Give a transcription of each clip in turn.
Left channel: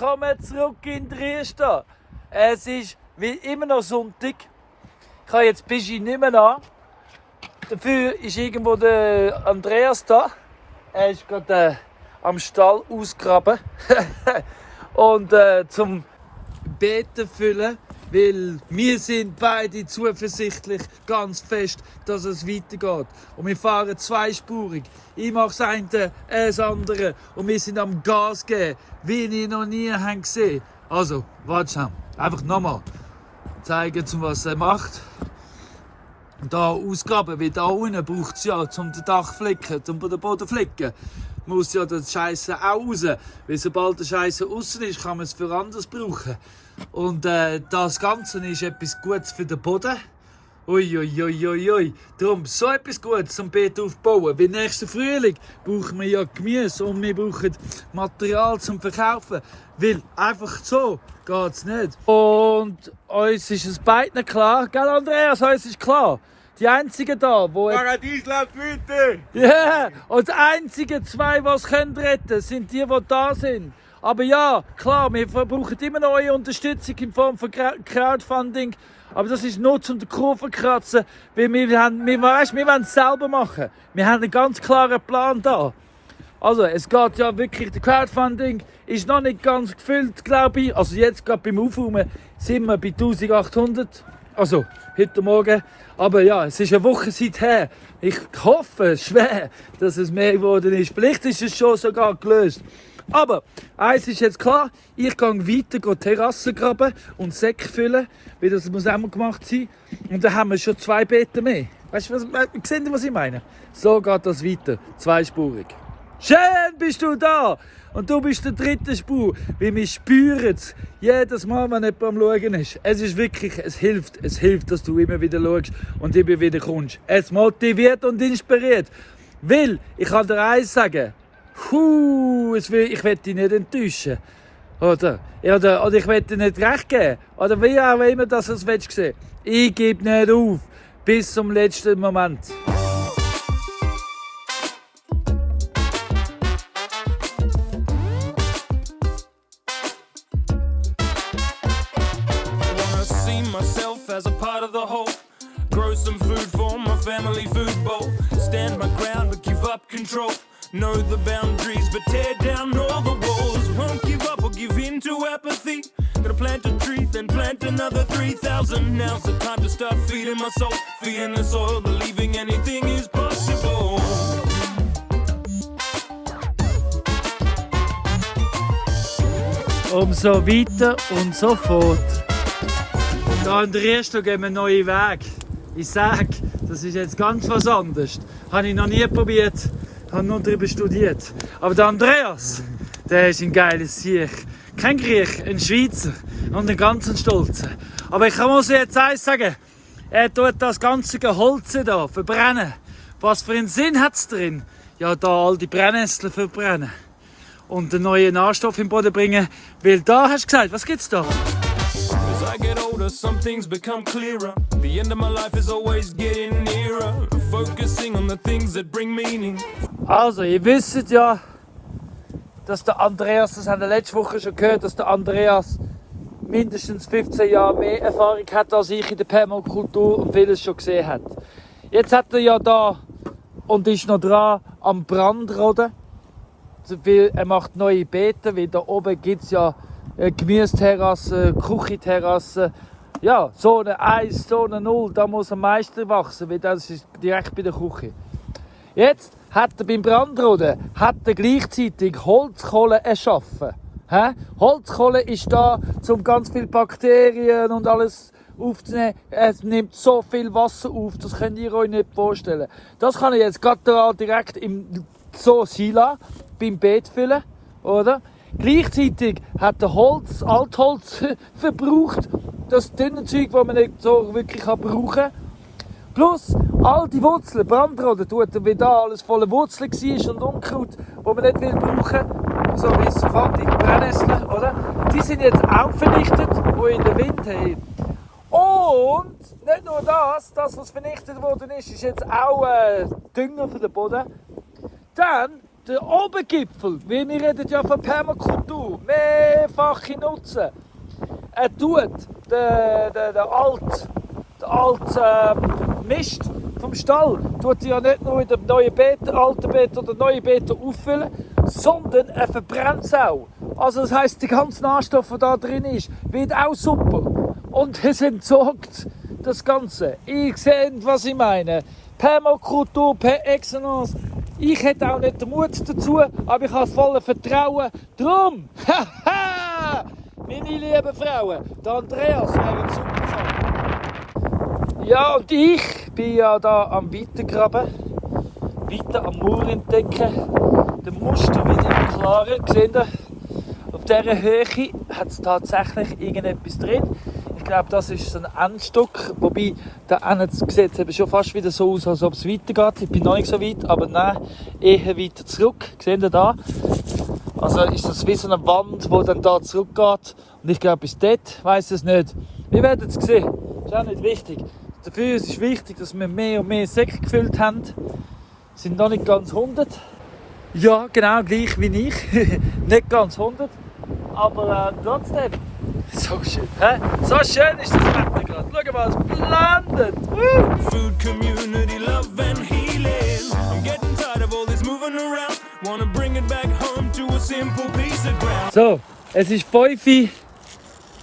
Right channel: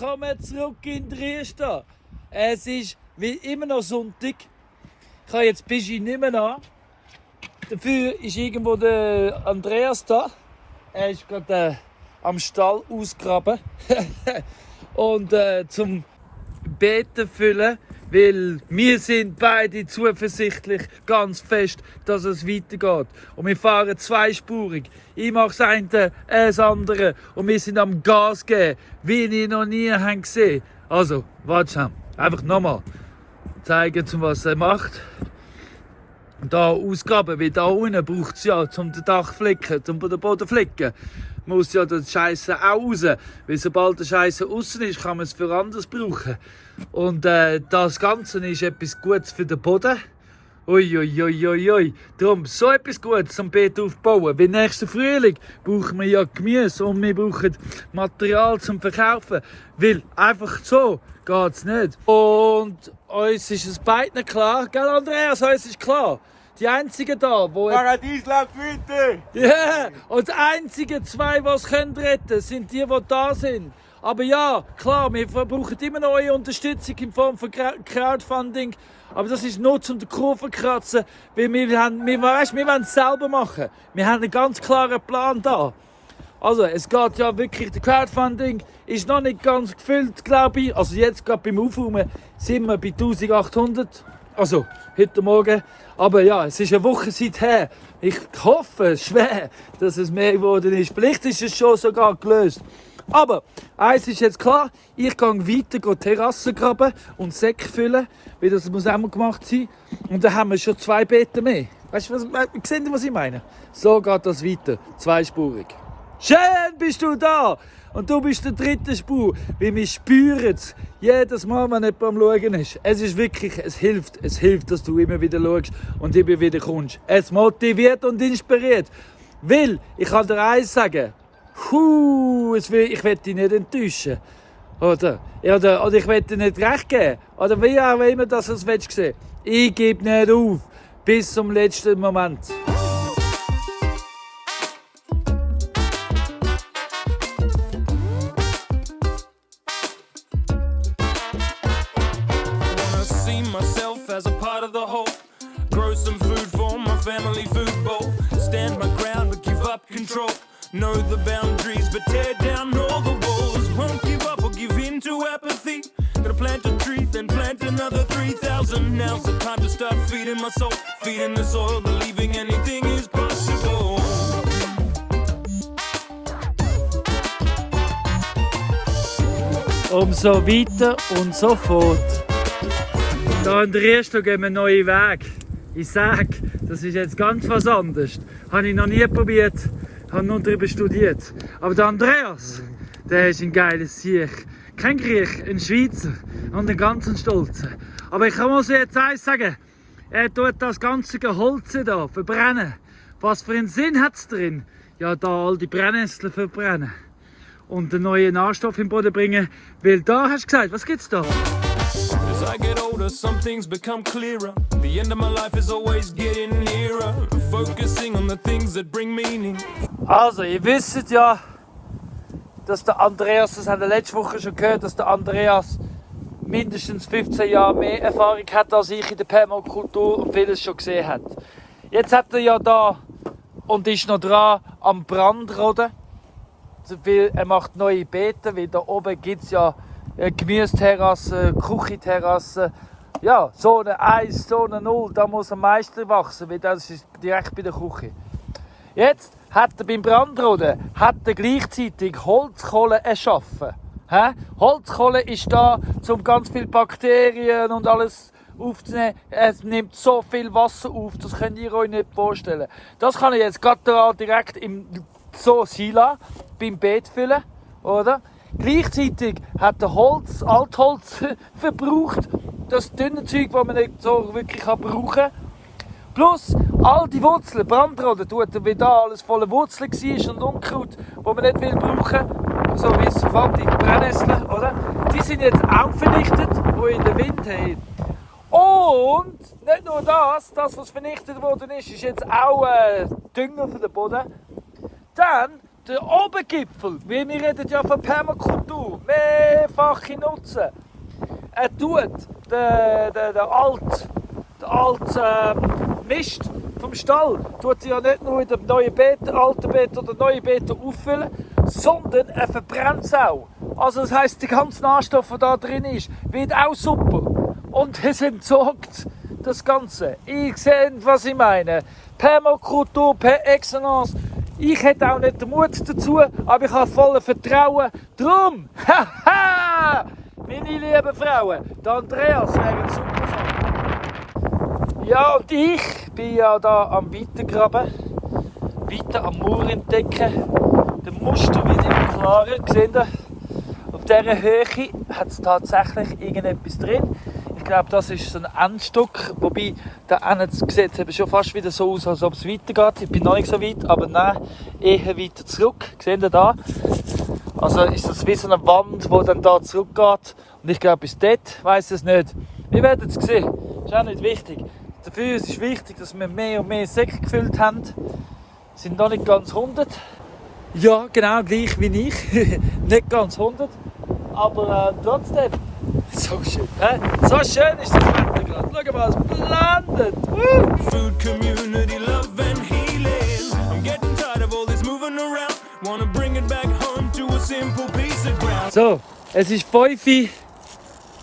Willkommen zurück in Dresden. Es ist wie immer noch Sonntag. Ich habe jetzt Pischi nicht mehr an. Dafür ist irgendwo der Andreas da. Er ist gerade am Stall ausgraben. Und zum Beten füllen, weil wir sind beide zuversichtlich, ganz fest, dass es weitergeht. Und wir fahren zweispurig. Ich mache das eine, er das andere. Und wir sind am Gas geben, wie ich noch nie gesehen habe. Also, warte schon. Einfach nochmal zeigen, was er macht. Und da ausgraben, weil da unten braucht es ja, um den Dach zu flicken, um den Boden zu flicken, muss ja der Scheiße auch raus. Weil sobald der Scheiße außen ist, kann man es für anderes brauchen. Und das Ganze ist etwas Gutes für den Boden. Ui. Darum so etwas Gutes zum Beet aufbauen. Weil nächsten Frühling brauchen wir ja Gemüse und wir brauchen Material zum Verkaufen. Weil einfach so geht es nicht. Und uns ist es beiden klar, gell Andreas, uns ist klar. Die einzigen da, wo... Paradies läuft weiter! Ja, und die einzigen zwei, die es retten können, sind die da sind. Aber ja, klar, wir brauchen immer noch eure Unterstützung in Form von Crowdfunding. Aber das ist nur zum den Kurven kratzen, weil wir wollen es selber machen. Wir haben einen ganz klaren Plan da. Also, es geht ja wirklich, der Crowdfunding ist noch nicht ganz gefüllt, glaube ich. Also jetzt gerade beim Aufräumen sind wir bei 1800. Also, heute Morgen. Aber ja, es ist eine Woche seither. Ich hoffe schwer, dass es mehr geworden ist. Vielleicht ist es schon sogar gelöst. Aber eins ist jetzt klar, ich gehe weiter Terrassen graben und Säcke füllen, weil das muss auch mal gemacht sein. Und dann haben wir schon 2 Beete mehr. Weißt du, seht ihr, was ich meine? So geht das weiter, zweispurig. Schön bist du da! Und du bist der dritte Spur, weil wir spüren es jedes Mal, wenn jemand am Schauen ist. Es ist wirklich, es hilft, dass du immer wieder schaust und immer wieder kommst. Es motiviert und inspiriert. Weil, ich kann dir eins sagen, ich will dich nicht enttäuschen. Oder ich will dir nicht recht geben. Oder wie auch immer das du es sehen. Ich gebe nicht auf. Bis zum letzten Moment. Myself as a part of the whole. Grow some food for my family food bowl. Stand my ground but give up control. Know the boundaries but tear down all the walls. Won't give up or give in to apathy. Gonna plant a tree then plant another 3,000. Now's the time to start feeding my soul. Feeding the soil, believing anything is possible. Umso weiter und so fort. Da in der ersten gehen wir einen neuen Weg. Ich sage, das ist jetzt ganz was anderes. Habe ich noch nie probiert, habe nur darüber studiert. Aber der Andreas, der ist ein geiles Sieg. Kein Griech, ein Schweizer und ein ganz Stolzer. Aber ich muss jetzt eins sagen, er tut das ganze Holz hier verbrennen. Was für einen Sinn hat es drin? Ja, da all die Brennnesseln verbrennen. Und einen neuen Nährstoff im Boden bringen. Weil da hast du gesagt, was gibt's da? As I get older, some things become clearer. The end of my life is always getting nearer. Focusing on the things that bring meaning. Also, ihr wisst ja, dass der Andreas, das haben wir letzte Woche schon gehört, dass der Andreas mindestens 15 Jahre mehr Erfahrung hat als ich in der Permakultur und vieles schon gesehen hat. Jetzt hat er ja da und ist noch dran am Brandroden. Also, weil er macht neue Beete, weil da oben gibt es ja Gemüseterrasse, Küchenterrasse, ja, Zone 1, Zone 0, da muss am meisten wachsen, weil das ist direkt bei der Küche. Jetzt hat er beim Brandroden gleichzeitig Holzkohle erschaffen. Holzkohle ist da, um ganz viele Bakterien und alles aufzunehmen. Es nimmt so viel Wasser auf, das könnt ihr euch nicht vorstellen. Das kann ich jetzt gerade direkt im Sila beim Beet füllen, oder? Gleichzeitig hat er Altholz verbraucht, das dünne Zeug, das man nicht so wirklich brauchen kann. Plus all die Wurzeln, Brandroden tut er, wie da alles voller Wurzeln war und Unkraut, das man nicht brauchen will, so bis fertig Brennnesseln, oder? Die sind jetzt auch vernichtet, die in den Wind haben. Und nicht nur das, was vernichtet worden ist, ist jetzt auch Dünger für den Boden. Dann der Obergipfel, weil wir reden ja von Permakultur, mehrfache Nutzen. Er tut den alten Mist vom Stall tut ja nicht nur in den neuen Beeten, alten Beeten oder neuen Beeten auffüllen, sondern er verbrennt es auch. Also das heisst, der ganze Nährstoff, der da drin ist, wird auch super. Und es entsorgt das Ganze. Ich sehe, was ich meine. Permakultur per excellence. Ich hätte auch nicht den Mut dazu, aber ich habe volles Vertrauen. Drum, haha, meine lieben Frauen, der Andreas wäre ein super Fall. Ja, und ich bin ja da am Weitergraben, weiter am Mauer entdecken. Der Muster wird immer klarer, gesehen. Auf dieser Höhe hat es tatsächlich irgendetwas drin. Ich glaube, das ist so ein Endstück, wobei der Ende sieht eben schon fast wieder so aus, als ob es weitergeht. Ich bin noch nicht so weit, aber nein, eher weiter zurück. Seht ihr da? Also ist das wie so eine Wand, die dann da zurückgeht. Und ich glaube, bis dort weiss ich es nicht. Wir werden es sehen. Das ist auch nicht wichtig. Dafür ist es wichtig, dass wir mehr und mehr Säcke gefüllt haben. Sind noch nicht ganz 100. Ja, genau gleich wie ich. Nicht ganz 100. Aber trotzdem. So schön, hä? So schön ist das Wetter gerade. Schau mal, es blendet. Food community, love and healing. I'm getting tired of all this moving around. Wanna bring it back home to a simple piece of ground. So, es ist 5 Uhr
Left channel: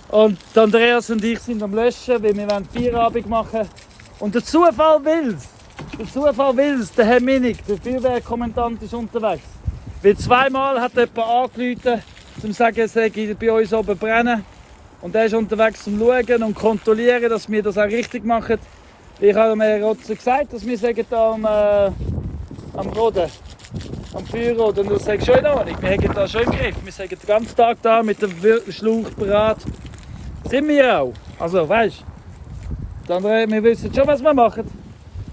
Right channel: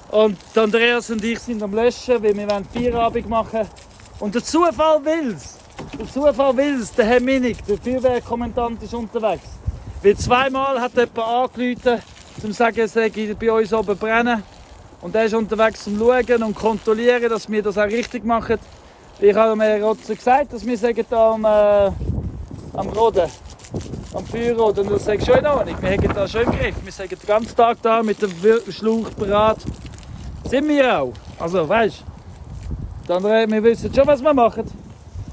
und Andreas und ich sind am Löschen, weil wir Feierabend machen. Und der Zufall will's. Der Herr Minig, der Feuerwehrkommandant, ist unterwegs. Weil zweimal hat jemand angerufen, um zu sagen, es sei bei uns oben brennen. Und er ist unterwegs zum Schauen und kontrollieren, dass wir das auch richtig machen. Ich habe mir Rotzer gesagt, dass wir sagen, da am Roden, am Feuerroden. Und er sagt schon in Ordnung, wir haben da schon im Griff. Wir sagen den ganzen Tag da mit dem Schlauch bereit. Sind wir auch. Also, weißt du, wir wissen schon, was wir machen.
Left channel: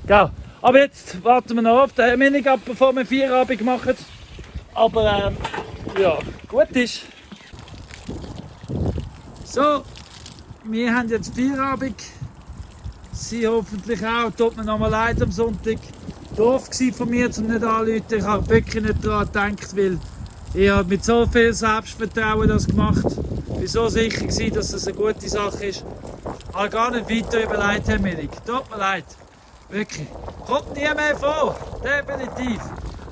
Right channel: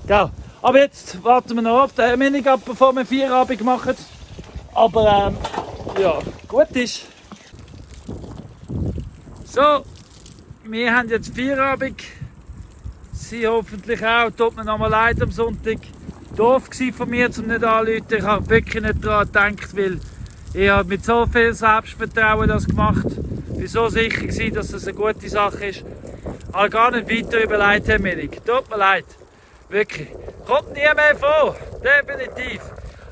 Gell? Aber jetzt warten wir noch auf den Minig ab, bevor wir Feierabend machen. Aber ja, gut ist. So, wir haben jetzt Feierabend. Sie hoffentlich auch. Tut mir nochmal leid am Sonntag. Doof war von mir, um nicht anzurufen. Ich habe wirklich nicht daran gedacht, weil ich habe mit so viel Selbstvertrauen das gemacht. Ich war so sicher gewesen, dass es eine gute Sache ist. Ich habe gar nicht weiter überlegt, Herr Minig. Tut mir leid. Wirklich. Kommt nie mehr vor. Definitiv.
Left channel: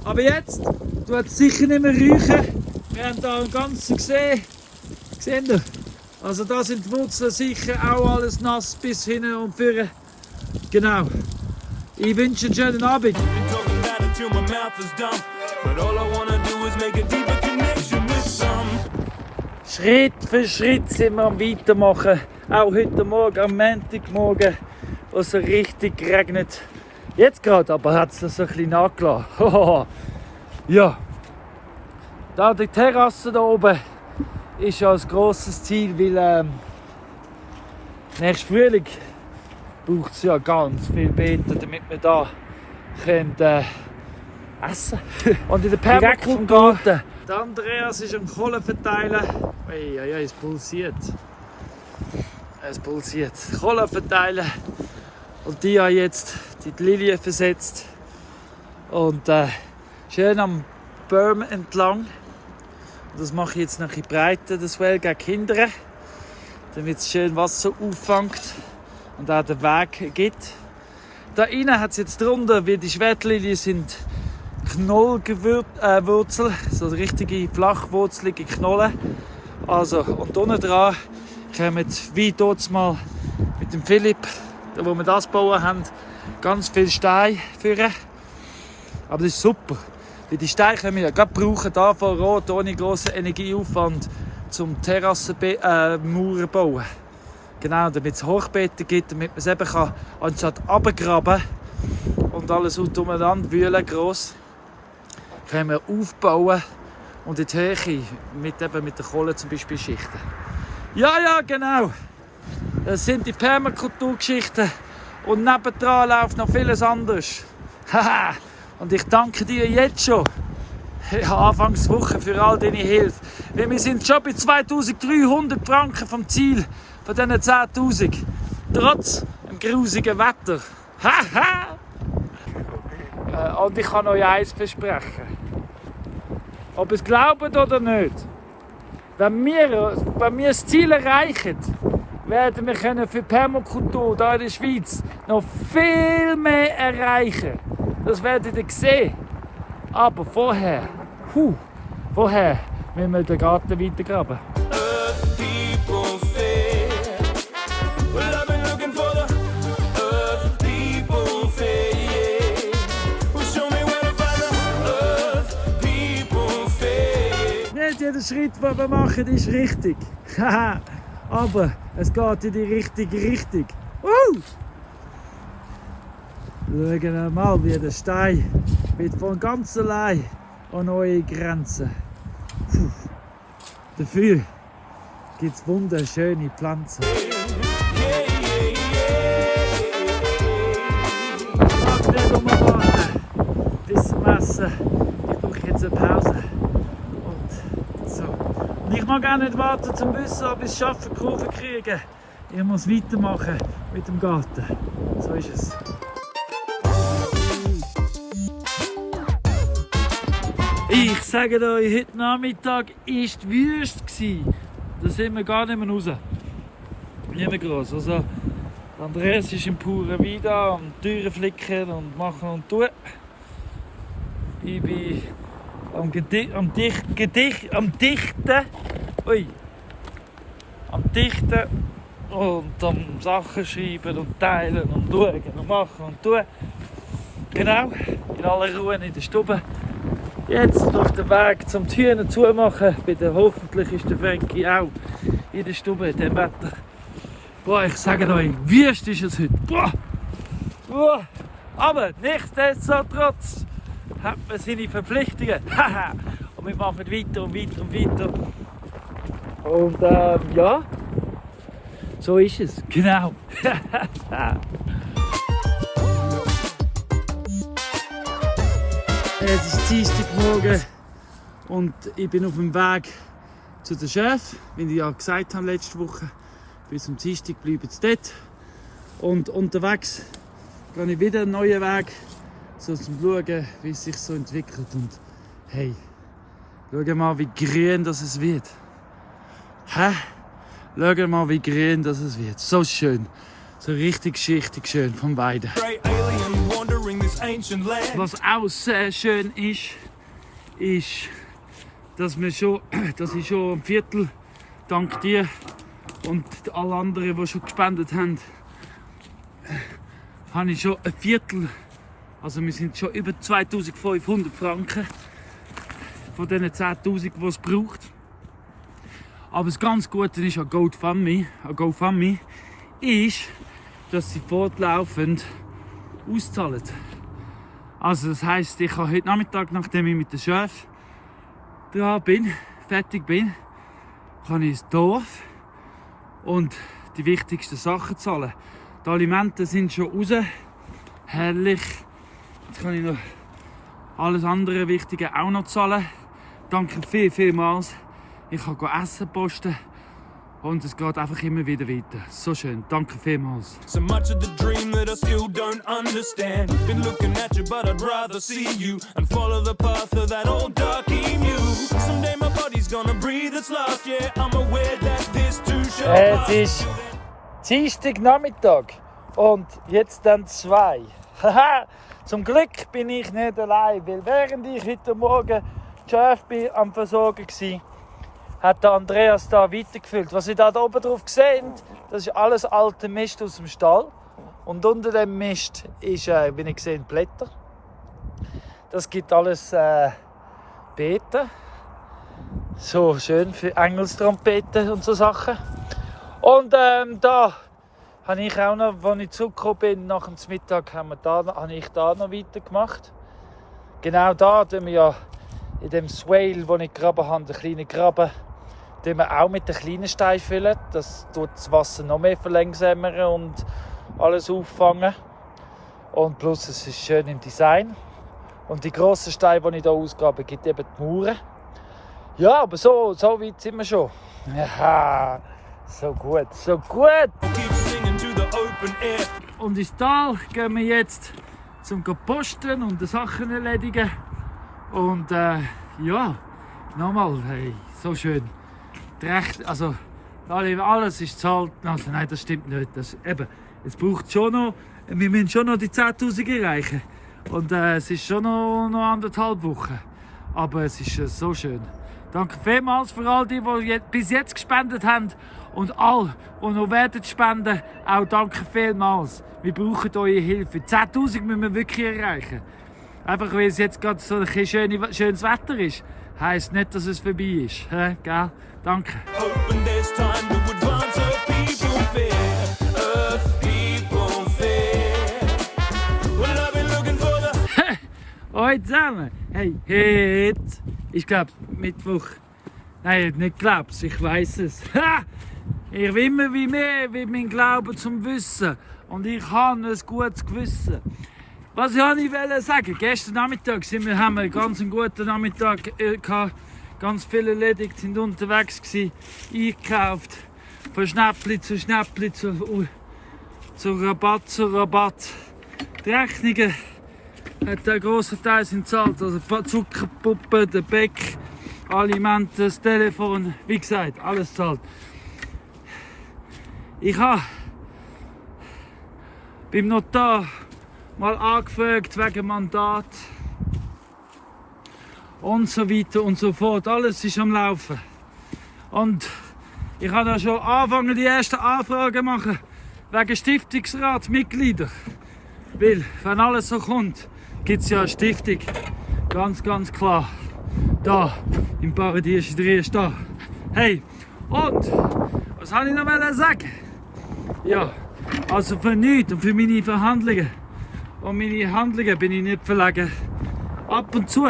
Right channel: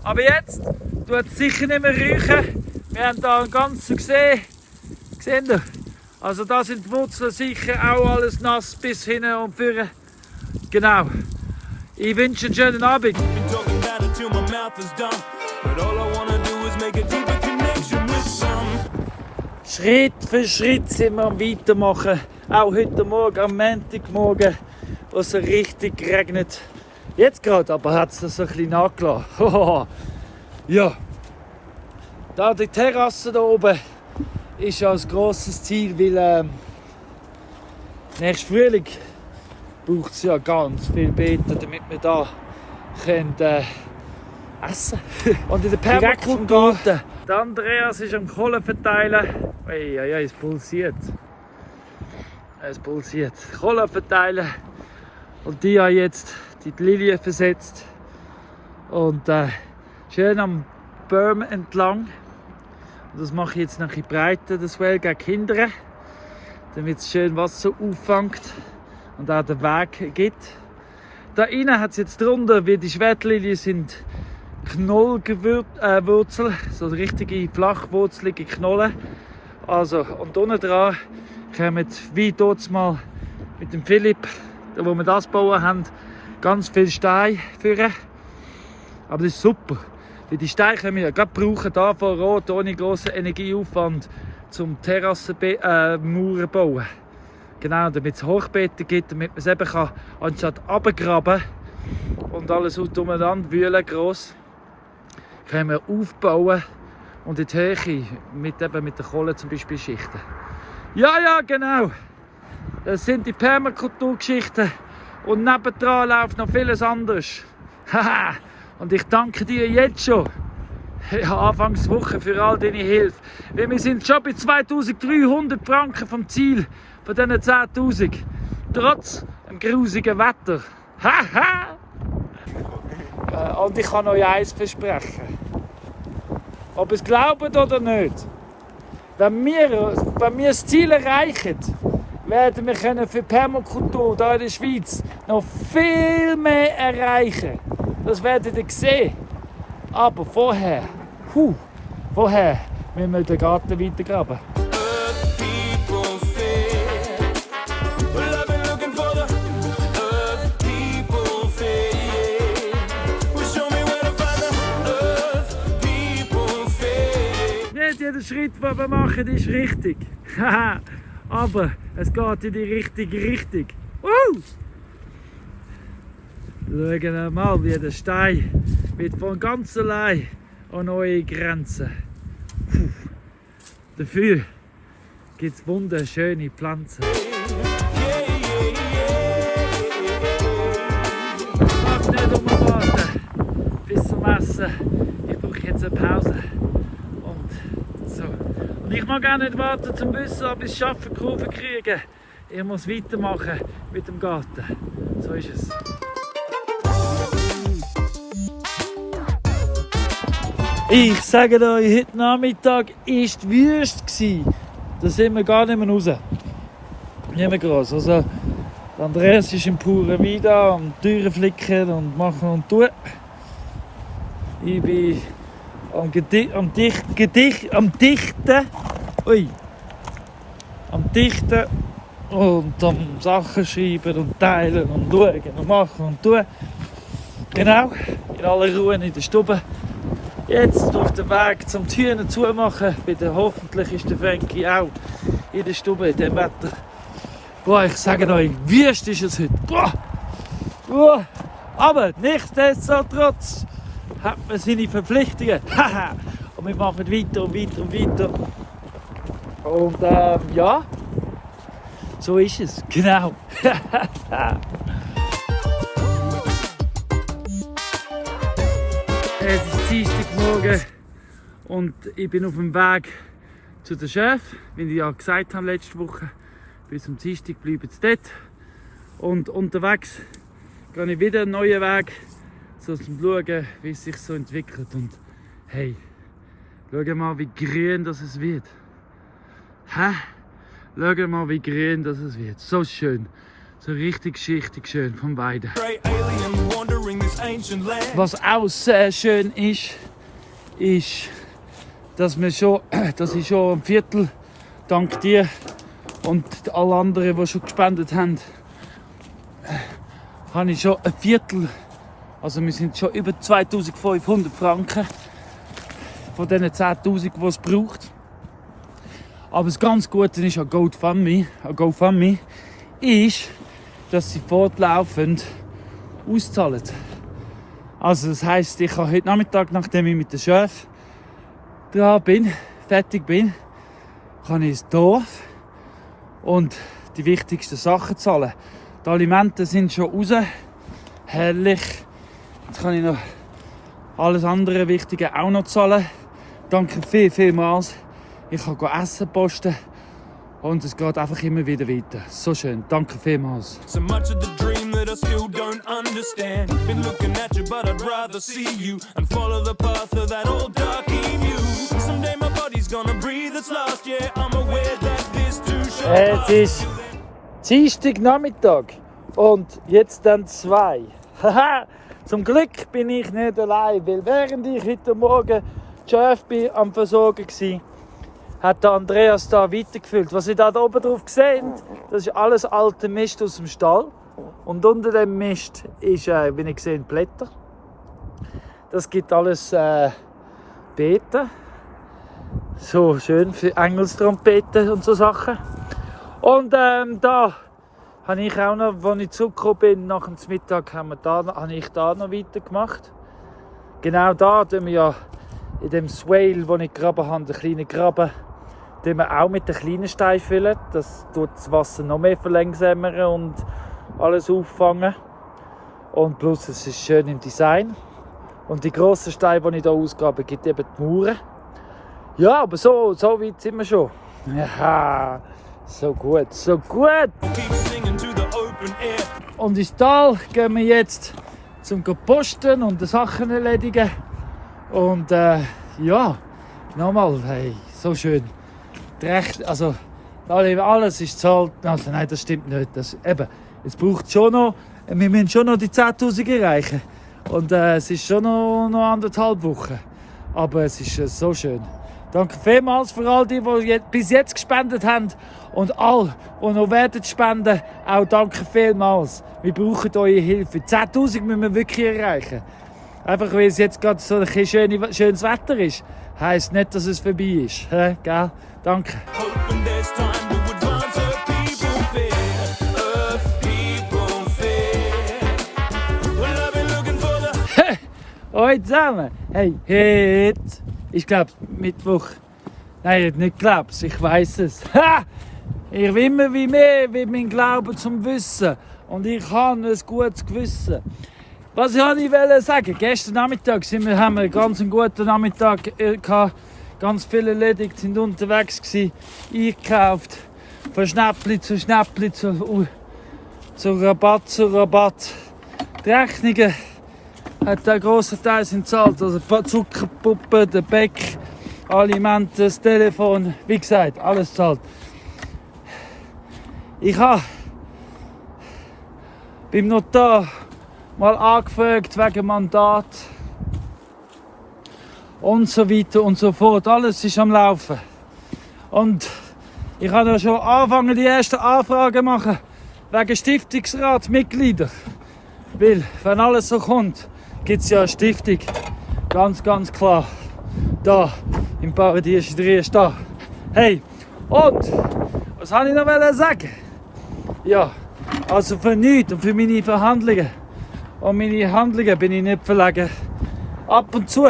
Aber jetzt tut es sicher nicht mehr räuchen. Wir haben hier einen ganzen gesehen. Seht ihr? Also da sind die Wurzeln sicher auch alles nass bis hinten und vorne. Genau. Ich wünsche einen schönen Abend. Been talking about it till my mouth is dumb. But all I wanna do is make a deeper connection with some. Schritt für Schritt sind wir am Weitermachen. Auch heute Morgen, am Montagmorgen, wo es so richtig regnet. Jetzt gerade aber hat es das so ein bisschen nachgelassen. Ja. Da die Terrasse da oben ist ja ein grosses Ziel, weil nächstes Frühling braucht es ja ganz viel Beete, damit wir da können, essen können. Und in der Permakultur, der Andreas ist am Kohlen verteilen. Ei, es pulsiert. Es pulsiert. Kohlen verteilen. Und die haben jetzt die Lilie versetzt. Und schön am Baum entlang. Und das mache ich jetzt noch ein bisschen breiter, das Well gegen Kinder, damit es schön Wasser auffängt und auch den Weg gibt. Da innen hat es jetzt drunter, wie die Schwertlilie sind Knollwurzel, so richtige flachwurzelige Knollen. Also, und unten dran kommen, wie dort mal mit dem Philipp, wo wir das bauen haben, ganz viele Steine führen. Aber das ist super. Weil die Steine können wir ja gerade brauchen, da vor Ort, ohne grossen Energieaufwand, zum Terrassenmauern bauen. Genau, damit es Hochbeete gibt, damit man es eben kann, anstatt runtergraben und alles umeinander wühlen, gross, können wir aufbauen und in die Höhe mit der Kohle zum Beispiel schichten. Ja, genau. Das sind die Permakulturgeschichten und nebendran läuft noch vieles anderes. Haha. Und ich danke dir jetzt schon, Anfangswoche, für all deine Hilfe. Weil wir sind schon bei 2300 Franken vom Ziel von diesen 10.000. Trotz dem grusigen Wetter. Haha! Und ich kann euch eins versprechen. Ob ihr es glaubt oder nicht. Wenn wir das Ziel erreichen, werden wir können für Permakultur hier in der Schweiz noch viel mehr erreichen. Das werdet ihr sehen. Aber vorher müssen wir den Garten weitergraben. Earth people fair. Well, I've been looking for the Earth people fair. Well, show me where to find the Earth people fair. Nicht jeder Schritt, den wir machen, ist richtig. Aber es geht in die richtige Richtung. Schauen wir mal, wie der Stein wird von ganz allein an neue Grenzen. Dafür gibt es wunderschöne Pflanzen. Ich mag nicht warten bis zum Essen. Ich brauche jetzt eine Pause. Und so. Und ich mag auch nicht warten zum Wissen, ob ich es schaffe, Kurve kriegen. Ich muss weitermachen mit dem Garten. So ist es. Ich sage euch, heute Nachmittag war die Wüste. Da sind wir gar nicht mehr raus. Nicht mehr groß. Also, Andreas ist im puren Wein da und Türen flicken und machen und tun. Ich bin am Dichten. Ui. Am Dichten und am Sachen schreiben und teilen und schauen und machen und tun. Genau, in aller Ruhe in der Stube. Jetzt auf dem Weg zum Türen zumachen. Hoffentlich ist der Frankie auch in der Stube in diesem Wetter. Boah, ich sage euch, wüst ist es heute. Boah. Boah. Aber nichtsdestotrotz hat man seine Verpflichtungen. Und wir machen weiter und weiter und weiter. Und ja, so ist es. Genau. Es ist Dienstagmorgen und ich bin auf dem Weg zu den Chef, wie ich ja gesagt habe letzte Woche. Bis zum Dienstag bleiben sie dort. Und unterwegs gehe ich wieder einen neuen Weg, so zum Schauen, wie es sich so entwickelt. Und hey, schau mal, wie grün das es wird. Schau mal, wie grün das es wird. So schön. So richtig schön von beiden. Was auch sehr schön ist, dass ich schon ein Viertel, dank dir und alle anderen, die schon gespendet haben, habe ich schon ein Viertel, also wir sind schon über 2500 Franken von diesen 10'000, die es braucht. Aber das ganz Gute ist an GoFundMe ist, dass sie fortlaufend auszahlen. Also das heisst, ich kann heute Nachmittag, nachdem ich mit dem Chef fertig bin, kann ich ins Dorf und die wichtigsten Sachen zahlen. Die Alimente sind schon raus. Herrlich. Jetzt kann ich noch alles andere Wichtige auch noch zahlen. Danke vielmals. Ich kann Essen posten. Und es geht einfach immer wieder weiter. So schön. Danke vielmals. So much of the dream that I still don't understand. Been looking at you, but I'd rather see you and follow the path of that old dark emu. Someday my body's gonna breathe its last. Yeah, I'm aware that this too shall pass. Es ist Dienstagnachmittag und jetzt dann 2. Zum Glück bin ich nicht allein, weil während ich heute Morgen Chef am Versorgen war, hat der Andreas da weitergefüllt. Was ihr da oben drauf seht, das ist alles alter Mist aus dem Stall. Und unter dem Mist ist, wie ihr seht, Blätter. Das gibt alles Beete. So schön für Engelstrompeten und so Sachen. Und da habe ich auch noch, als ich zurückgekommen bin, nach dem Mittag, habe ich da noch weitergemacht. Genau da tun wir ja in dem Swale, wo ich gegraben habe, den kleinen Graben, den wir auch mit den kleinen Steinen füllen. Das tut das Wasser noch mehr verlangsamen und alles auffangen. Und plus es ist schön im Design. Und die grossen Steine, die ich hier ausgrabe, gibt eben die Mauern. Ja, aber so weit sind wir schon. Ja, so gut, so gut. Und ins Tal gehen wir jetzt zum Posten und die Sachen erledigen. Und ja, nochmal, hey, so schön. Also, alles ist zahlt. Also, nein, das stimmt nicht. Es braucht schon noch, wir müssen schon noch die 10'000 erreichen. Und es ist schon noch 1,5 Wochen. Aber es ist so schön. Danke vielmals für all die bis jetzt gespendet haben. Und alle, die noch werden spenden, auch danke vielmals. Wir brauchen eure Hilfe. 10'000 müssen wir wirklich erreichen. Einfach weil es jetzt gerade so ein schönes Wetter ist, heisst nicht, dass es vorbei ist. Gell? Danke. Hoping there's time to advance Earth people fair. Earth people fair. Well, I've been looking for the... Hoi zusammen. Hey, heute ist, glaube ich, Mittwoch. Nein, nicht glaub's, ich weiß es. Ha! Ich will immer wie mehr wie mein Glauben zum Wissen. Und ich habe ein gutes Gewissen. Was ich wollte sagen, gestern Nachmittag haben wir einen ganz guten Nachmittag gehabt. Ganz viele erledigt, sind unterwegs gewesen, eingekauft. Von Schnäppli zu Schnäppli, zu Rabatt zu Rabatt. Die Rechnungen hat der grosse Teil sind gezahlt. Also die Zuckerpuppe, der Beck, Alimente, das Telefon, wie gesagt, alles zahlt. Ich habe beim Notar mal angefragt wegen Mandat und so weiter und so fort. Alles ist am Laufen. Und ich habe da schon angefangen, die ersten Anfragen zu machen wegen Stiftungsratsmitglieder. Weil, wenn alles so kommt, gibt es ja eine Stiftung. Ganz, ganz klar. Da, im Paradies ist da. Hey, und was wollte ich noch sagen? Ja, also für nichts und für meine Verhandlungen und meine Handlungen bin ich nicht verlegen. Ab und zu,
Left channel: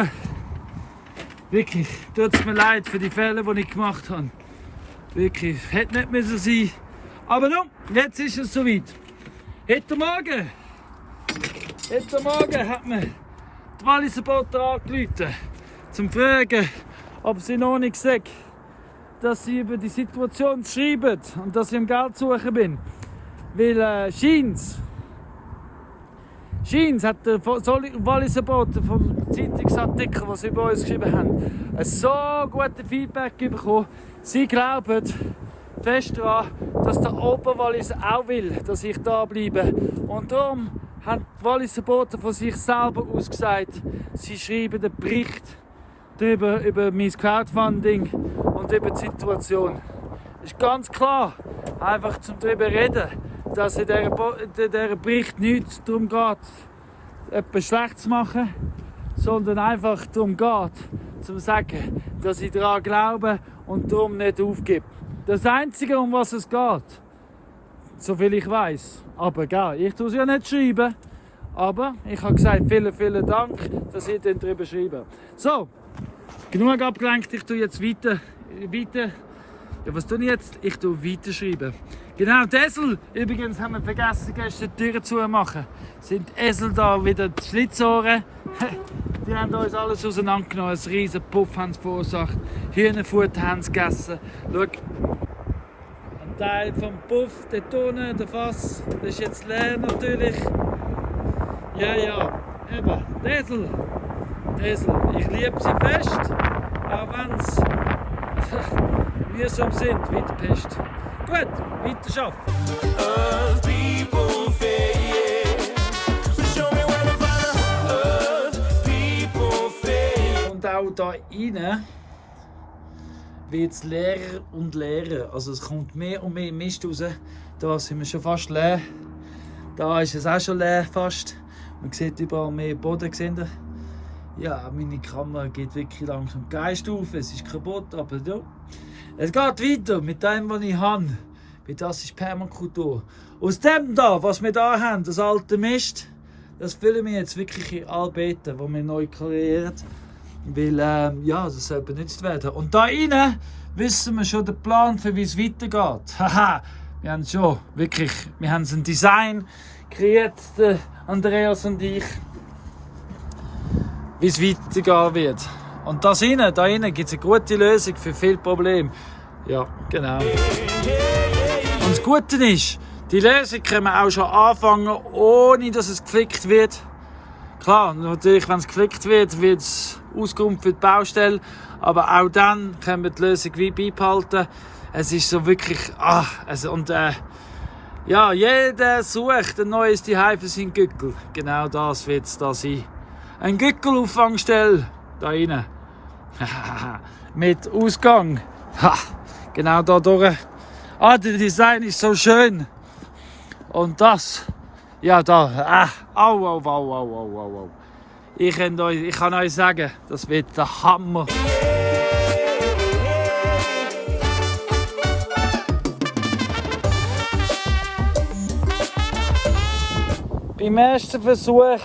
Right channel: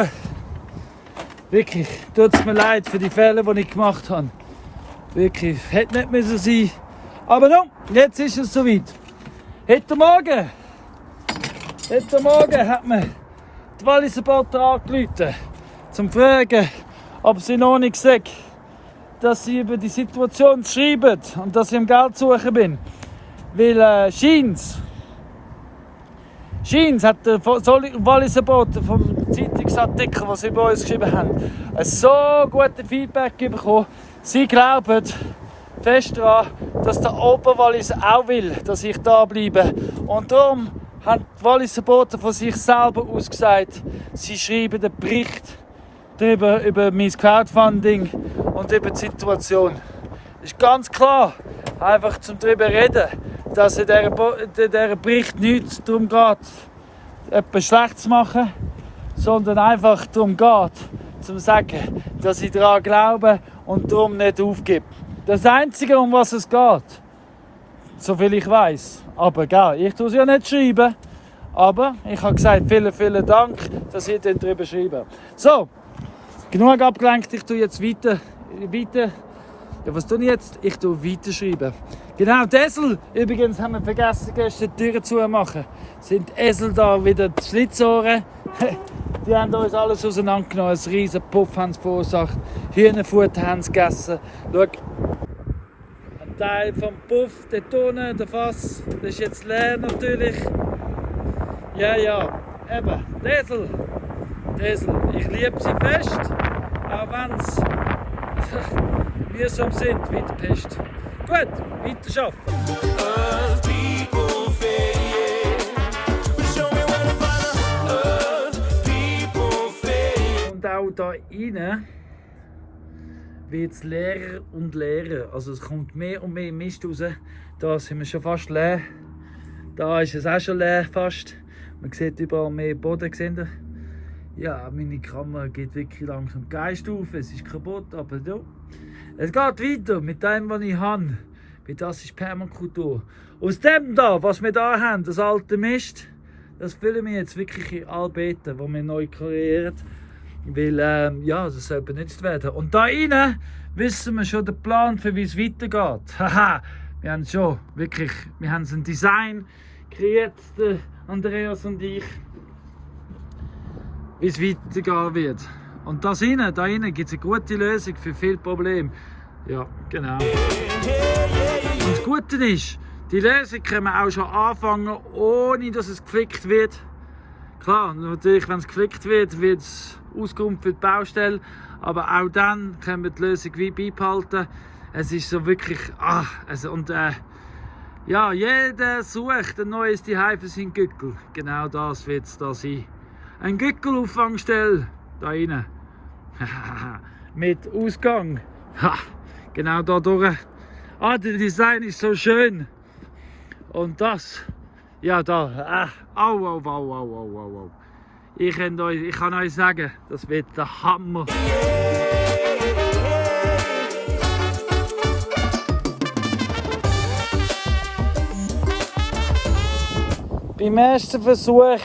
wirklich, tut es mir leid für die Fehler, die ich gemacht habe. Wirklich, hätte nicht müssen sein. Aber nun, jetzt ist es soweit. Heute Morgen hat mir die Walliser Botter angerufen, zum fragen, ob sie noch nicht sagt, dass sie über die Situation schreiben und dass ich am Geld suchen bin. Weil Scheins hat der Walliser Botter vom Zeitungsartikel, den sie über uns geschrieben haben, ein so gutes Feedback bekommen. Sie glauben fest daran, dass der Oberwalliser auch will, dass ich da bleibe. Und darum haben die Walliser Botter von sich selber aus gesagt, sie schreiben einen Bericht darüber, über mein Crowdfunding und über die Situation. Es ist ganz klar, einfach zum darüber reden, dass in diesem Bericht nicht darum geht, etwas Schlechtes zu machen, sondern einfach darum geht, zu sagen, dass ich daran glaube und darum nicht aufgebe. Das Einzige, um was es geht, soviel ich weiß. Aber gell, ich tue es ja nicht schreiben. Aber ich habe gesagt, vielen, vielen Dank, dass ihr darüber schreibt. So, genug abgelenkt, ich tue jetzt weiter. Ja, was tue ich jetzt? Ich tue weiterschreiben. Genau, die Esel, übrigens haben wir vergessen, gestern die Türen zu machen. Sind Esel da wieder die Schlitzohren? Die haben uns alles auseinandergenommen, einen riesen Puff haben sie verursacht. Hühnerfutter haben sie gegessen. Schau, ein Teil vom Puff, der Tonne, der Fass, das ist jetzt leer natürlich. Ja, eben, die Esel. Ich liebe sie fest, auch wenn sie mühsam sind wie die Pest. Gut, weiter arbeiten. Earth people fair. Show me where to find the Earth people fair. Und auch da rein wird es leerer und leerer. Also es kommt mehr und mehr Mist raus. Da sind wir schon fast leer. Da ist es auch schon leer fast. Man sieht überall mehr Boden. Ja, meine Kamera geht wirklich langsam Geist auf. Es ist kaputt, aber ja. Es geht weiter mit dem, was ich habe. Weil das ist Permakultur. Aus dem da, was wir da haben, das alte Mist, das füllen wir jetzt wirklich in Albeeten, die wir neu kreieren. Weil, ja, das soll benutzt werden. Und da rein wissen wir schon den Plan, für wie es weitergeht. Haha, wir haben schon wirklich, wir haben ein Design kreiert, Andreas und ich, wie es weitergehen wird. Und da innen gibt es eine gute Lösung für viele Probleme. Ja, genau. Und das Gute ist, die Lösung können wir auch schon anfangen, ohne dass es geflickt wird. Klar, natürlich, wenn es geflickt wird, wird es Auskunft für die Baustelle. Aber auch dann können wir die Lösung wie beibehalten. Es ist so wirklich, ja, jeder sucht ein neues Zuhause für seinen Gückel. Genau das wird es da sein. Ein Gückelauffangstelle da rein. Mit Ausgang. Ha, genau da durch. Ah, der Design ist so schön. Und das, ja da, au. Ich kann euch sagen, das wird der Hammer. Beim ersten Versuch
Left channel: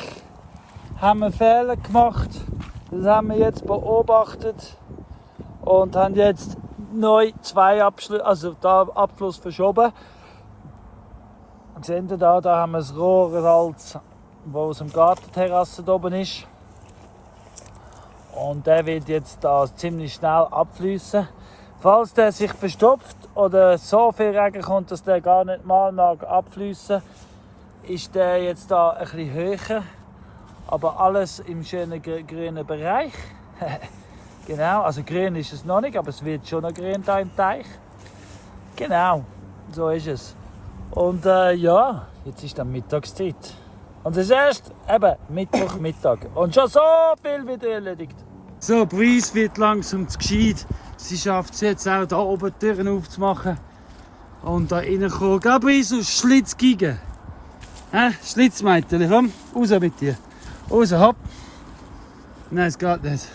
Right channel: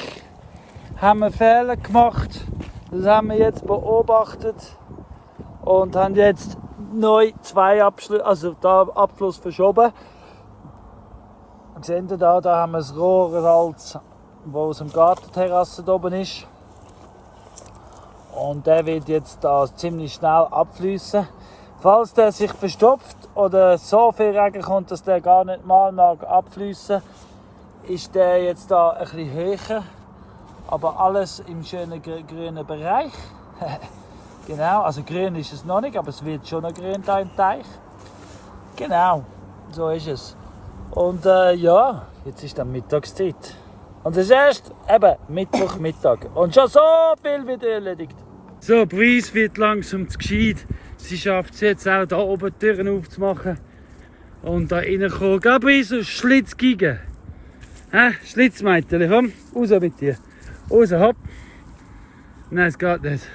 haben wir Fehler gemacht. Das haben wir jetzt beobachtet und haben jetzt neu den Abfluss verschoben. Seht ihr da haben wir das Rohrsalz, das aus dem Gartenterrasse oben ist. Und der wird jetzt da ziemlich schnell abfließen. Falls der sich verstopft oder so viel Regen kommt, dass der gar nicht mal mag abfließen, ist der jetzt da ein bisschen höher. Aber alles im schönen grünen Bereich. Genau, also grün ist es noch nicht, aber es wird schon noch grün da im Teich. Genau, so ist es. Und ja, jetzt ist dann Mittagszeit. Und das ist erst eben Mittag. Und schon so viel wieder erledigt. So, Brice wird langsam zu gescheit. Sie schafft es jetzt auch da oben die Türen aufzumachen. Und da reinkommen. Geh Brice, Schlitz gegen. Schlitzmeitele, komm, raus mit dir. Raus, hopp. Nein, es geht nicht.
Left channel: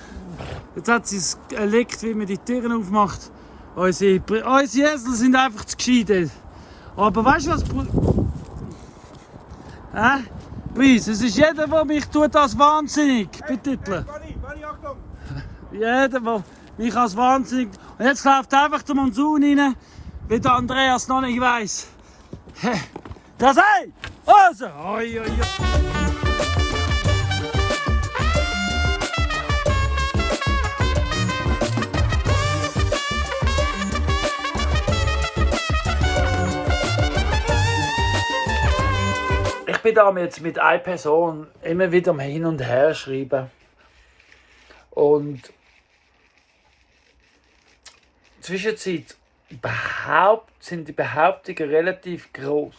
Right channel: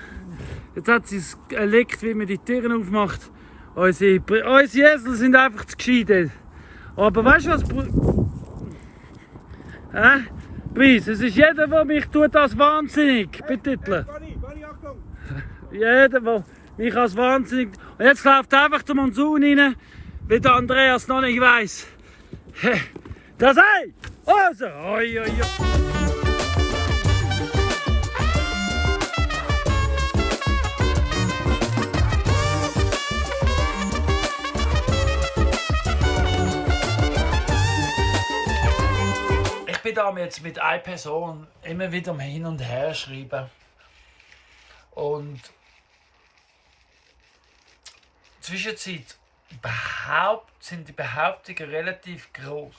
Jetzt hat sie es erlegt, wie man die Türen aufmacht. Unsere Esel sind einfach zu gescheit. Aber weißt du was? Brice, es ist jeder, der mich tut als wahnsinnig betiteln. Jeder, der mich als wahnsinnig. Und jetzt läuft einfach der Monsun rein, wie der Andreas noch nicht weiss. Das sei! Also! Oi. Ich bin da jetzt mit einer Person immer wieder mal hin und her schreiben. Und zwischenzeit sind die Behauptungen relativ groß.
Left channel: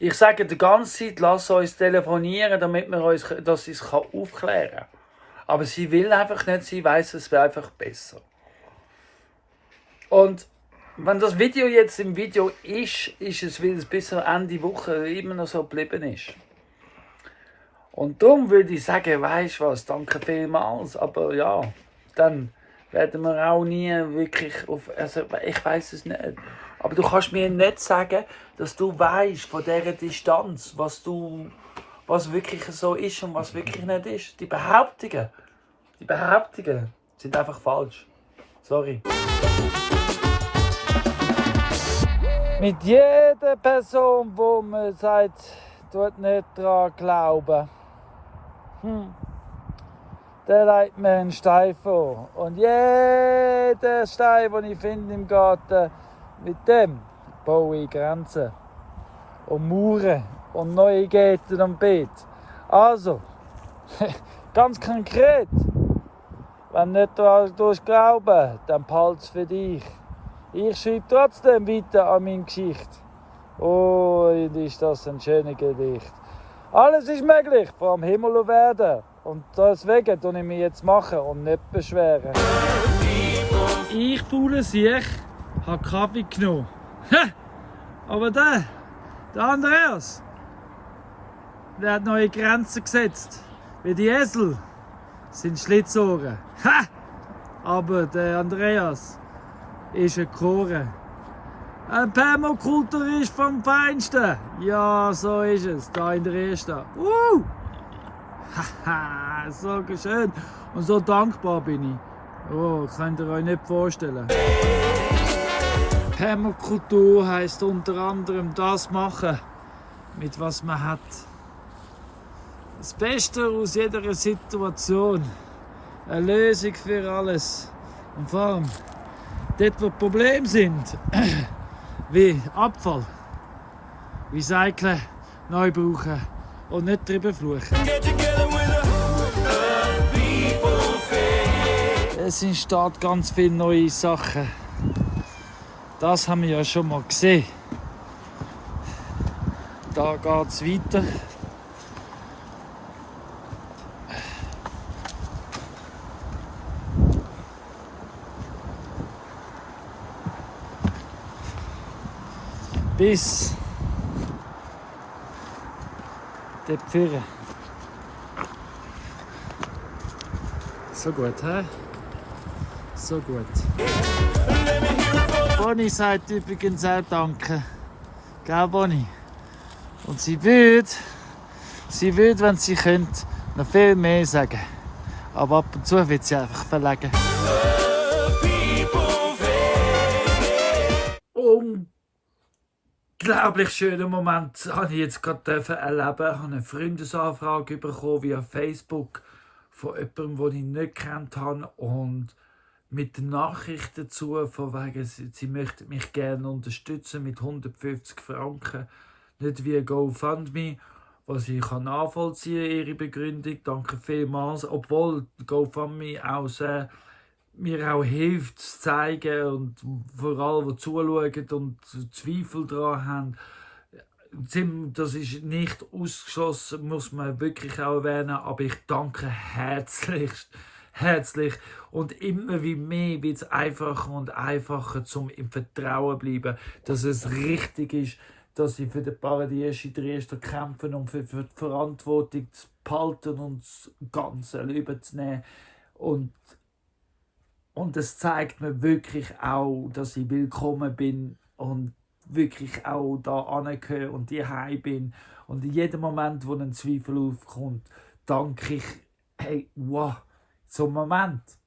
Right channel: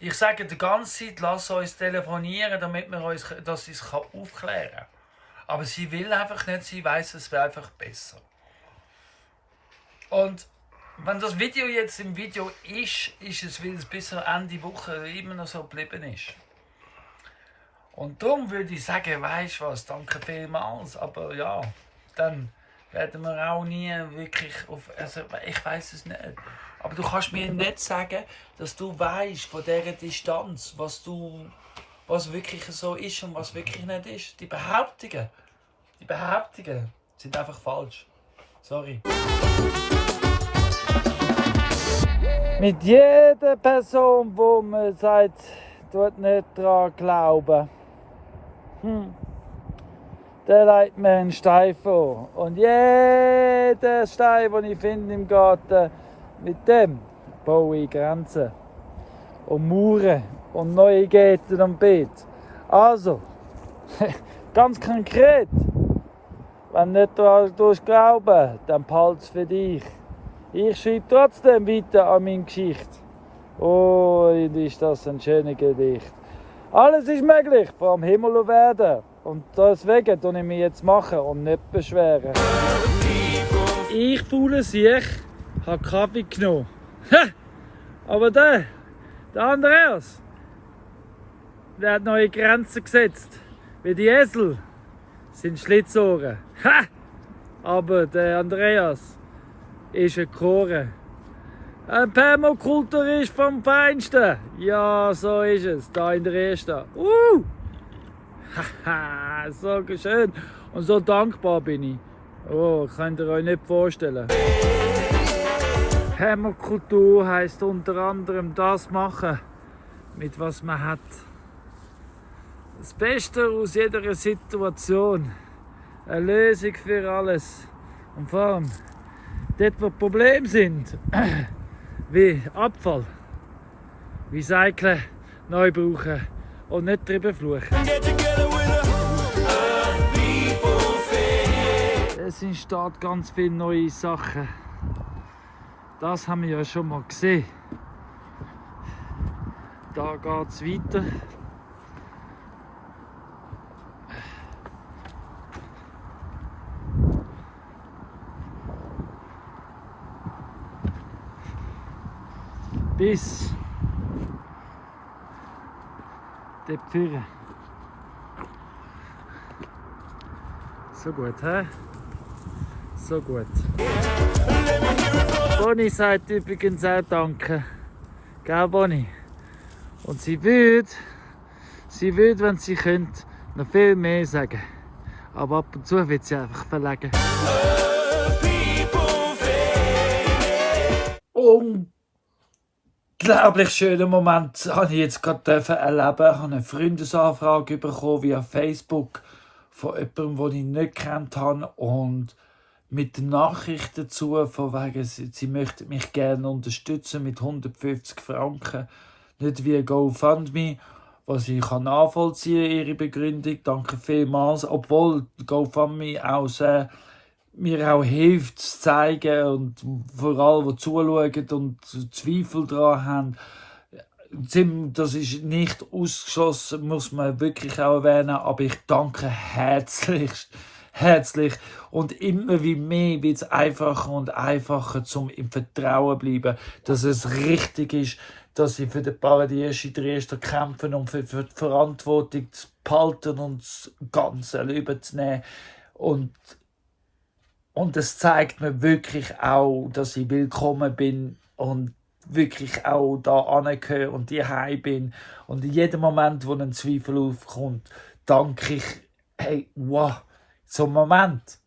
Ich sage die ganze Zeit, lass uns telefonieren, damit wir uns, dass sie es aufklären kann. Aber sie will einfach nicht, sie weiss, es wäre einfach besser. Und wenn das Video jetzt im Video ist es, weil es bis Ende Woche immer noch so geblieben ist. Und darum würde ich sagen, weisst du was, danke vielmals, aber ja, dann werden wir auch nie wirklich auf, also ich weiss es nicht. Aber du kannst mir nicht sagen, dass du weißt von dieser Distanz, was wirklich so ist und was wirklich nicht ist. Die Behauptungen sind einfach falsch. Sorry. Mit jeder Person, wo man sagt, tut nicht daran glauben, der legt mir einen Stein vor. Und jeder Stein, den ich finde im Garten, mit dem baue ich Grenzen und Mauern und neue Gärten und Beete. Also, ganz konkret, wenn nicht du glauben, dann behalte es für dich. Ich schreibe trotzdem weiter an meine Geschichte. Oh, ist das ein schönes Gedicht. Alles ist möglich, vom Himmel und Erde. Und deswegen tue ich mich jetzt machen und nicht beschweren. Ich, faule Siech, habe Kaffee genommen. Aber der Andreas, der hat neue Grenzen gesetzt. Wie die Esel sind Schlitzohren. Aber der Andreas ist ein Choren. Ein Permakulturist vom Feinsten. Ja, so ist es, da in der ersten. Haha, so schön und so dankbar bin ich. Oh, könnt ihr euch nicht vorstellen. Permakultur heisst unter anderem das machen, mit was man hat. Das Beste aus jeder Situation. Eine Lösung für alles. Und vor allem, dort wo Probleme sind, wie Abfall, Recyceln, neu brauchen und nicht drüber fluchen. Es entsteht ganz viele neue Sachen. Das haben wir ja schon mal gesehen. Da geht es weiter. Bis die Pfirre. So gut, hä? So gut. Bonnie sagt übrigens auch Danke. Gell, Bonnie? Und sie würde, wenn sie könnte, noch viel mehr sagen. Aber ab und zu wird sie einfach verlegen. Unglaublich schönen Moment habe ich jetzt gerade erleben. Ich habe eine Freundesanfrage bekommen via Facebook von jemandem, den ich nicht gekannt habe. Und mit der Nachricht dazu, von wegen, sie möchten mich gerne unterstützen mit 150 Franken. Nicht wie GoFundMe, was ich nachvollziehen kann, ihre Begründung. Danke vielmals. Obwohl GoFundMe auch sehr, mir auch hilft, zu zeigen und vor allem, die zuschauen und Zweifel daran haben. Das ist nicht ausgeschlossen, muss man wirklich auch erwähnen, aber ich danke herzlich. Und immer wie mehr wird es einfacher und einfacher, zum im Vertrauen zu bleiben, dass es richtig ist, dass sie für den Paradies in Dresden kämpfen, um für die Verantwortung zu behalten und das Ganze überzunehmen. Und es zeigt mir wirklich auch, dass ich willkommen bin und wirklich auch da angehöre und daheim bin. Und in jedem Moment, wo ein Zweifel aufkommt, danke ich, hey, wow, so ein Moment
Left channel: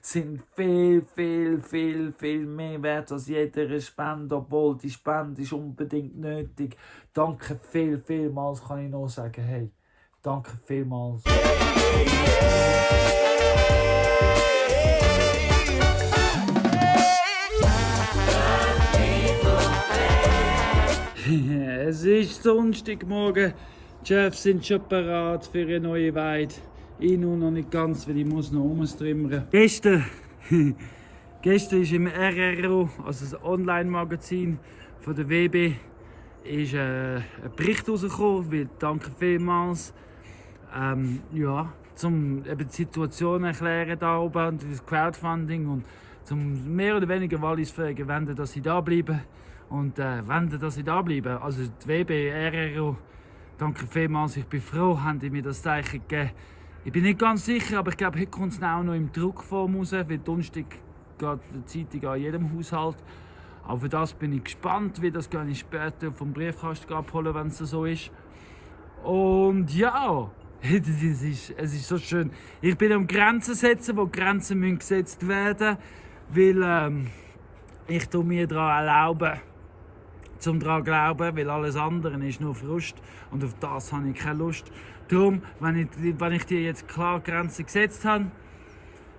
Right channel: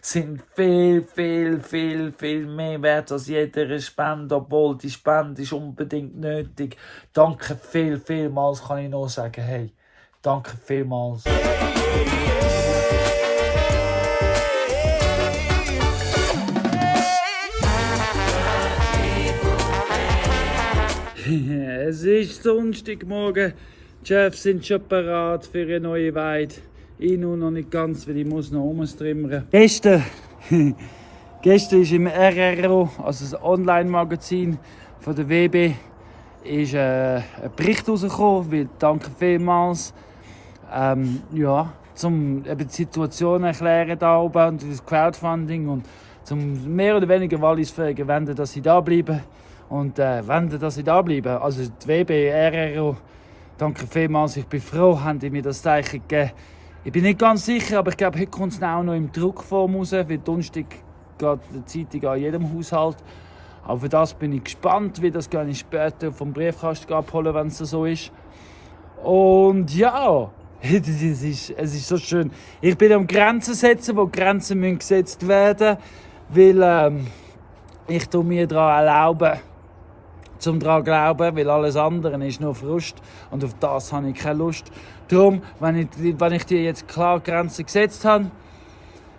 sind viel mehr wert als jede Spende, obwohl die Spende ist unbedingt nötig. Danke vielmals, kann ich nur sagen, hey, danke vielmals. Es ist Sonntagmorgen, die Chefs sind schon bereit für eine neue Weide. Ich noch nicht ganz, weil ich muss noch umstrimmern. Gestern ist im RRO, also das Online-Magazin von der WB, ist ein Bericht rausgekommen, weil danke vielmals. Zum eben die Situation erklären da oben und das Crowdfunding und zum mehr oder weniger Wallisfähigen wenden, dass sie da bleiben. Und dass sie da bleiben. Also die WB, RRO, danke vielmals. Ich bin froh, haben die mir das Zeichen gegeben. Ich bin nicht ganz sicher, aber ich glaube, heute kommt es auch noch im Druckform raus. Weil Donnerstag geht die Zeitung an jedem Haushalt. Aber für das bin ich gespannt, wie das kann ich später vom Briefkasten abholen, wenn es so ist. Und ja, es ist so schön. Ich bin am Grenzen setzen, wo Grenzen müssen gesetzt werden, weil ich mir daran erlaube, zum daran glauben, weil alles andere ist nur Frust und auf das habe ich keine Lust. Darum, wenn ich dir jetzt klar Grenzen gesetzt habe,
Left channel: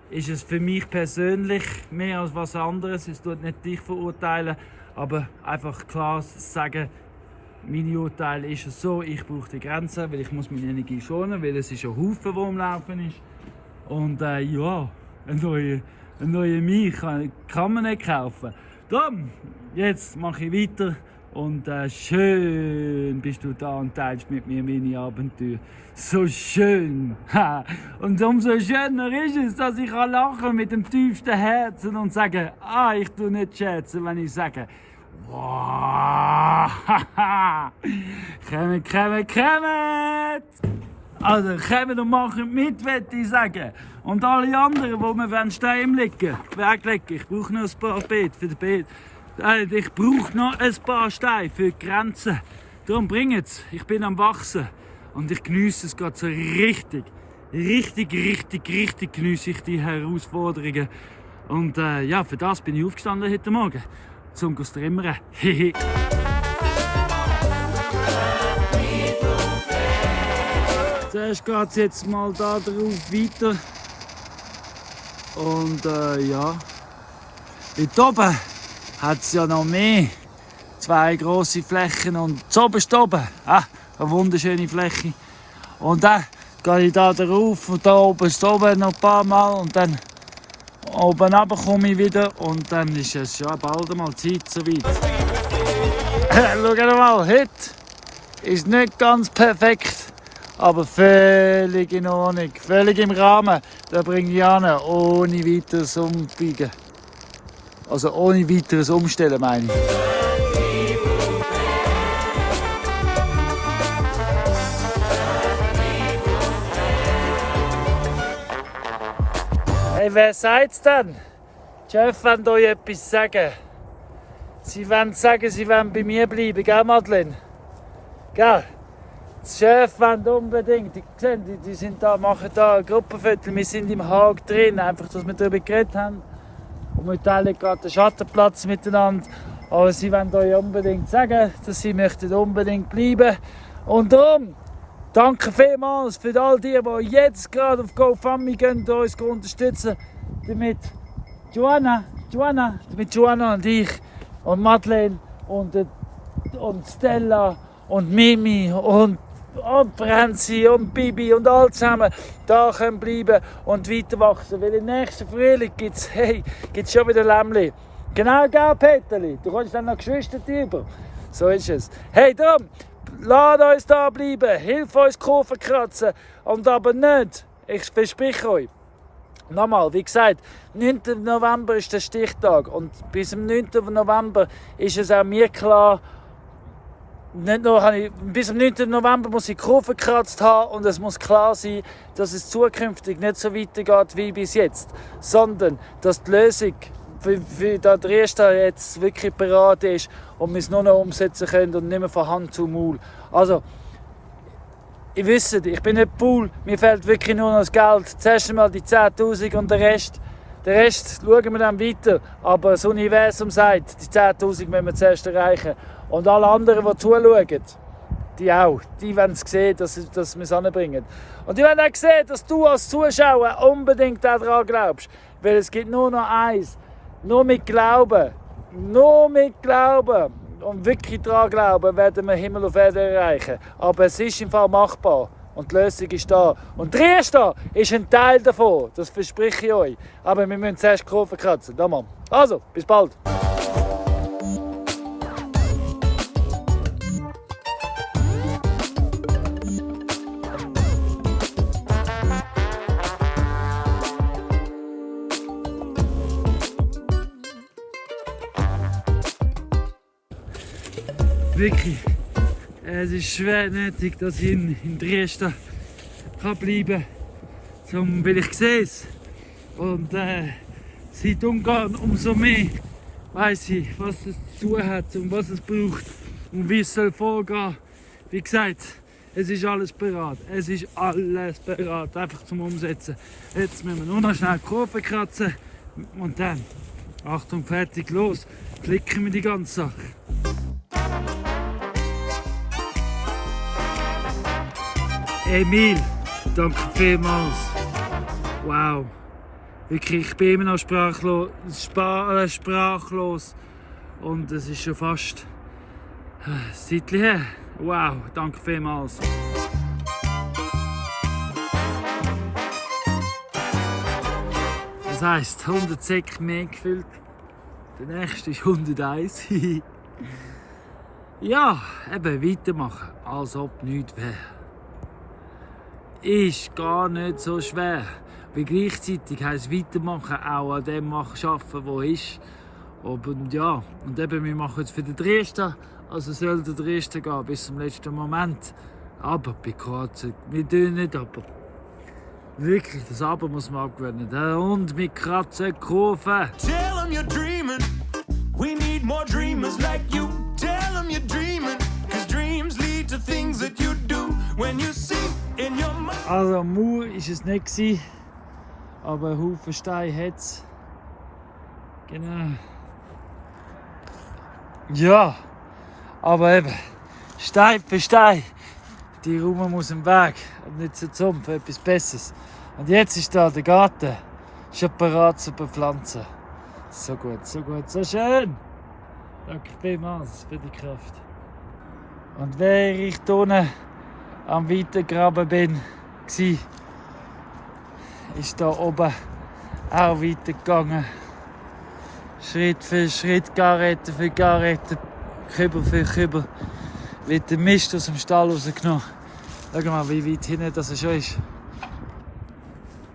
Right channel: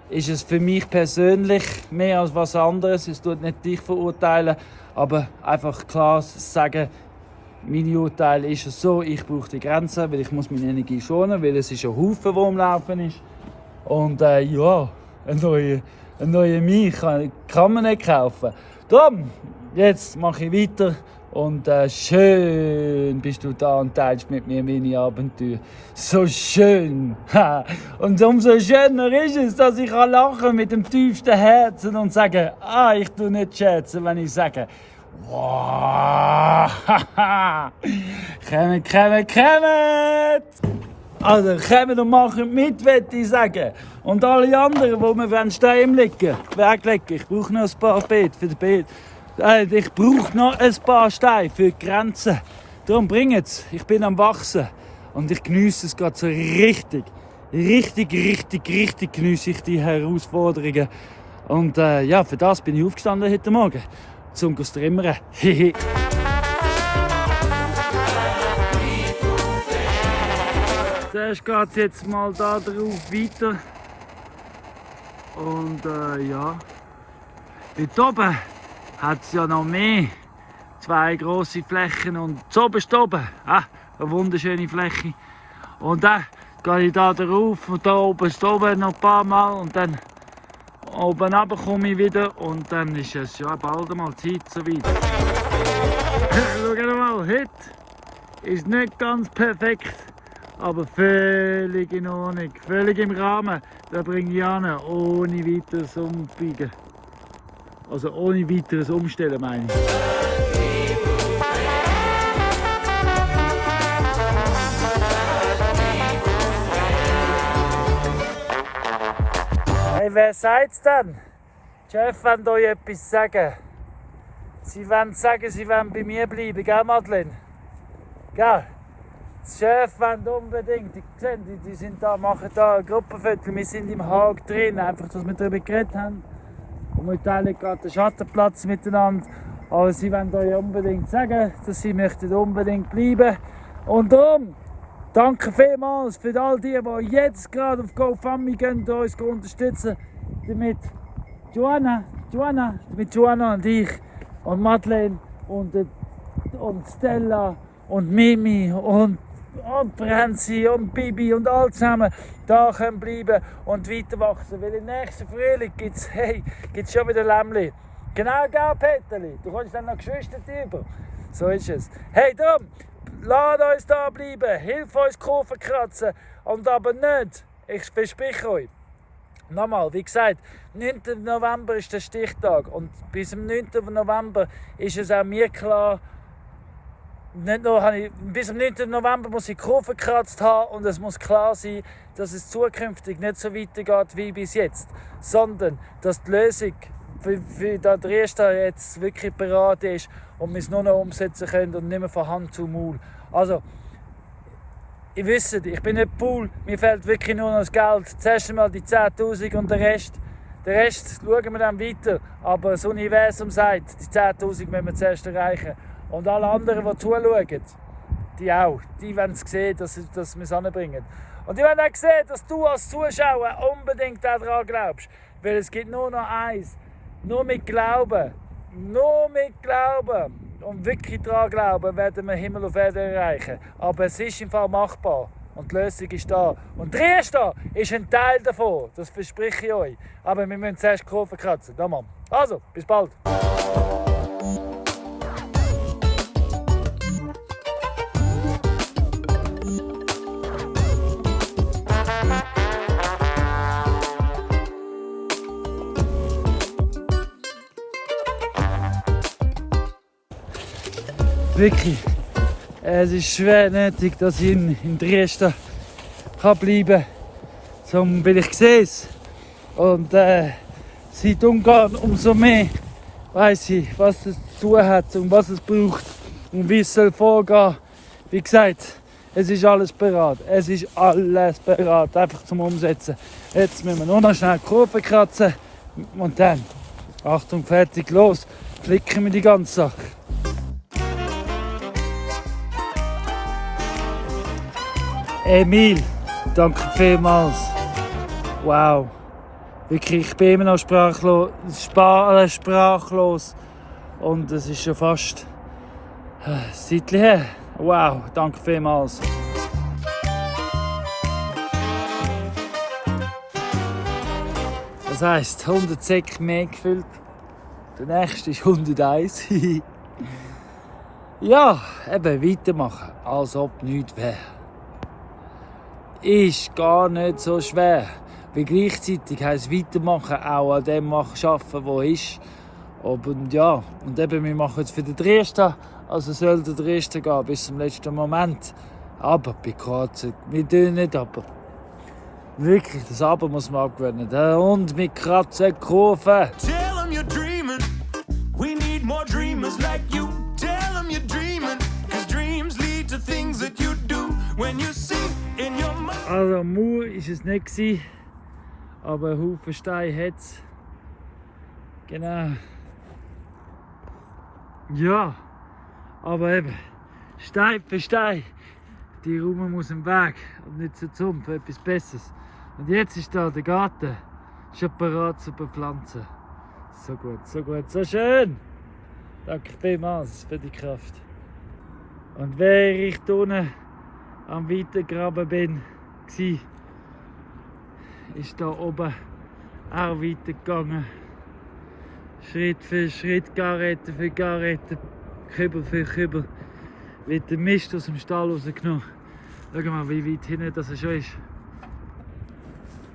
ist es für mich persönlich mehr als was anderes. Es tut nicht dich verurteilen, aber einfach klar sagen, mein Urteil ist es so, ich brauche die Grenzen, weil ich muss meine Energie schonen, weil es ist ein Haufen, der am Laufen ist. Und ja, ein neuer mich kann man nicht kaufen. Darum, jetzt mache ich weiter und schön bist du da und teilst mit mir meine Abenteuer. So schön! Und umso schöner ist es, dass ich lachen mit dem tiefsten Herzen und sagen, ich tue nicht scherzen, wenn ich sage, wow! Kommt! Also kommt und macht mit, würde ich sagen. Und alle anderen, die mir Steine weglegen, ich brauche noch ein paar Beete für den Beet. Ich brauche noch ein paar Steine für die Grenzen. Darum bringt's. Ich bin am Wachsen. Und ich geniesse es gerade so richtig geniesse ich die Herausforderungen. Und ja, für das bin ich aufgestanden heute Morgen. Zum Strimmern. Zuerst geht es jetzt mal da drauf weiter. Und ja, dort oben hat es ja noch mehr. 2 grosse Flächen und zuoberst oben, eine wunderschöne Fläche. Und dann gehe ich da drauf und da oben ist oben noch ein paar Mal und dann oben runter komme ich wieder und dann ist es ja bald mal Zeit soweit. Schau mal, heute ist nicht ganz perfekt, aber völlig in Ordnung, völlig im Rahmen. Da bringe ich an, ohne weiteres Umbiegen. Also ohne weiteres Umstellen, meine ich. Hey, wer sagt's denn? Die Chefs wollen euch etwas sagen. Sie wollen sagen, sie wollen bei mir bleiben, gell, Madeleine? Gell? Die Chefs wollen unbedingt. Die sind da, machen da ein Gruppenfoto. Wir sind im Haag drin, einfach, dass wir darüber geredet haben. Und wir teilen gerade den Schattenplatz miteinander. Aber sie wollen euch unbedingt sagen, dass sie möchten unbedingt bleiben. Und darum, danke vielmals für all die jetzt gerade auf GoFundMe gehen und uns unterstützen. Damit Joanna und ich und Madeleine und Stella und Mimi und Franzi und Bibi und alle zusammen da können bleiben und weiter wachsen. Weil im nächsten Frühling gibt es schon wieder Lämmli. Genau, gell, Peterli? Du kommst dann noch Geschwister über. So ist es. Hey, darum, lasst uns da bleiben, hilf uns Kurven kratzen und aber nicht, ich verspreche euch. Nochmal, wie gesagt, 9. November ist der Stichtag und bis zum 9. November ist es auch mir klar, nicht nur bis zum 9. November muss ich Kurven gekratzt haben und es muss klar sein, dass es zukünftig nicht so weitergeht wie bis jetzt, sondern dass die Lösung für der Erste jetzt wirklich beraten ist und wir es nur noch umsetzen können und nicht mehr von Hand zu Maul. Also, ihr wisst, ich bin nicht faul, mir fehlt wirklich nur noch das Geld. Zuerst einmal die 10'000 und den Rest schauen wir dann weiter. Aber das Universum sagt, die 10'000 müssen wir zuerst erreichen. Und alle anderen, die zuschauen, die auch, die wollen sehen, dass wir es anbringen. Und die wollen auch sehen, dass du als Zuschauer unbedingt daran glaubst. Weil es gibt nur noch eins. Nur mit Glauben und wirklich daran glauben, werden wir Himmel auf Erde erreichen. Aber es ist im Fall machbar und die Lösung ist da. Und der Erste ist ein Teil davon, das verspreche ich euch. Aber wir müssen zuerst die Kurve kratzen. Also, bis bald. Wirklich, es ist schwer nötig, dass ich in Dresden bleiben kann, weil ich sehe es. Und seit Ungarn umso mehr weiss ich, was es zu tun hat und was es braucht und wie es soll vorgehen. Wie gesagt, es ist alles bereit. Es ist alles bereit, einfach zum Umsetzen. Jetzt müssen wir nur noch schnell die Kurve kratzen und dann, Achtung, fertig, los, klicken wir die ganze Sache. Emil, danke vielmals. Wow. Wirklich, ich bin immer noch sprachlos. Und es ist schon fast ein Zeitchen her. Wow, danke vielmals. Das heisst, 100 Säcke mehr gefüllt. Der nächste ist 101. Ja, eben weitermachen, als ob nichts wäre. Ist gar nicht so schwer. Weil gleichzeitig heisst weitermachen, auch an dem arbeiten, was ist. Und ja, und eben, wir machen jetzt für den Dresden, also soll der Dresden gehen bis zum letzten Moment. Aber bei Kroatien, wir tun nicht, aber wirklich, das Aber muss man abgewöhnen. Und wir kratzen Kurven. Tell them you're dreaming. We need more dreamers like you. Tell them you're dreaming. Cause dreams lead to things that you do. When you see in your mind. Also Mauer war es nicht, aber ein Haufen Steine hat es. Genau. Ja, aber eben, Stein für Stein. Die Raum muss im Weg und nicht so zum für etwas Besseres. Und jetzt ist da der Garten schon bereit zu bepflanzen. So gut, so schön. Danke vielmals für die Kraft. Und während ich hier unten am Weitergraben bin, gsi. Ist da oben auch weitergegangen. Schritt für Schritt, Garette für Garette, Kübel für Kübel. Wird der Mist aus dem Stall rausgenommen. Schau mal, wie weit hinten das schon ist.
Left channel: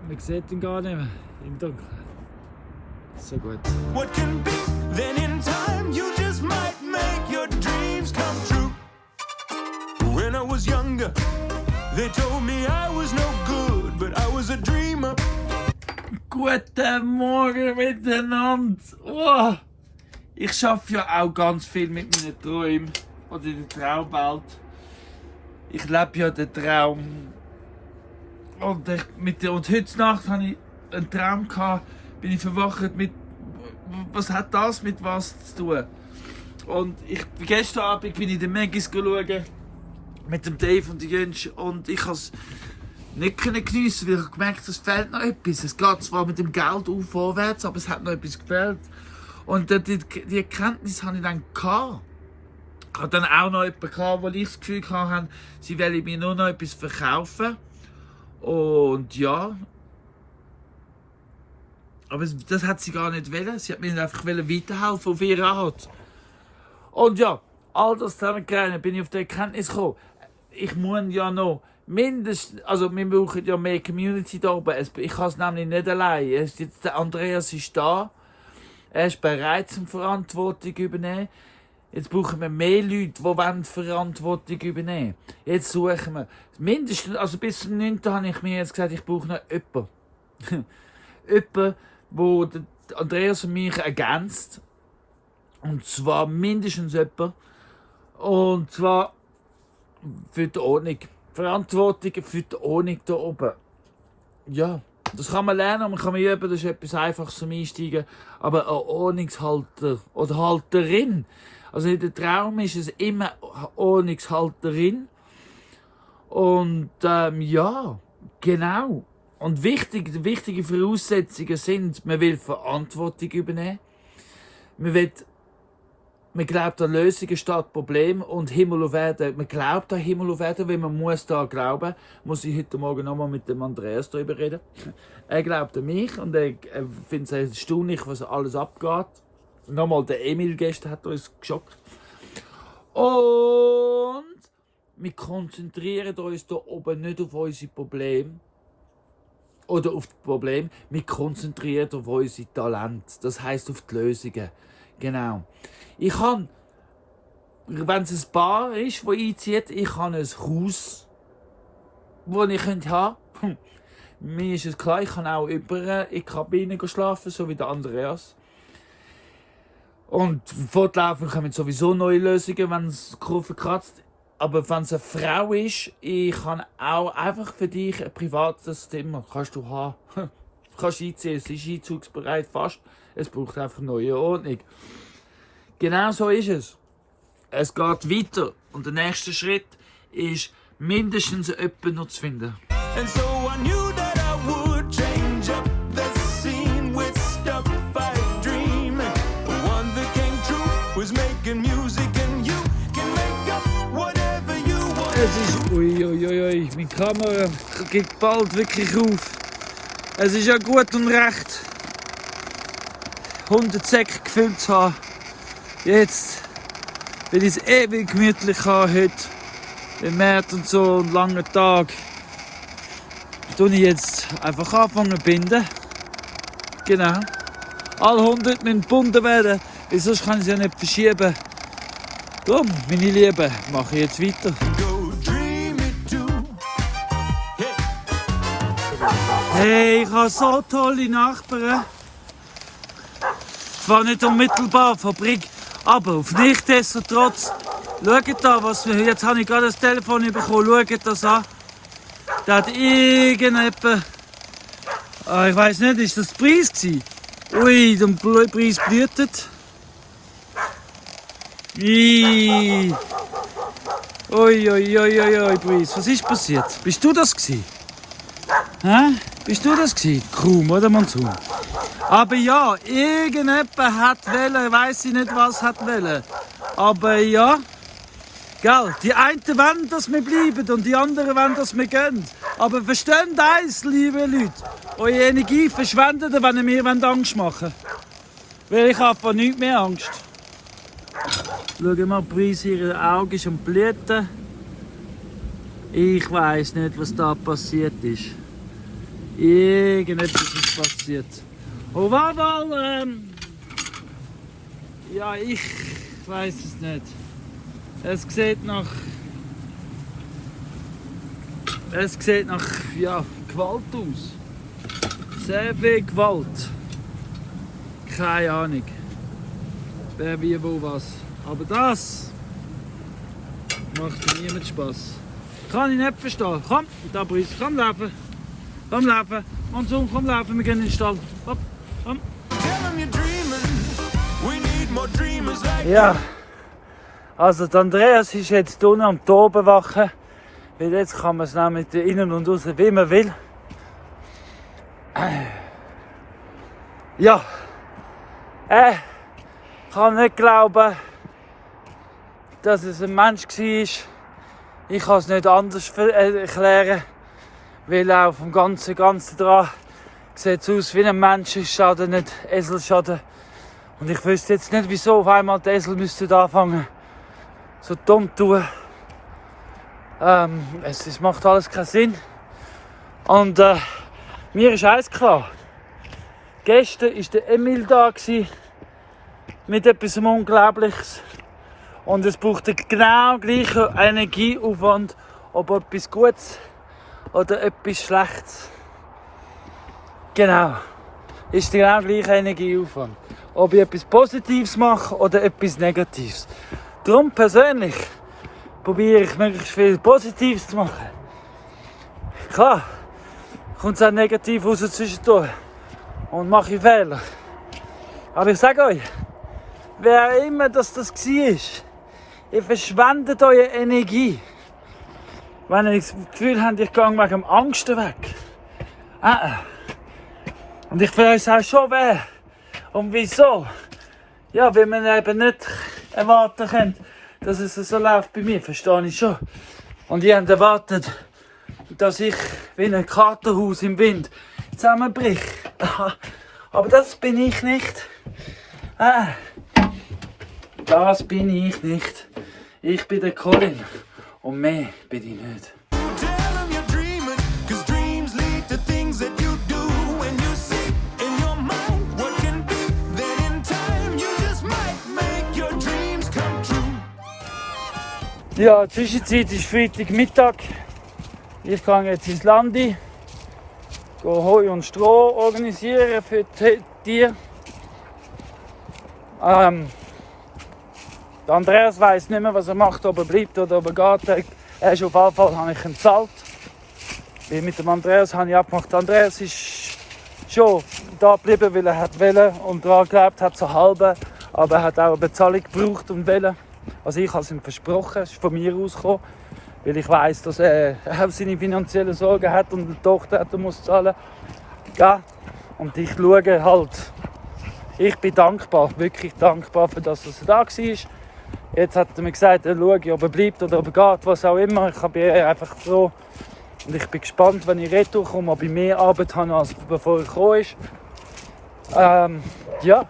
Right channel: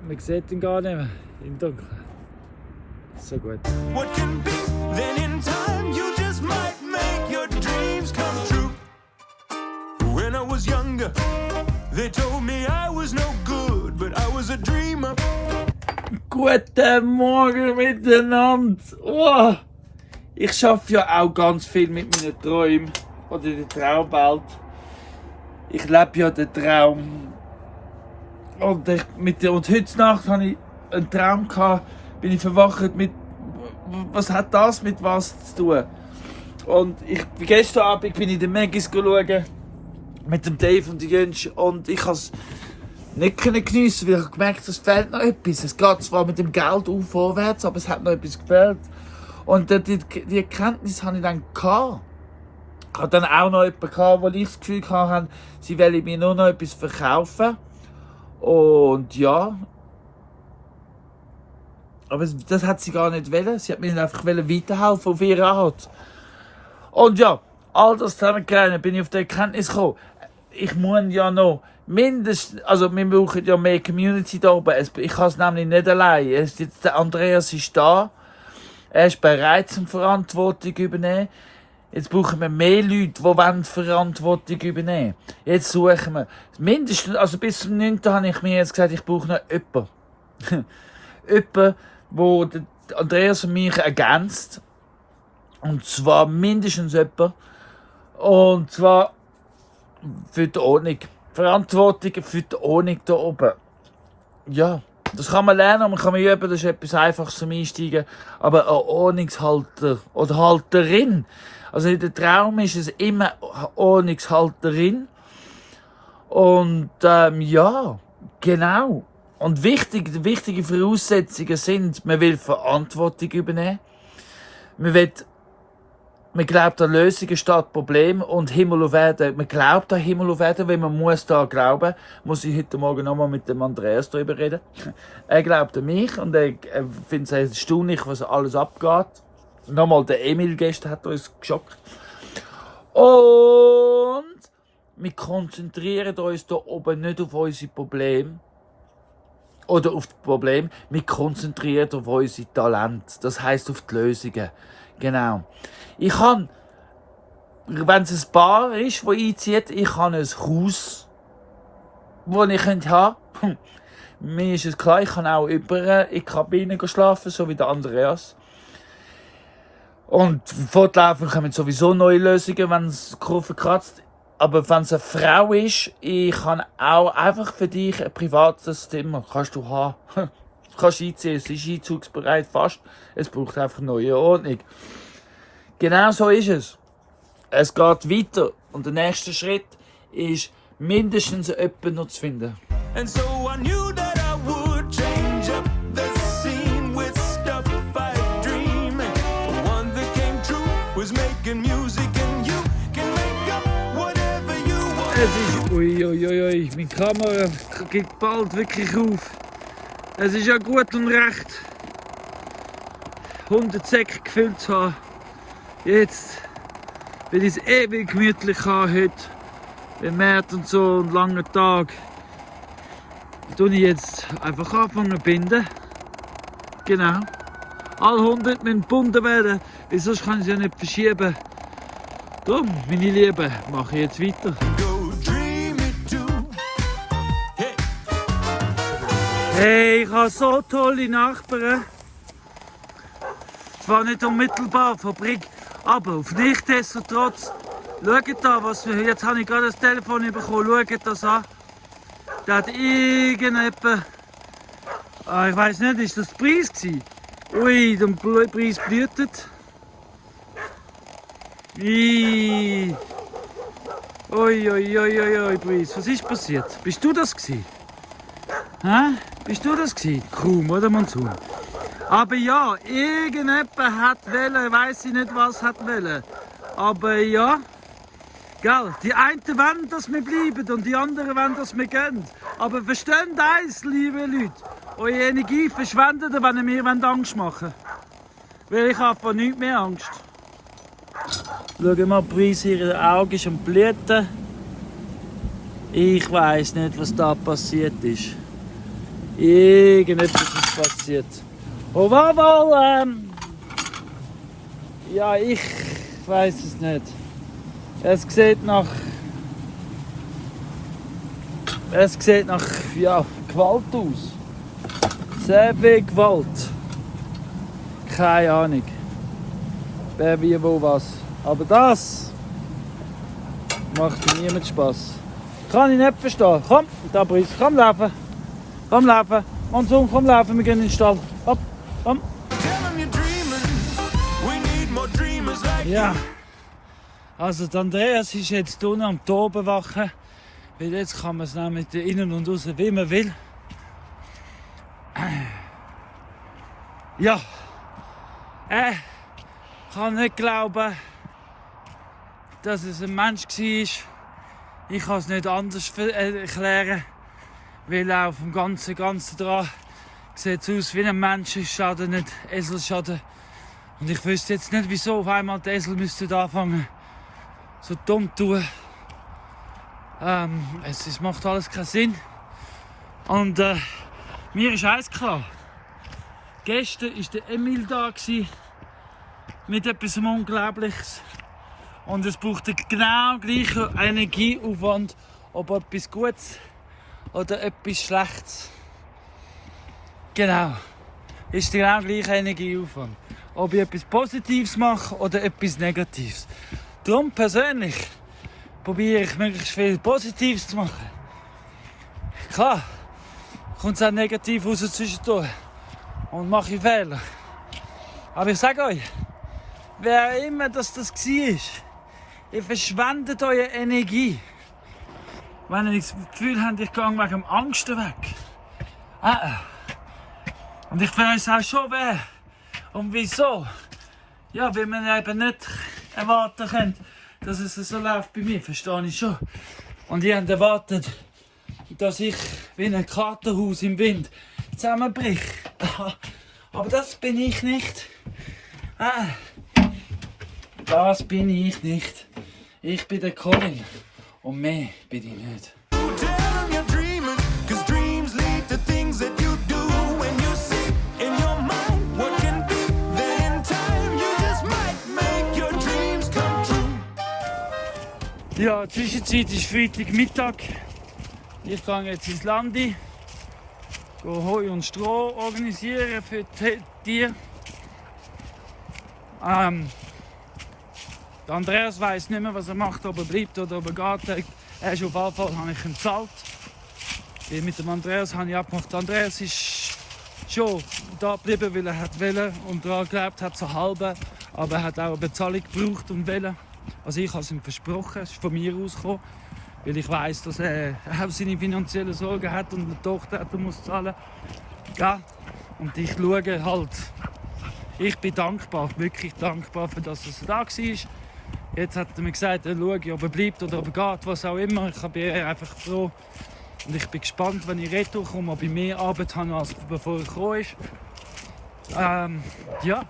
Man sieht ihn gar nicht mehr im Dunkeln. So gut. What can be, then in time you just might make your dreams come true. When I was younger, they told me I was no good, but I was a dreamer. Guten Morgen miteinander. Oh. Ich arbeite ja auch ganz viel mit meinen Träumen oder der Traumwelt. Ich lebe ja den Traum. Und heute Nacht hatte ich einen Traum, bin ich verwacht mit, was hat das mit was zu tun? Und gestern Abend bin ich in den Megis schauen, mit dem Dave und Jens, und ich konnte es nicht geniessen, weil ich gemerkt, es fehlt noch etwas. Es geht zwar mit dem Geld vorwärts, aber es hat noch etwas gefehlt. Und die Erkenntnis hatte ich dann gehabt. Ich hatte dann auch noch jemanden gehabt, wo ich das Gefühl hatte, sie wollen mir nur noch etwas verkaufen. Und ja. Aber das hat sie gar nicht wollen. Sie hat mir einfach weiterhelfen auf ihre Art. Und ja, all das zusammengerechnet bin ich auf die Erkenntnis gekommen. Ich muss ja noch mindestens, also wir brauchen ja mehr Community da oben. Ich kann es nämlich nicht allein. Der Andreas ist da. Er ist bereit zum Verantwortung übernehmen. Jetzt brauchen wir mehr Leute, die Verantwortung übernehmen wollen. Jetzt suchen wir. Mindestens, also bis zum 9. habe ich mir jetzt gesagt, ich brauche noch jemanden. Jemanden, der Andreas und mich ergänzt. Und zwar mindestens jemanden. Und zwar für die Ordnung. Verantwortung für die Ordnung da oben. Ja, das kann man lernen, man kann üben, das ist etwas Einfaches zum Einsteigen. Aber ein Ordnungshalter oder Halterin, also in der Traum ist es immer eine Ordnungshalterin. Und ja, genau. Und wichtige Voraussetzungen sind, man will Verantwortung übernehmen. Man glaubt an Lösungen statt Probleme und Himmel und Erde. Man glaubt an Himmel und Erde, wenn man muss da glauben. Muss ich heute Morgen nochmal mit dem Andreas darüber reden. Er glaubt an mich und er findet es erstaunlich, was alles abgeht. Nochmal der Emil gestern hat uns geschockt. Und wir konzentrieren uns da oben nicht auf unsere Probleme. Oder auf die Probleme. Wir konzentrieren auf unsere Talente. Das heisst auf die Lösungen. Genau. Ich kann, wenn es ein Paar ist, das einzieht, ich habe ein Haus, das ich haben könnte. Mir ist es klar, ich kann auch über in die Kabine schlafen, so wie der Andreas. Und fortlaufend kommen sowieso neue Lösungen, wenn es Kurve kratzt. Aber wenn es eine Frau ist, ich kann auch einfach für dich ein privates Zimmer kannst du haben. Du kannst einziehen, es ist einzugsbereit fast. Es braucht einfach eine neue Ordnung. Genau so ist es. Es geht weiter. Und der nächste Schritt ist, mindestens jemanden noch zu finden. And so I knew that I would change up the scene with stuff I dream. The one that came true was making music and you can make up whatever you want. Es ist, uiuiui, meine Kamera geht bald wirklich auf. Es ist ja gut und recht, 100 Säcke gefüllt zu haben. Jetzt, weil ich es ewig gemütlich habe heute, im März und so, einen langen Tag, tue ich jetzt einfach anfangen zu binden. Genau. Alle 100 müssen gebunden werden, weil sonst kann ich sie ja nicht verschieben. Darum, meine Lieben, mache ich jetzt weiter. Go dream it too. Hey. Hey, ich habe so tolle Nachbarn. Zwar nicht unmittelbar Fabrik, aber auf nichtsdestotrotz. Schaut da, was wir. Jetzt habe ich gerade das Telefon bekommen. Schaut das an. Da hat irgendjemand. Ich weiß nicht, ist das der Preis gewesen? Ui, der Preis blühtet. Ui, Preis. Was ist passiert? Bist du das gewesen? Hä? Bist du das gewesen? Kaum, oder Monsun? Aber ja, irgendjemand hat wollen, ich weiss nicht, was hat wollen. Aber ja, Gell? Die einen wollen, dass wir bleiben und die anderen wollen, dass wir gehen. Aber versteht eins, liebe Leute, eure Energie verschwendet, wenn ihr mir Angst machen wollt. Weil ich habe von nichts mehr Angst. Schauen mal, Prise, ihre Augen ist am Blüten. Ich weiss nicht, was da passiert ist. Irgendetwas ist passiert. Auf jeden Fall, ja, ich weiss es nicht. Es sieht nach ja, Gewalt aus. Sehr viel Gewalt. Keine Ahnung. Wer wie wo was. Aber das macht mir niemand Spaß. Kann ich nicht verstehen. Komm, da Brice, komm laufen. Komm laufen. Monsun, komm laufen, wir gehen in den Stall. Hopp, komm. Ja. Also der Andreas ist jetzt unten am Toben wachen. Weil jetzt kann man es nämlich innen und außen wie man will. Ja. Ich kann nicht glauben, dass es ein Mensch war. Ich kann es nicht anders erklären. Weil auf dem Ganzen dran sieht es aus wie ein Menschenschaden, nicht Eselschaden. Und ich wüsste jetzt nicht, wieso auf einmal die Esel müssten anfangen so dumm zu tun. Es macht alles keinen Sinn. Und mir ist eins klar. Gestern war der Emil da mit etwas Unglaubliches. Und es braucht den genau gleichen Energieaufwand, ob etwas Gutes oder etwas Schlechtes. Genau. Ist der genau gleiche Energieaufwand. Ob ich etwas Positives mache oder etwas Negatives. Darum persönlich probiere ich möglichst viel Positives zu machen. Klar, kommt es auch negativ raus zwischendurch und mache ich Fehler. Aber ich sage euch, wer immer das war, ihr verschwendet eure Energie. Wenn ihr das Gefühl habt, ich gehe wegen dem Angst weg. Und ich weiß auch schon wer und wieso. Ja, weil man eben nicht erwarten kann, dass es so läuft bei mir, verstehe ich schon. Und ihr habt erwartet, dass ich wie ein Katerhaus im Wind zusammenbrich. Aber das bin ich nicht. Das bin ich nicht. Ich bin der Colin. Und mehr bin ich nicht. Ja, Zwischenzeit ist Freitagmittag. Ich gehe jetzt ins Landi, gehe Heu und Stroh organisieren für die Tiere. Der Andreas weiss nicht mehr, was er macht, ob er bleibt oder ob er geht. Er ist auf jeden Fall, habe ich ihn bezahlt. Mit dem Andreas habe ich abgemacht. Der Andreas ist schon da geblieben, weil er wollte und daran geglaubt hat, so halbe. Aber er hat auch eine Bezahlung gebraucht und wollte. Also ich habe es ihm versprochen, es ist von mir ausgekommen, weil ich weiss, dass er seine finanziellen Sorgen hat und eine Tochter hat, die muss zahlen. Ja. Und ich schaue halt, ich bin dankbar, wirklich dankbar für das, dass er da war. Jetzt hat er mir gesagt, er schaue, ob er bleibt oder ob er geht, was auch immer. Ich bin einfach froh und ich bin gespannt, wenn ich retour komme, ob ich mehr Arbeit habe, als bevor er gekommen ist. Ja,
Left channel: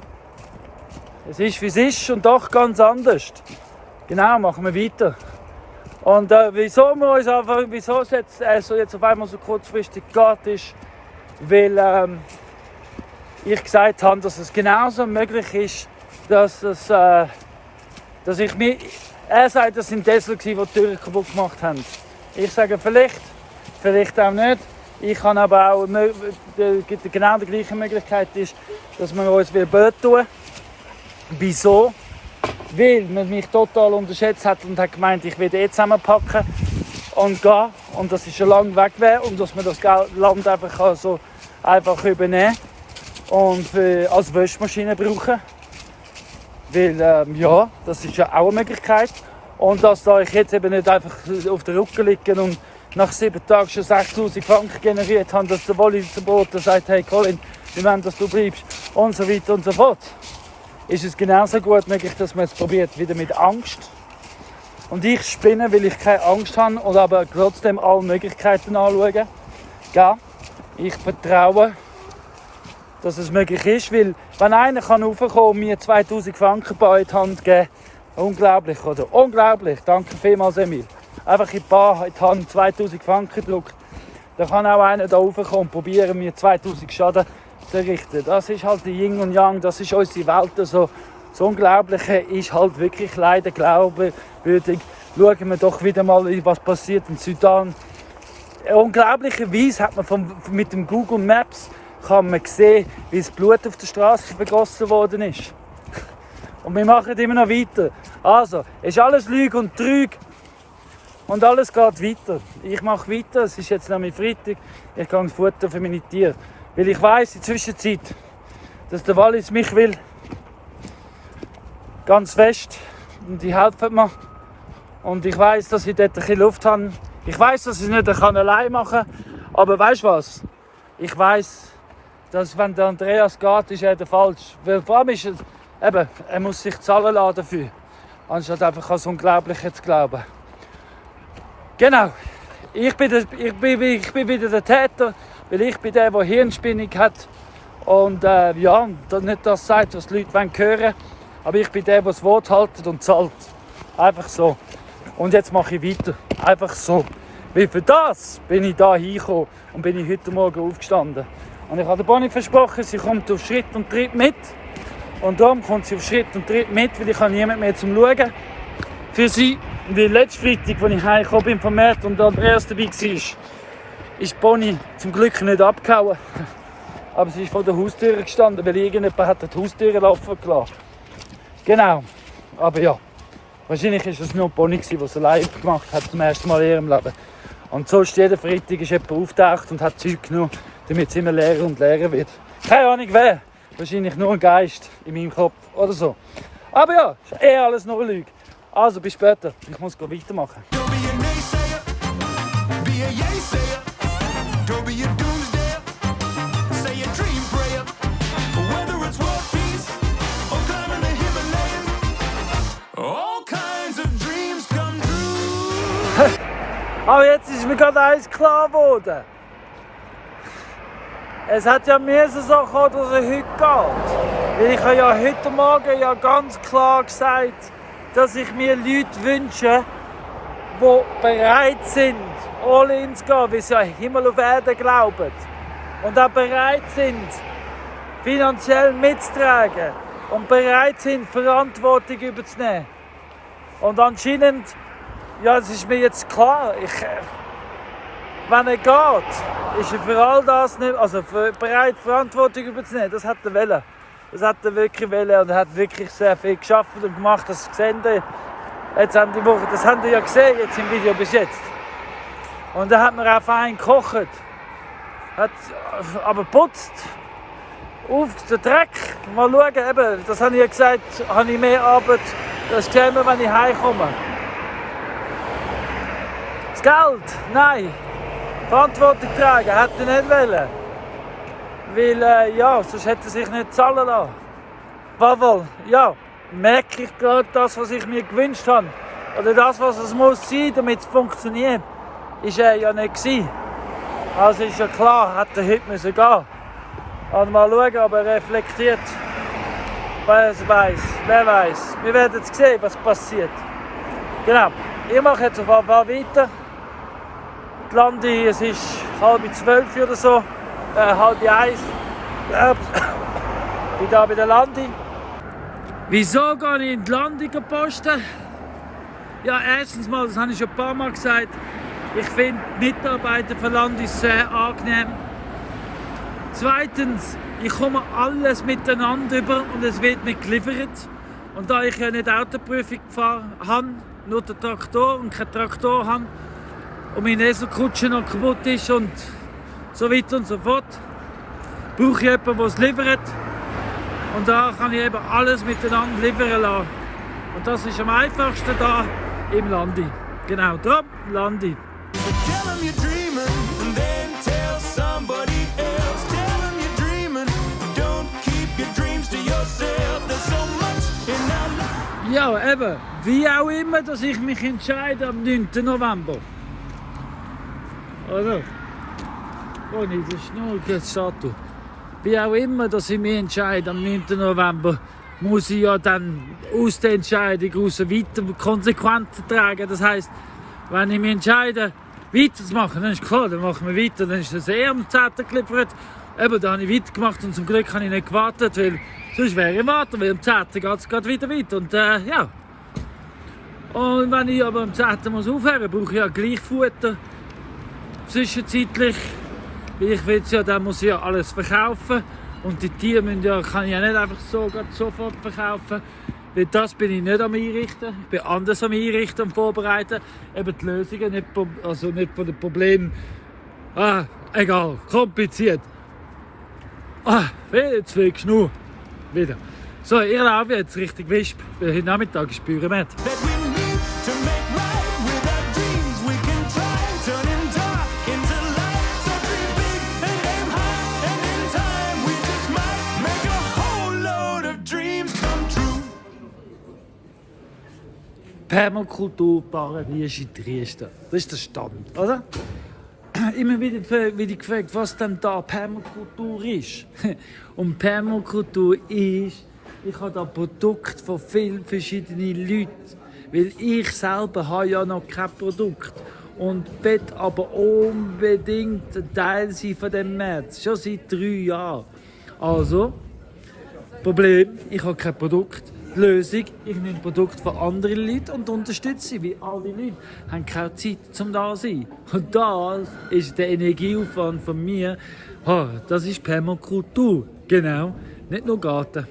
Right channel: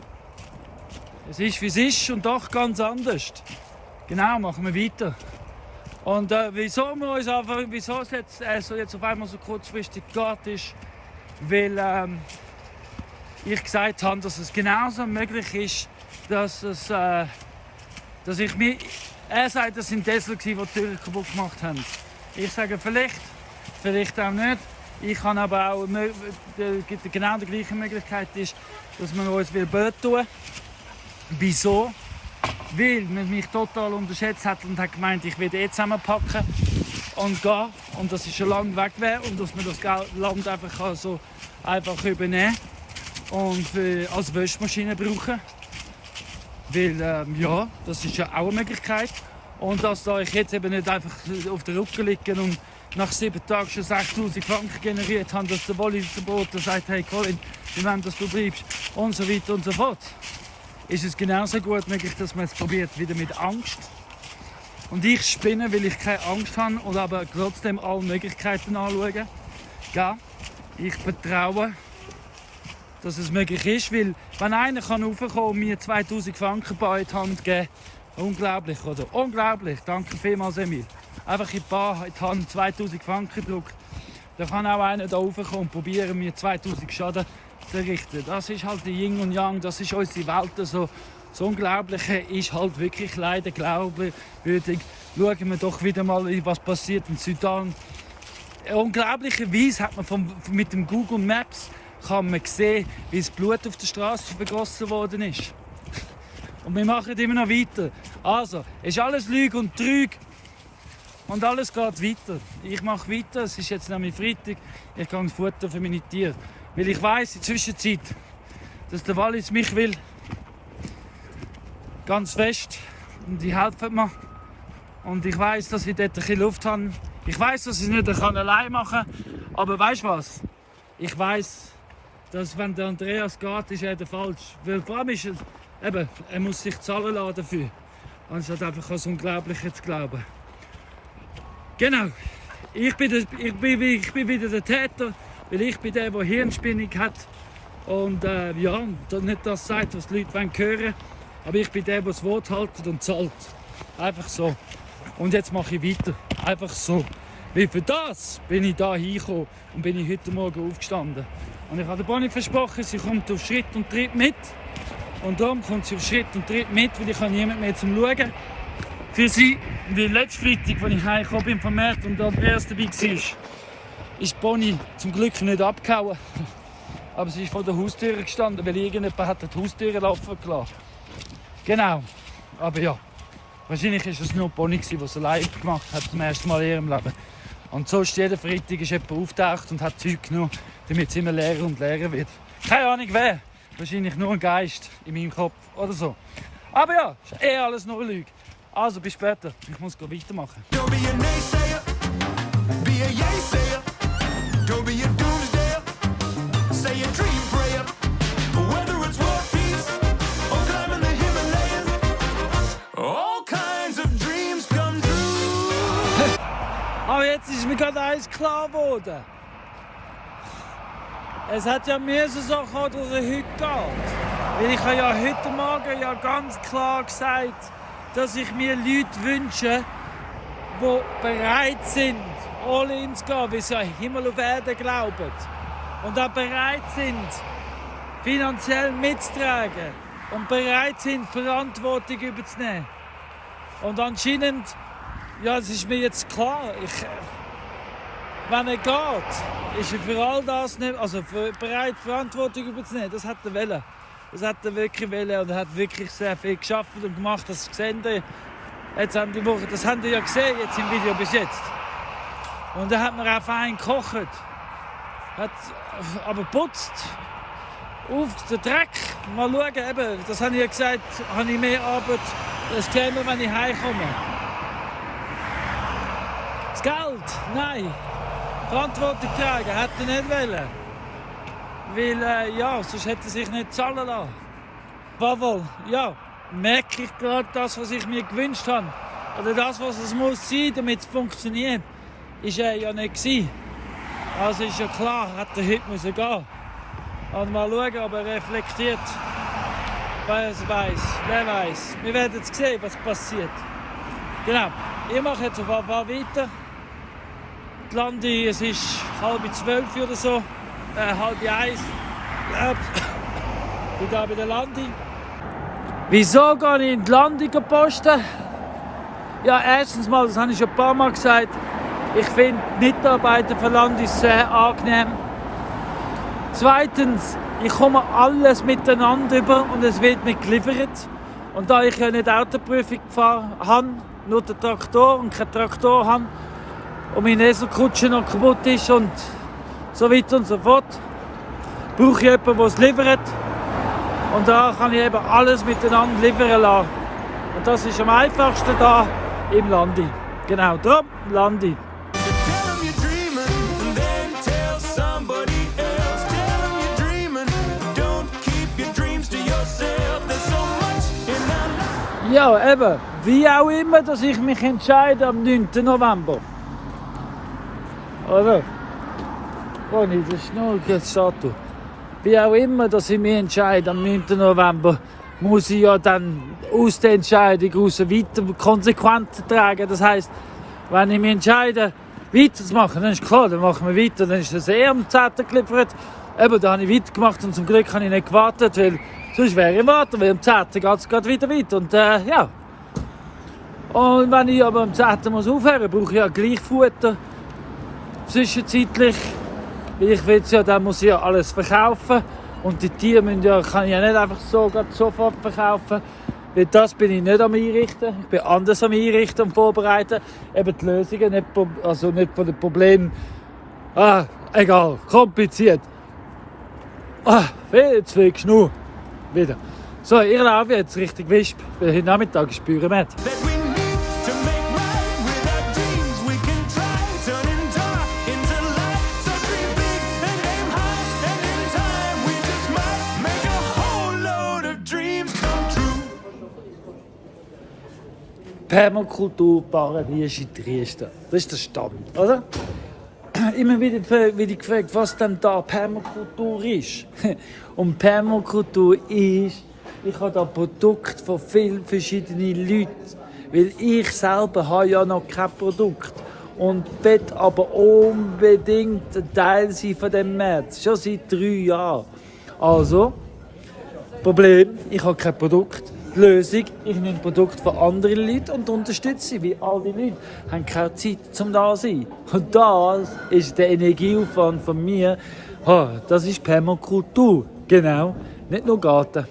es ist wie es ist und doch ganz anders. Genau, machen wir weiter. Und wieso es jetzt auf einmal so kurzfristig geht, ist, weil ich gesagt habe, dass es genauso möglich ist, dass ich mir... Er sagt, das sind Tesla, die die Türen kaputt gemacht haben. Ich sage vielleicht auch nicht. Ich kann aber auch... Genau die gleiche Möglichkeit ist, dass wir uns blöd tun. Wieso? Weil man mich total unterschätzt hat und hat gemeint, ich werde zusammenpacken und gehen. Und dass ich schon lange weg wäre und dass man das Land einfach so einfach übernehmen und als Wäschmaschine brauchen. Weil, ja, das ist ja auch eine Möglichkeit. Und dass da ich jetzt eben nicht einfach auf den Rücken liege und nach 7 Tagen schon 6'000 Franken generiert habe, dass der Wolli-Bote sagt, hey Colin, wir wollen, dass du bleibst und so weiter und so fort. Ist es genauso gut möglich, dass man es probiert, wieder mit Angst Und ich spinne, weil ich keine Angst habe und aber trotzdem alle Möglichkeiten anschauen. Ja, ich vertraue, dass es möglich ist, weil wenn einer raufkommen kann und mir 2000 Franken bei in die Hand geben, unglaublich, oder? Unglaublich, danke vielmals, Emil. Einfach in die Bar in die Hand 2000 Franken gedruckt. Da kann auch einer da raufkommen und probieren, mir 2000 Schaden zu richten. Das ist halt die Yin und Yang, das ist unsere Welt. Also, das Unglaubliche ist halt wirklich leider glaubwürdig. Schauen wir doch wieder mal, was passiert in Sudan. Unglaublicherweise hat man mit dem Google Maps kann man sehen, wie das Blut auf der Straße vergossen worden ist. Und wir machen immer noch weiter. Also, es ist alles Lüge und Trüge. Und alles geht weiter. Ich mache weiter. Es ist jetzt nämlich Freitag. Ich gehe ins Futter für meine Tiere. Weil ich weiss in der Zwischenzeit, dass der Wallis mich will. Ganz fest. Und die helfen mir. Und ich weiss, dass ich dort ein bisschen Luft habe. Ich weiss, dass ich es nicht allein machen kann. Aber weißt du was? Ich weiss, dass wenn der Andreas geht, ist er der falsch. Weil vor allem ist es, eben, er muss sich zahlen lassen dafür. Anstatt einfach an das Unglaubliche zu glauben. Genau. Ich bin wieder der Täter, weil ich bin der Hirnspinnung hat. Und ja, nicht das sagt, was die Leute hören wollen. Aber ich bin der das Wort haltet und zahlt. Einfach so. Und jetzt mache ich weiter. Einfach so. Weil für das bin ich da hingekommen und bin ich heute Morgen aufgestanden. Und ich habe der Bonnie versprochen, sie kommt auf Schritt und Tritt mit. Und darum kommt sie auf Schritt und Tritt mit, weil ich habe niemand mehr zum Schauen. Für sie, wie letzten Freitag, als ich heimgekommen bin vom Markt und Andreas dabei war, ist Bonnie zum Glück nicht abgehauen. Aber sie ist vor der Haustür gestanden, weil irgendjemand hat die Haustür offen gelassen. Genau. Aber ja, wahrscheinlich war es nur Bonnie, die es allein gemacht hat, zum ersten Mal in ihrem Leben. Und sonst jeden Freitag ist jemand auftaucht und hat Zeug genommen, damit es immer leerer und leerer wird. Keine Ahnung wer. Wahrscheinlich nur ein Geist in meinem Kopf oder so. Aber ja, ist alles nur eine Lüge. Also, bis später. Ich muss weitermachen. Don't be a naysayer, be a yaysayer. Don't be a doomsdayer, say a dream prayer. Whether it's world peace or climbing the Himalayas, all kinds of dreams come true. Aber jetzt ist mir gerade eins klar geworden. Es hat ja mir so kommen, dass es heute geht. Weil ich habe ja heute Morgen ja ganz klar gesagt, dass ich mir Leute wünsche, die bereit sind, all in zu gehen, weil sie an Himmel und Erde glauben. Und auch bereit sind, finanziell mitzutragen. Und bereit sind, Verantwortung überzunehmen. Und anscheinend, ja, es ist mir jetzt klar, wenn er geht, ist er für all das nicht, also bereit, Verantwortung überzunehmen. Das hat er wollen. Das hat er wirklich wollen und er hat wirklich sehr viel geschafft und gemacht. Das gesehen jetzt haben die Woche, das habt ihr ja gesehen jetzt im Video bis jetzt. Und da hat man auch fein gekocht, hat aber putzt, auf den Dreck. Mal schauen, eben, das habe ich ja gesagt, habe ich mehr Arbeit, das sehen wir, wenn ich heimkomme. Das Geld, nein. Verantwortung tragen, hätte er nicht wollen. Weil, ja, sonst hätte er sich nicht zahlen lassen. Weil, ja, merke ich gerade das, was ich mir gewünscht habe. Oder das, was es muss sein, damit es funktioniert, ist er ja nicht gewesen. Also ist ja klar, hätte er heute müssen gehen. Und mal schauen, ob er reflektiert. Wer weiß. Wir werden jetzt sehen, was passiert. Genau, ich mache jetzt auf jeden Fall weiter. Die Landi, es ist 11:30 oder so. 12:30. Ich bin hier bei der Landi. Wieso gehe ich in die Landi posten? Ja, erstens mal, das habe ich schon ein paar Mal gesagt, ich finde die Mitarbeiter von Landi sehr angenehm. Zweitens, ich komme alles miteinander über und es wird nicht geliefert. Und da ich ja nicht Autoprüfung gefahren habe, nur den Traktor und keinen Traktor habe und meine Eselkutsche noch kaputt ist und so weiter und so fort, brauche ich jemanden, der es liefert. Und da kann ich eben alles miteinander liefern lassen. Und das ist am einfachsten da im Landi. Genau, darum Landi. Tell 'em you're dreaming and then tell somebody else. Tell 'em you're dreaming, don't keep your dreams to yourself. There's so much in our life. Ja, eben, wie auch immer, dass ich mich entscheide am 9. November. Oder? Ronny, das ist nur eine Statue. Wie auch immer, dass ich mich entscheide am 9. November, muss ich ja dann aus der Entscheidung heraus weiter Konsequenzen tragen. Das heisst, wenn ich mich entscheide, weiterzumachen, dann ist klar, dann machen wir weiter, dann ist das am 10. geliefert. Eben, da habe ich weitergemacht und zum Glück habe ich nicht gewartet, weil sonst wäre ich warten, weil am 10. geht es wieder weiter. Und ja. Und wenn ich aber am 10. muss aufhören, brauche ich ja gleich Futter. Zwischenzeitlich, weil ich will ja, dann muss ich ja alles verkaufen. Und die Tiere kann ich ja nicht einfach so sofort verkaufen. Weil das bin ich nicht am Einrichten. Ich bin anders am Einrichten und vorbereiten. Eben die Lösungen, nicht von den Problemen. Egal, kompliziert. Jetzt will ich nur wieder. So, ich laufe jetzt richtig Wisp, weil heute Nachmittag ist Büromet. That we need to make right with our dreams. We can try turning dark into light. So dream big and aim high, and in time we just might make a whole load of dreams come true. Permakulturparadies in Trieste. Das ist der Stand, oder? Immer wieder werde ich gefragt, was denn da Permakultur ist. Und Permakultur ist, ich habe da Produkte von vielen verschiedenen Leuten. Weil ich selber habe ja noch kein Produkt. Und will aber unbedingt ein Teil sein von dem Markt. Schon seit 3 Jahren. Also, Problem, ich habe kein Produkt. Die Lösung, ich nehme Produkte von anderen Leuten und unterstütze sie, weil alle Leute haben keine Zeit zum da sein. Und das ist der Energieaufwand von mir. Das ist Permakultur. Genau, nicht nur Garten.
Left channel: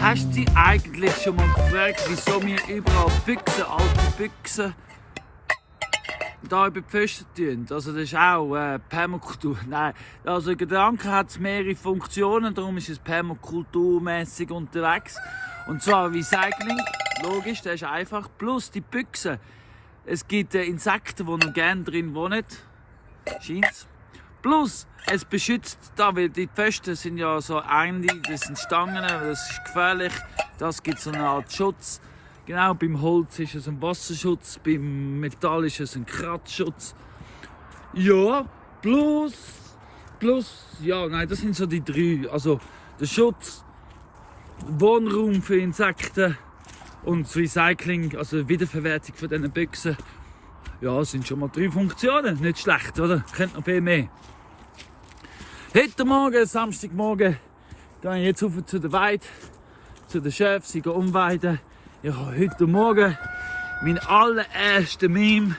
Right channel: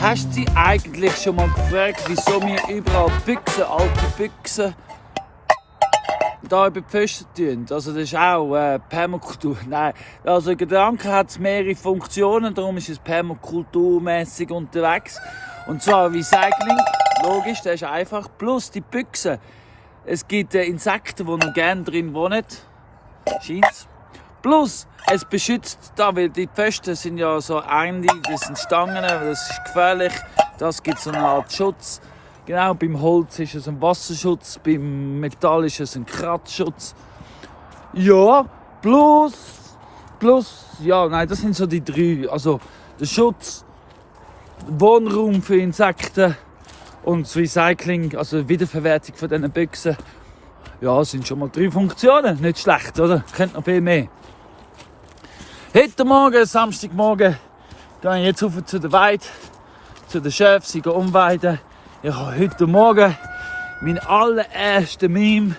Hast du dich eigentlich schon mal gefragt, wieso wir überall Büchsen, alte Büchsen, da über die Pfosten tun? Also das ist auch Permakultur. Nein, also der Gedanke hat mehrere Funktionen, darum ist es permakulturmäßig unterwegs. Und zwar Recycling, logisch, das ist einfach, plus die Büchsen. Es gibt Insekten, die noch gerne drin wohnen, scheint's. Plus, es beschützt da, weil die Pfosten sind ja so eng, das sind Stangen, das ist gefährlich, das gibt so eine Art Schutz. Genau, beim Holz ist es ein Wasserschutz, beim Metall ist es ein Kratzschutz. Ja, plus, ja, nein, das sind so die 3. Also der Schutz, Wohnraum für Insekten und das Recycling, also die Wiederverwertung von diesen Büchsen. Ja, sind schon mal 3 Funktionen, nicht schlecht, oder? Könnt noch viel mehr. Heute Morgen, Samstagmorgen, gehe ich jetzt rauf zu der Weide, zu den Schäfen, sie gehen umweiden. Ich habe heute Morgen meinen allerersten Meme,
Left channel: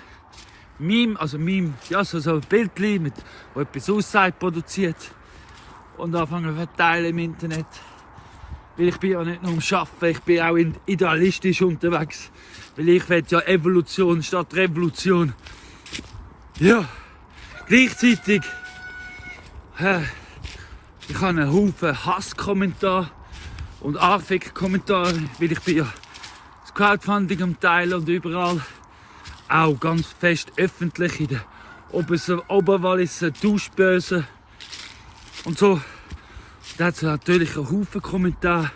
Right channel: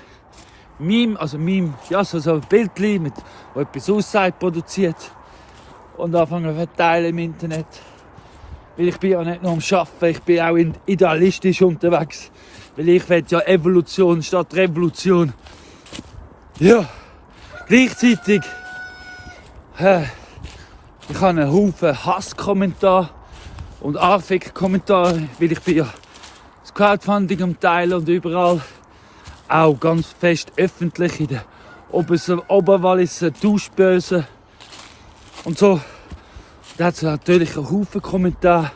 ja, so ein Bildchen, wo etwas aussagt, produziert und anfangen zu verteilen im Internet. Weil ich bin ja nicht nur am Arbeiten, ich bin auch idealistisch unterwegs. Weil ich will ja Evolution statt Revolution. Ja, gleichzeitig ich habe einen Haufen Hasskommentare und Anfick-Kommentare, weil ich bin ja das Crowdfunding am Teilen und überall auch ganz fest öffentlich in der Oberwalliser Tauschbörse und so. Da hat es natürlich einen Haufen Kommentare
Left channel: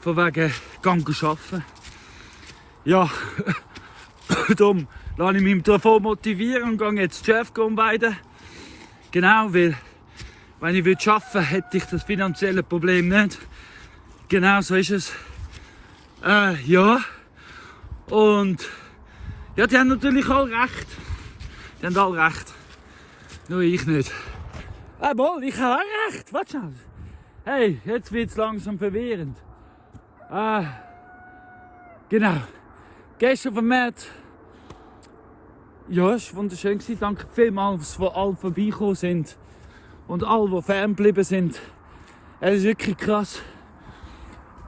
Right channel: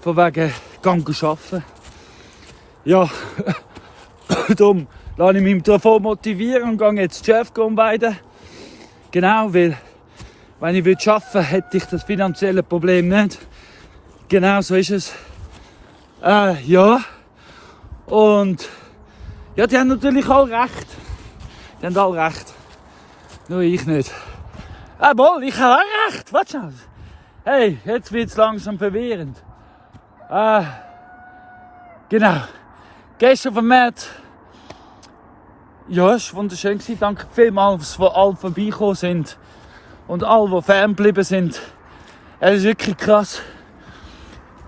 von wegen «Gang arbeiten». Ja, darum lasse ich mich davon motivieren und gehe jetzt Chef umweiden. Genau, weil wenn ich arbeiten würde, hätte ich das finanzielle Problem nicht. Genau, so ist es. Ja. Und ja, die haben natürlich alle recht. Die haben alle recht. Nur ich nicht. Wohl, ich habe auch recht. Warte schon. Hey, jetzt wird es langsam verwirrend. Genau. Gestern auf dem März. Ja, es war wunderschön. Danke vielmals, dass alle vorbeigekommen sind. Und alle, die ferngeblieben sind. Es ist wirklich krass,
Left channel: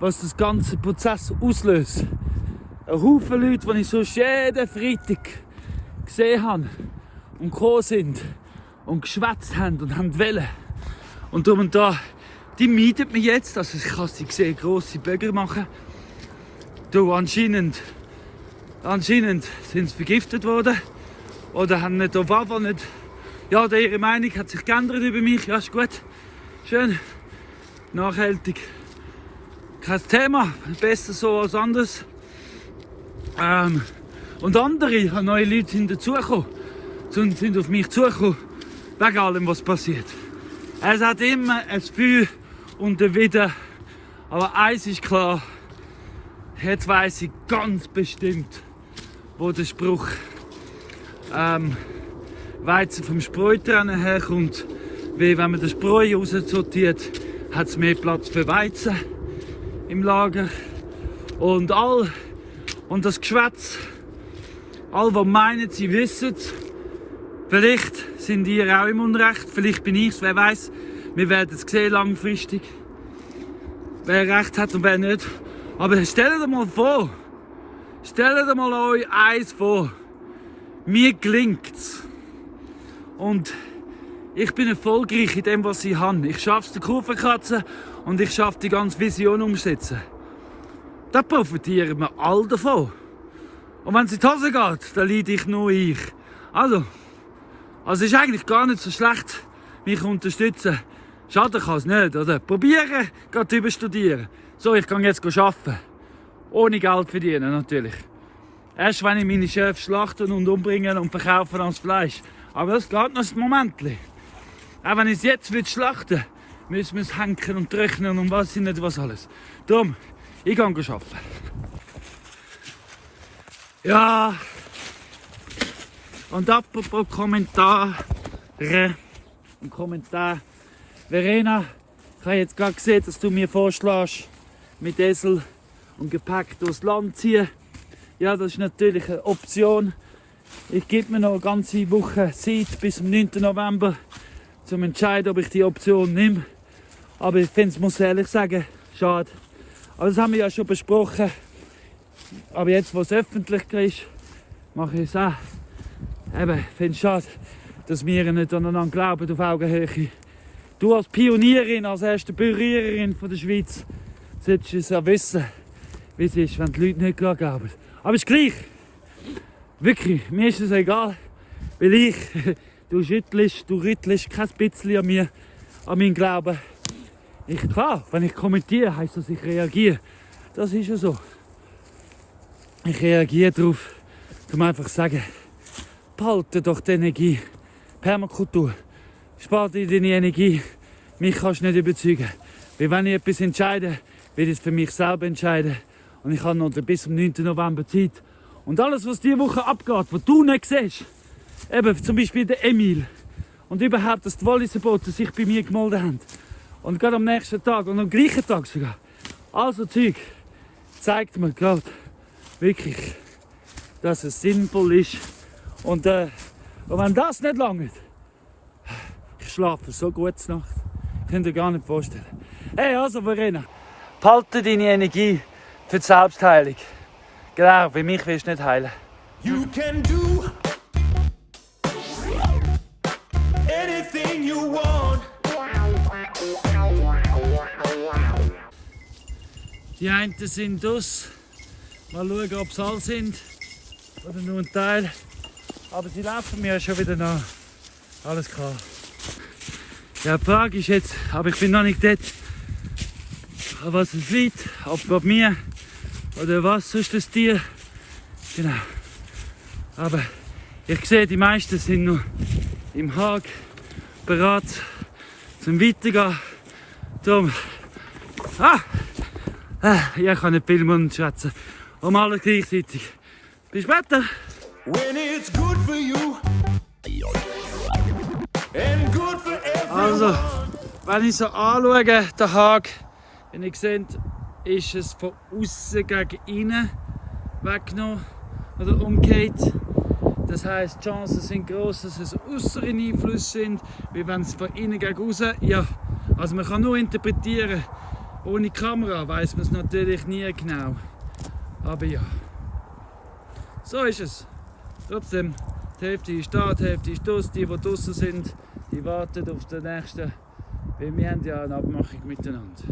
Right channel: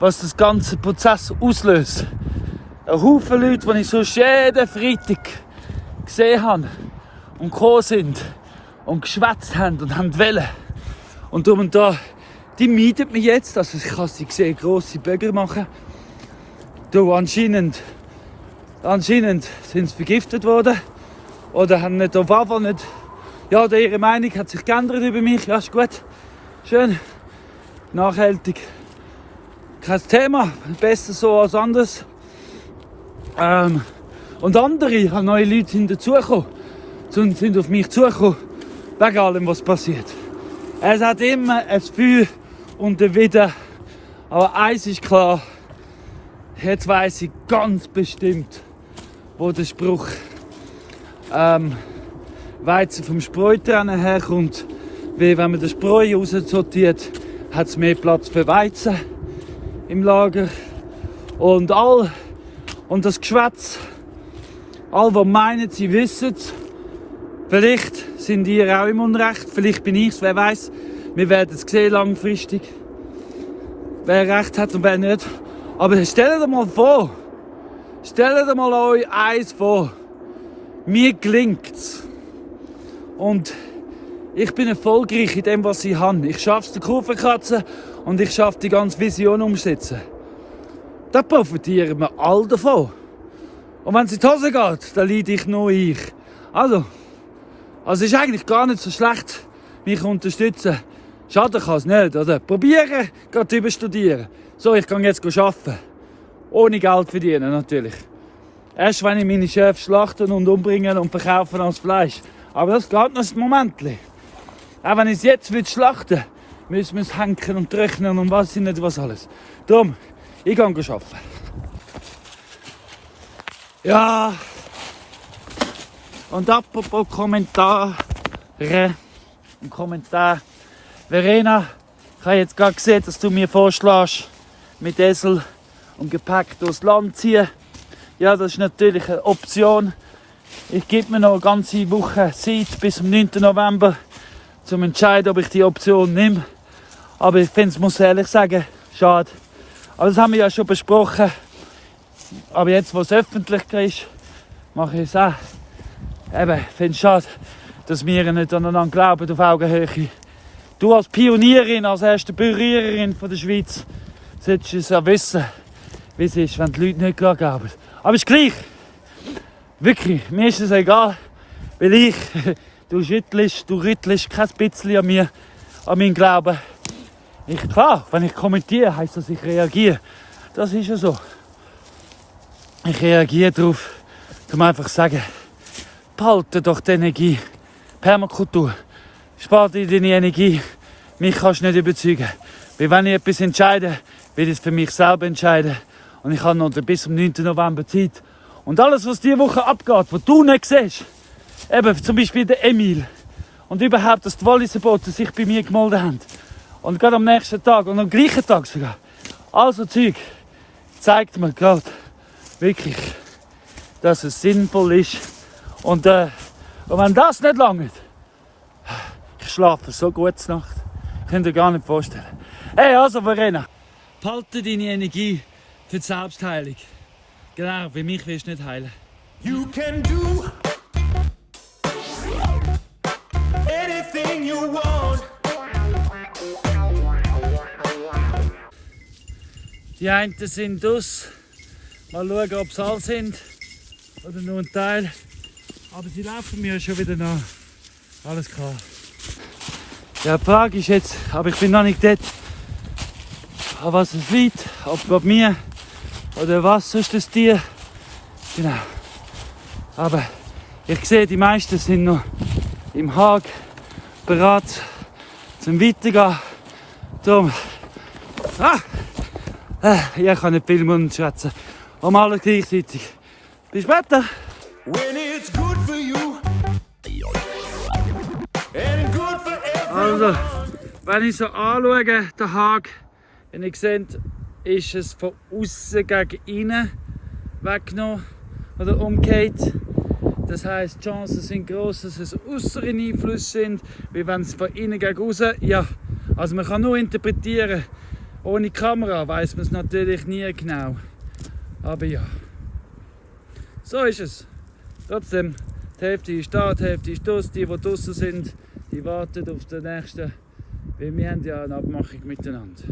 was das ganze Prozess auslöst. Ein Haufen Leute, die ich sonst jeden Freitag gesehen habe und gekommen sind und geschwätzt haben und haben wollen. Und darum und da, die meiden mich jetzt. Also ich kann sie sehen, grosse Böger machen. Du, anscheinend sind sie vergiftet worden. Oder haben nicht auf jeden nicht. Ja, ihre Meinung hat sich geändert über mich. Ja, ist gut. Schön. nachhaltig. Kein Thema, besser so als anders. Und andere, neue Leute sind dazugekommen, sind auf mich zugekommen, wegen allem, was passiert. Es hat immer ein Für und ein Wider, aber eins ist klar, jetzt weiss ich ganz bestimmt, wo der Spruch Weizen vom Spreutrennen herkommt, weil wenn man den Spreu raussortiert, hat es mehr Platz für Weizen im Lager. Und das Geschwätz, all die meinen, sie wissen es, vielleicht sind ihr auch im Unrecht, vielleicht bin ich es, wer weiß. Wir werden es sehen langfristig, wer recht hat und wer nicht. Aber stellt euch mal vor, stellt euch mal euch eins vor, mir gelingt's. Und ich bin erfolgreich in dem, was ich habe. Ich schaffe es, den Kurven kratzen und ich schaffe die ganze Vision umsetzen. Da profitieren wir alle davon. Und wenn es in die Hose geht, dann leide ich nur ich. Also ist eigentlich gar nicht so schlecht, mich unterstützen. Schaden kann es nicht, oder? Probieren, gerade überstudieren. So, ich kann jetzt arbeiten. Ohne Geld verdienen, natürlich. Erst wenn ich meine Chefs schlachten und umbringen und verkaufen als Fleisch. Aber das geht noch ein Momentchen. Auch wenn ich es jetzt schlachten will, müssen wir es hängen und trocknen und was nicht was alles. Darum, ich gehe arbeiten. Ja. Und apropos Kommentare und Kommentar. Verena, ich habe jetzt gerade gesehen, dass du mir vorschlägst, mit Esel und Gepäck durchs Land ziehen. Ja, das ist natürlich eine Option. Ich gebe mir noch eine ganze Woche Zeit bis zum 9. November, um zu entscheiden, ob ich die Option nehme. Aber ich finde es, muss ehrlich sagen, schade. Aber das haben wir ja schon besprochen. Aber jetzt, wo es öffentlich ist, mache ich es auch. Eben, ich finde es schade, dass wir nicht aneinander glauben auf Augenhöhe. Du als Pionierin, als erste Berührerin von der Schweiz, solltest es ja wissen, wie es ist, wenn die Leute nicht glauben. Aber es ist gleich. Wirklich, mir ist es egal, weil du rüttelst kein bisschen an mir, an meinen Glauben. Klar, wenn ich kommentiere, heisst das, ich reagiere. Das ist ja so. Ich reagiere darauf, um einfach zu sagen, behalte doch die Energie. Permakultur, spar dir deine Energie. Mich kannst du nicht überzeugen. Weil wenn ich etwas entscheide, will ich es für mich selber entscheiden. Und ich habe noch bis zum 9. November Zeit. Und alles, was diese Woche abgeht, was du nicht siehst, eben zum Beispiel der Emil und überhaupt, dass die Walliser-Boten sich bei mir gemeldet haben. Und gerade am nächsten Tag und am gleichen Tag sogar. Also Zeug zeigt mir gerade wirklich, dass es sinnvoll ist. Und wenn das nicht langt, ich schlafe so gut Nacht. Könnt ihr gar nicht vorstellen. Hey, also Verena, behalte deine Energie für die Selbstheilung. Genau, bei mich willst du nicht heilen. You can do anything you want. Die einen sind aus. Mal schauen, ob es alle sind oder nur ein Teil. Aber sie laufen mir schon wieder nach. Alles klar. Ja, die Frage ist jetzt, aber ich bin noch nicht dort, an was es liegt, ob bei mir oder was ist das Tier. Genau. Aber ich sehe, die meisten sind noch im Hag bereit zum Weitergehen. Darum, ich kann nicht viel Mund schwätzen. Um alles gleichzeitig. Bis später. When it's good for you and good for everyone. Also, wenn ich so anschaue, den Hag, wie ihr seht, ist es von außen gegen innen weggenommen oder umgekehrt. Das heisst, die Chancen sind gross, dass es äußere Einflüsse sind, wie wenn es von innen gegen außen. Ja, also man kann nur interpretieren. Ohne Kamera weiß man es natürlich nie genau. Aber ja, so ist es. Trotzdem, die Hälfte ist da, die Hälfte ist draussen. Die draussen sind, die warten auf den nächsten. Weil wir haben ja eine Abmachung miteinander.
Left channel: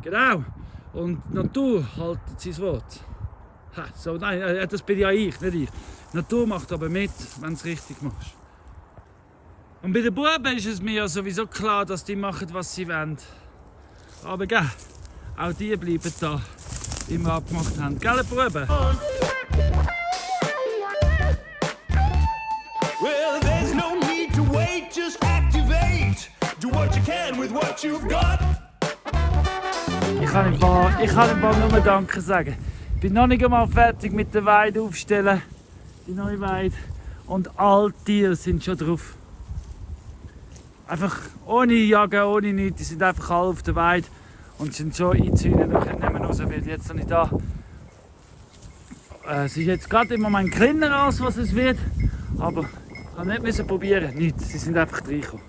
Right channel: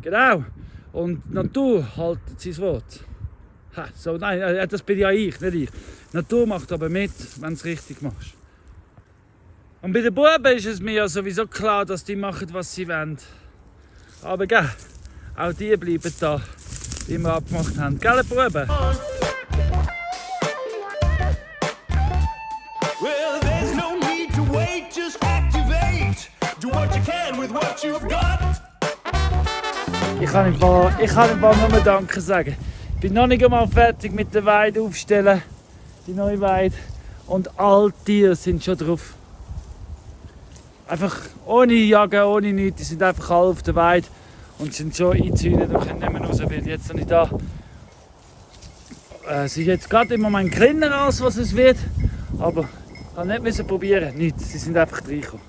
Genau. Und die Natur hält sein Wort. Ha, so, nein, das bin ja ich, nicht ich. Die Natur macht aber mit, wenn du es richtig machst. Und bei den Buben ist es mir ja sowieso klar, dass die machen, was sie wollen. Aber gell, auch die bleiben da, wie wir abgemacht haben. Gell, Buben? Well, there's no need to wait, just activate. Do what you can with what you've got. Ich kann im Fall nur Danke sagen. Ich bin noch nicht einmal fertig mit der Weide aufstellen, die neue Weide. Und alle Tiere sind schon drauf. Einfach ohne Jagen, ohne nichts. Die sind einfach alle auf der Weide und sind schon eingezäunt und können nicht mehr raus, weil jetzt noch nicht da. Es ist jetzt gerade im Moment kleiner als was es wird, aber ich habe nicht probieren, nichts. Sie sind einfach reingekommen.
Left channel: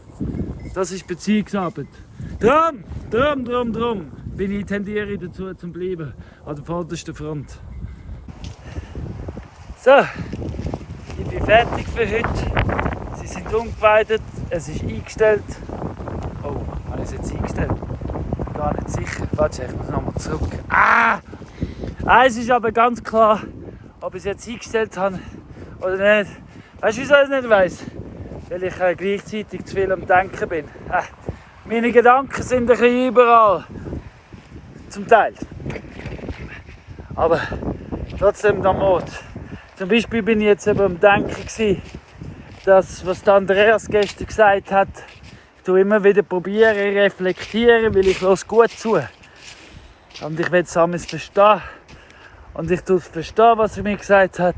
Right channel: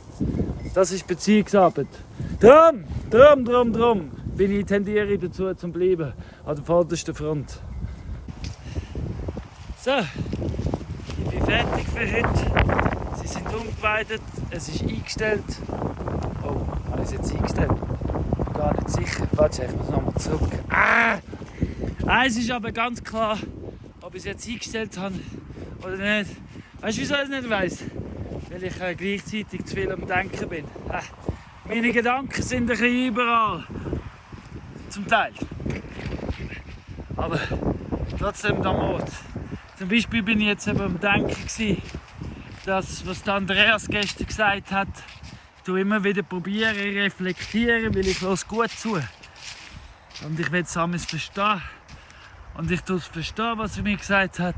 Das ist Beziehungsarbeit. Drum bin ich tendiere dazu zum Bleiben an der vordersten Front. So, ich bin fertig für heute. Sie sind umgeweidet, es ist eingestellt. Oh, habe ich es jetzt eingestellt? Bin gar nicht sicher. Warte, ich muss nochmal zurück. Eins ist aber ganz klar, ob ich es jetzt eingestellt habe oder nicht. Weißt du, wieso ich es nicht weiss? Weil ich gleichzeitig zu viel am Denken bin. Meine Gedanken sind ein bisschen überall. Zum Teil. Aber trotzdem der Mut. Zum Beispiel bin ich jetzt eben am Denken, dass, was der Andreas gestern gesagt hat, ich tue immer wieder probieren, reflektieren, weil ich höre gut zu. Und ich will es alles verstehen. Und ich tue es verstehen, was er mir gesagt hat.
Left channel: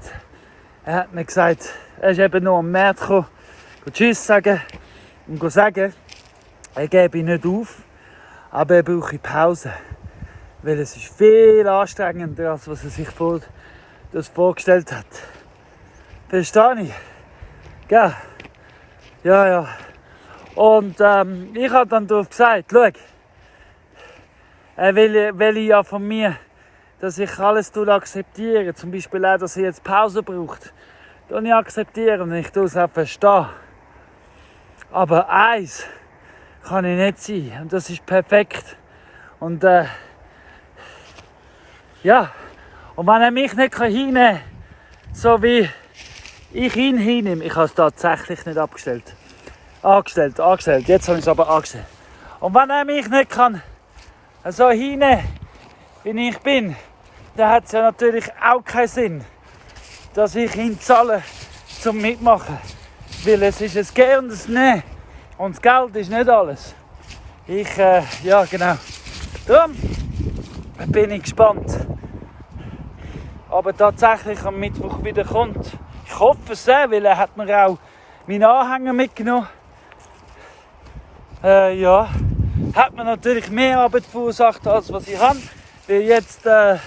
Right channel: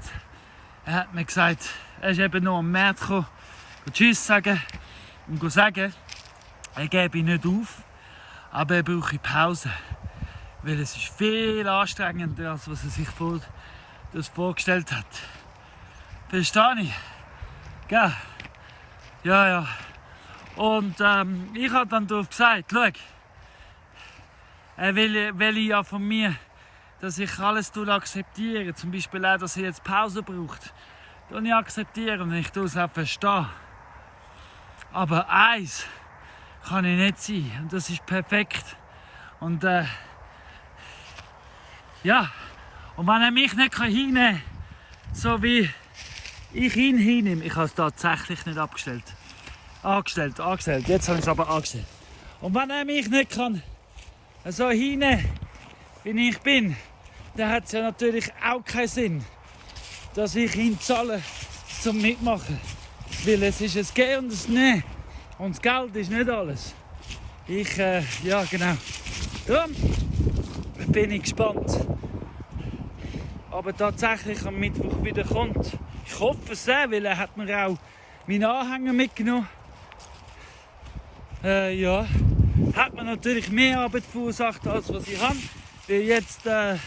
Er hat mir gesagt, er ist eben nur am März gekommen, Tschüss sagen und sagen, er gebe nicht auf, aber er brauche Pause. Weil es ist viel anstrengender, als was er sich das vorgestellt hat. Verstehe ich? Gell? Ja. Und ich habe dann darauf gesagt, schau, er will ja von mir, dass ich alles akzeptiere. Zum Beispiel auch, dass er jetzt Pause braucht. Das ich akzeptiere und ich tue es auch verstehen. Aber eins kann ich nicht sein. Und das ist perfekt. Und ja. Und wenn er mich nicht hinnehmen kann, so wie ich ihn hinnehme, ich habe es tatsächlich nicht abgestellt. Angestellt. Jetzt habe ich es aber angestellt. Und wenn er mich nicht kann, so hinnehmen, wie ich bin, dann hat es ja natürlich auch keinen Sinn, dass ich ihn zahle zum Mitmachen. Weil es ist ein Gehen und ein Nehmen. Und das Geld ist nicht alles. Ja genau. Darum bin ich gespannt. Aber tatsächlich am Mittwoch wieder kommt. Ich hoffe es sehr, weil er hat mir auch meinen Anhänger mitgenommen. Ja. Hat mir natürlich mehr Arbeit verursacht, als was ich habe. Weil jetzt, ja,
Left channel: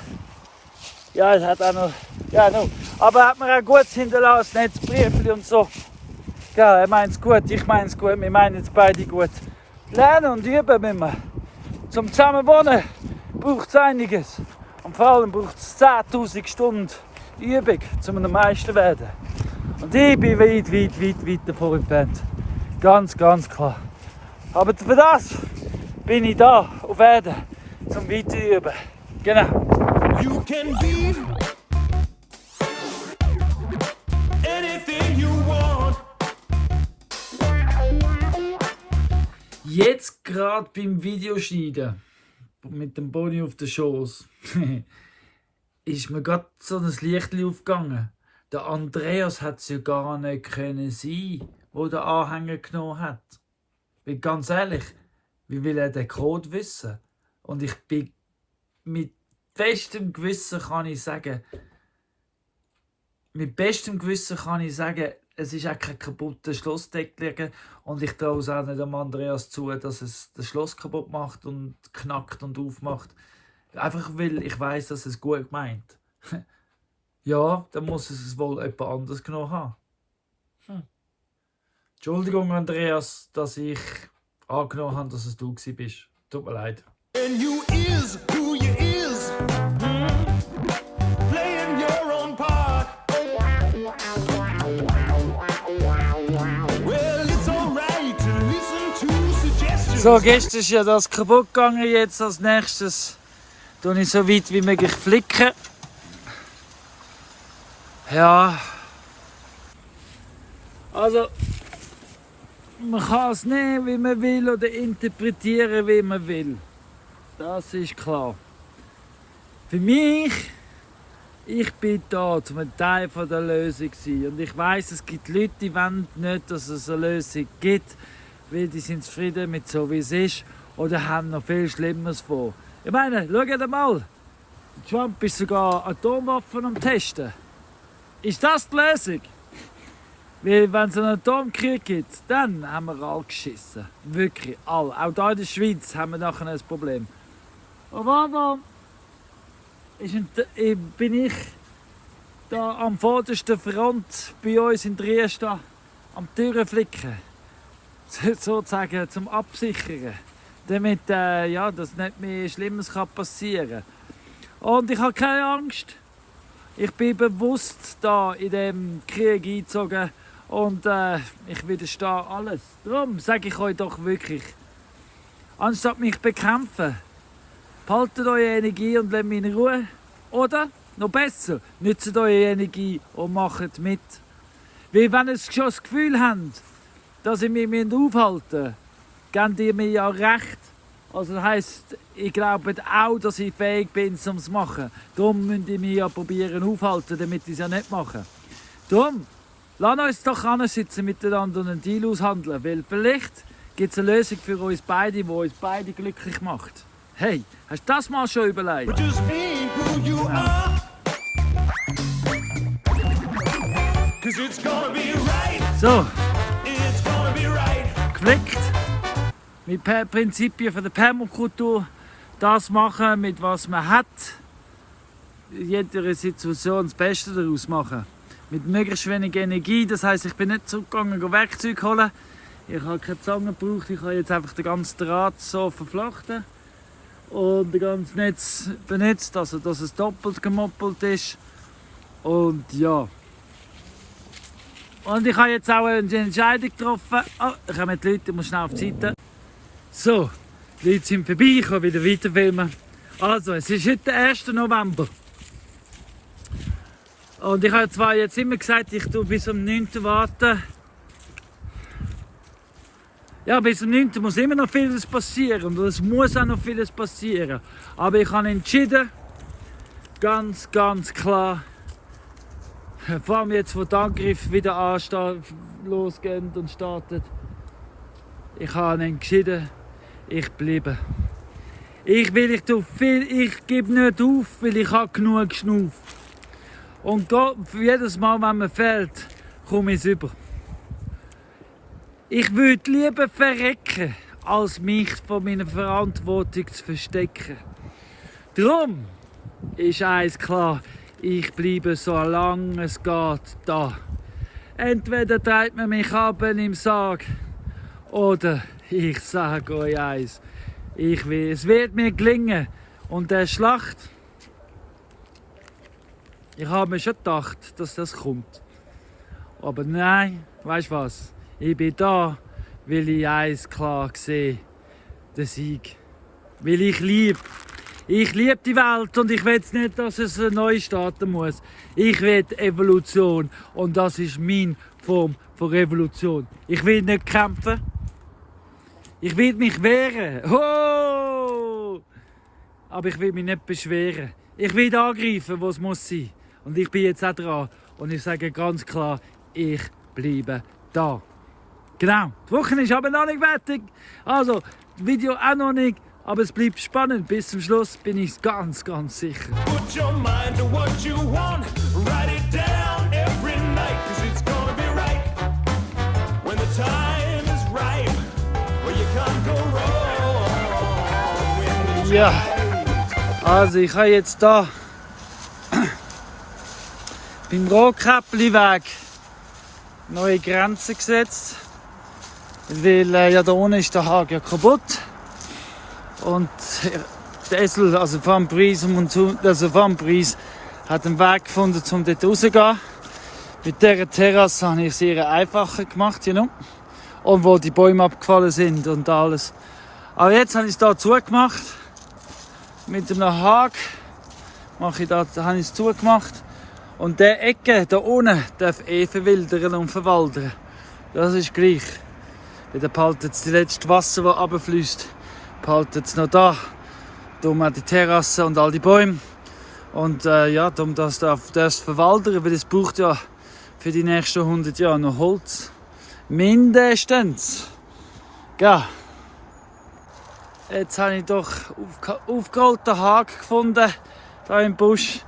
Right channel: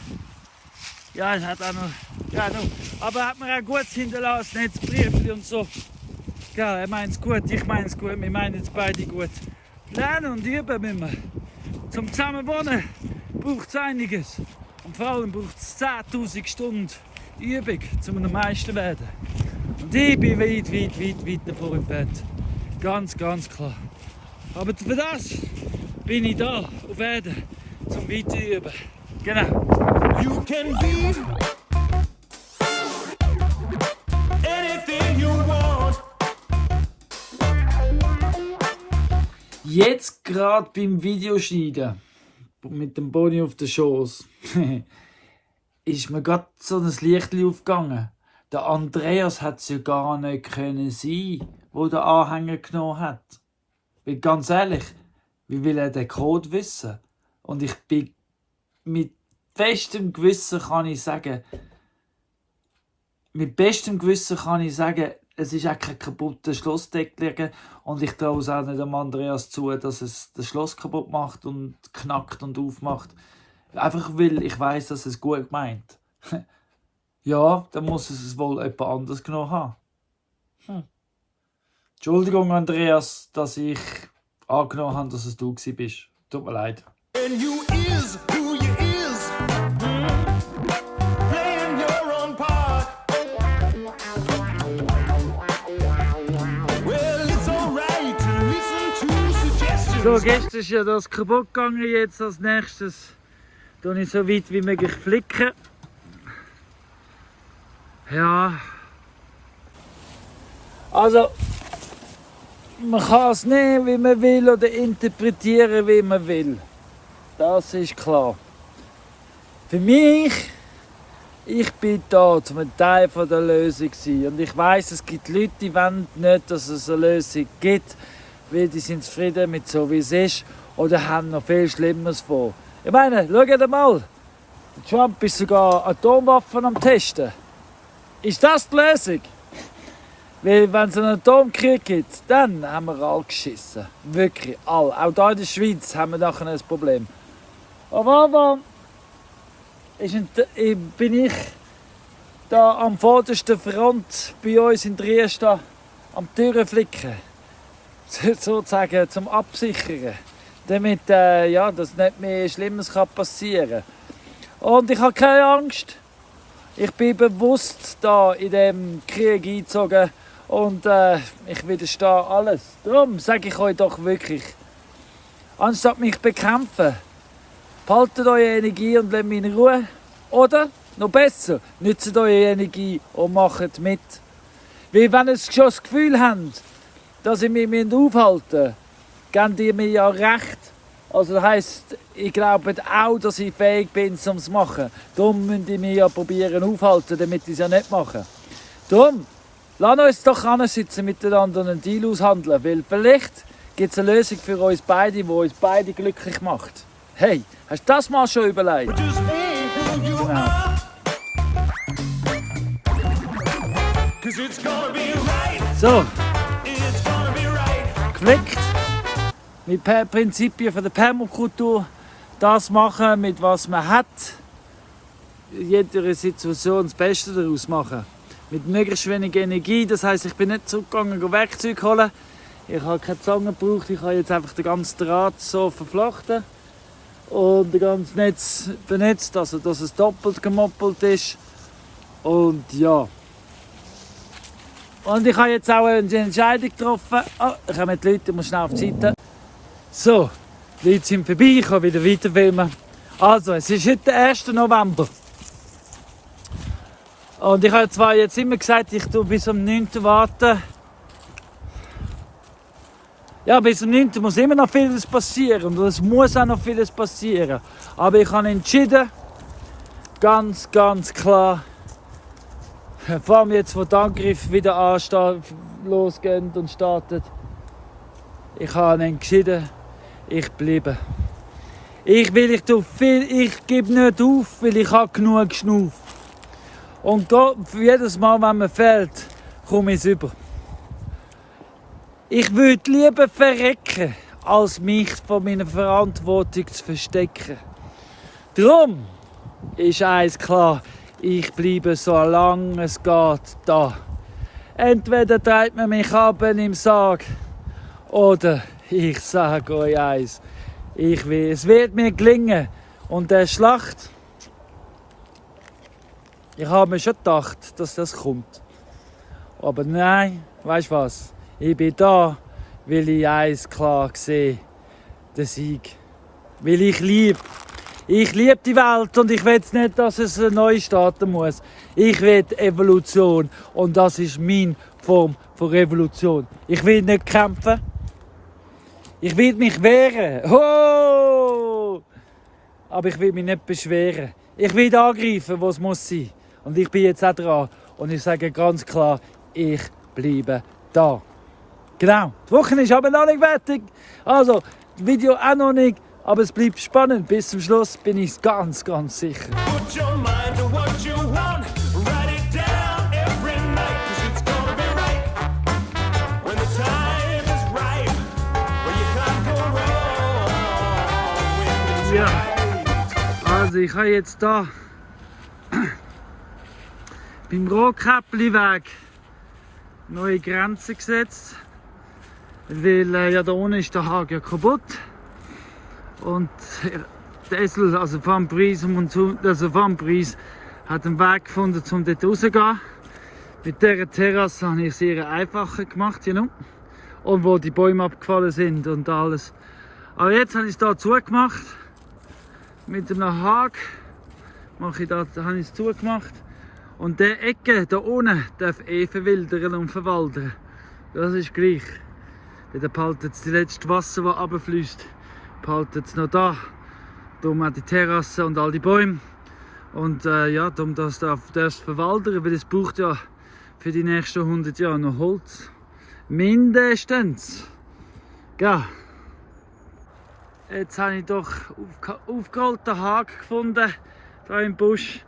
es hat auch noch, ja, no. Aber er hat mir auch gut hinterlassen, Netzbriefchen und so. Ja, er meint es gut, ich meine es gut, wir meinen es beide gut. Lernen und üben müssen wir. Zum Zusammenwohnen braucht es einiges. Und vor allem braucht es 10'000 Stunden Übung, um am meisten zu werden. Und ich bin weit davon entfernt. Ganz klar. Aber für das bin ich da auf Erden, zum Weiterüben. Genau. You can be anything you want. Jetzt gerade beim Videoschneiden mit dem Boni auf der Schoß ist mir gerade so ein Lichtchen aufgegangen. Der Andreas hat es ja gar nicht können sein, wo der Anhänger genommen hat. Weil ganz ehrlich, wie will er den Code wissen? Und ich bin mit bestem Gewissen kann ich sagen, es ist auch kein kaputter Schlossdeckel und ich traue es auch nicht dem Andreas zu, dass es das Schloss kaputt macht und knackt und aufmacht. Einfach weil ich weiss, dass es gut meint. Ja, dann muss es wohl jemand anderes genommen haben. Entschuldigung, Andreas, dass ich angenommen habe, dass es du bist. Tut mir leid. And you is who you is. Playing your own part. Well, it's alright to listen to suggestions. So, gestern ist ja das kaputt gegangen. Jetzt als nächstes tue ich so weit wie möglich flicken. Ja. Also, man kann es nehmen, wie man will, oder interpretieren, wie man will. Das ist klar. Für mich, ich bin da, um ein Teil von der Lösung zu sein. Und ich weiss, es gibt Leute, die wollen nicht, dass es eine Lösung gibt, weil die sind zufrieden mit so, wie es ist, oder haben noch viel Schlimmeres vor. Ich meine, schaut mal, Trump ist sogar Atomwaffen am Testen. Ist das die Lösung? Weil wenn es einen Atomkrieg gibt, dann haben wir alle geschissen. Wirklich, alle. Auch hier in der Schweiz haben wir nachher ein Problem. Aber bin ich da am vordersten Front bei uns in Dresden am Türen flicken. Sozusagen zum Absichern. Damit dass nicht mehr Schlimmes passieren kann. Und ich habe keine Angst. Ich bin bewusst da in diesem Krieg eingezogen und ich widerstehe alles. Darum sage ich euch doch wirklich, anstatt mich zu bekämpfen, behaltet eure Energie und lasst mich in Ruhe. Oder, noch besser, nützt eure Energie und macht mit. Weil wenn ihr schon das Gefühl habt, dass ihr mich aufhalten müsst, gebt ihr mir ja recht. Also das heisst, ich glaube auch, dass ich fähig bin, um es zu machen. Darum müsst ihr mich ja probieren aufhalten, damit ich es ja nicht mache. Darum, lasst uns doch ansitzen miteinander und einen Deal aushandeln, weil vielleicht gibt es eine Lösung für uns beide, die uns beide glücklich macht. Hey, hast du das mal schon überlegt? Just be who you are. 'Cause it's gonna be right. So, It's gonna be right. geflickt. Mit Prinzipien von der Permakultur. Das machen, mit was man hat. In jeder Situation das Beste daraus machen. Mit möglichst wenig Energie. Das heisst, ich bin nicht zurückgegangen, Werkzeug holen. Ich habe keine Zange gebraucht. Ich habe jetzt einfach den ganzen Draht so verflochten. Und das ganze Netz benutzt, also dass es doppelt gemoppelt ist. Und ja. Und ich habe jetzt auch eine Entscheidung getroffen. Oh, da kommen die Leute, ich muss schnell auf die Seite. So, die Leute sind vorbei, ich kann wieder weiterfilmen. Also, es ist heute der 1. November. Und ich habe zwar jetzt immer gesagt, ich tue bis am 9. warten. Ja, bis am 9. muss immer noch vieles passieren und es muss auch noch vieles passieren. Aber ich habe entschieden, ganz klar, vor allem jetzt, wo die Angriffe wieder losgehen und starten, ich habe entschieden, ich bleibe. Ich gebe nicht auf, weil ich habe genug geschnauft. Und für jedes Mal, wenn man fällt, komme ich es über. Ich würde lieber verrecken, als mich von meiner Verantwortung zu verstecken. Darum ist eins klar, ich bleibe so lange es geht da. Entweder treibt man mich ab im Sarg, oder ich sage euch eins, es wird mir gelingen. Und der Schlacht, ich habe mir schon gedacht, dass das kommt. Aber nein, weißt du was? Ich bin da, weil ich eins klar sehe, den Sieg. Weil ich liebe. Ich liebe die Welt und ich will nicht, dass es neu starten muss. Ich will Evolution und das ist meine Form von Revolution. Ich will nicht kämpfen. Ich will mich wehren. Oh! Aber ich will mich nicht beschweren. Ich will angreifen, wo es muss sein. Und ich bin jetzt auch dran. Und ich sage ganz klar, ich bleibe da. Genau, die Woche ist aber noch nicht fertig. Also, das Video auch noch nicht. Aber es bleibt spannend. Bis zum Schluss bin ich ganz sicher. Put your mind to what you want. Write it down every night. 'Cause it's gonna be right. When the time is right. Where you can't go wrong. When it's Ja, right. also ich habe jetzt da beim Rohkäppli-Weg neue Grenzen gesetzt. Weil ja da unten ist der Hag ja kaputt. Und der Esel, also Van Pries, hat einen Weg gefunden, um dort rauszugehen. Mit dieser Terrasse habe ich es sehr einfacher gemacht, you know? Und wo die Bäume abgefallen sind und alles. Aber jetzt habe ich es hier zugemacht. Mit einem Hag habe ich es zugemacht. Und diese Ecke da unten darf verwildern und verwaldern. Das ist gleich. Weil dann behaltet das letzte Wasser, das runterfließt, behaltet es noch da. darum auch die Terrasse und all die Bäume. Und ja, darum das verwaldern, weil es braucht ja für die nächsten 100 Jahre noch Holz. Mindestens. Ja. Jetzt habe ich doch aufgerollten Haken gefunden, hier im Busch.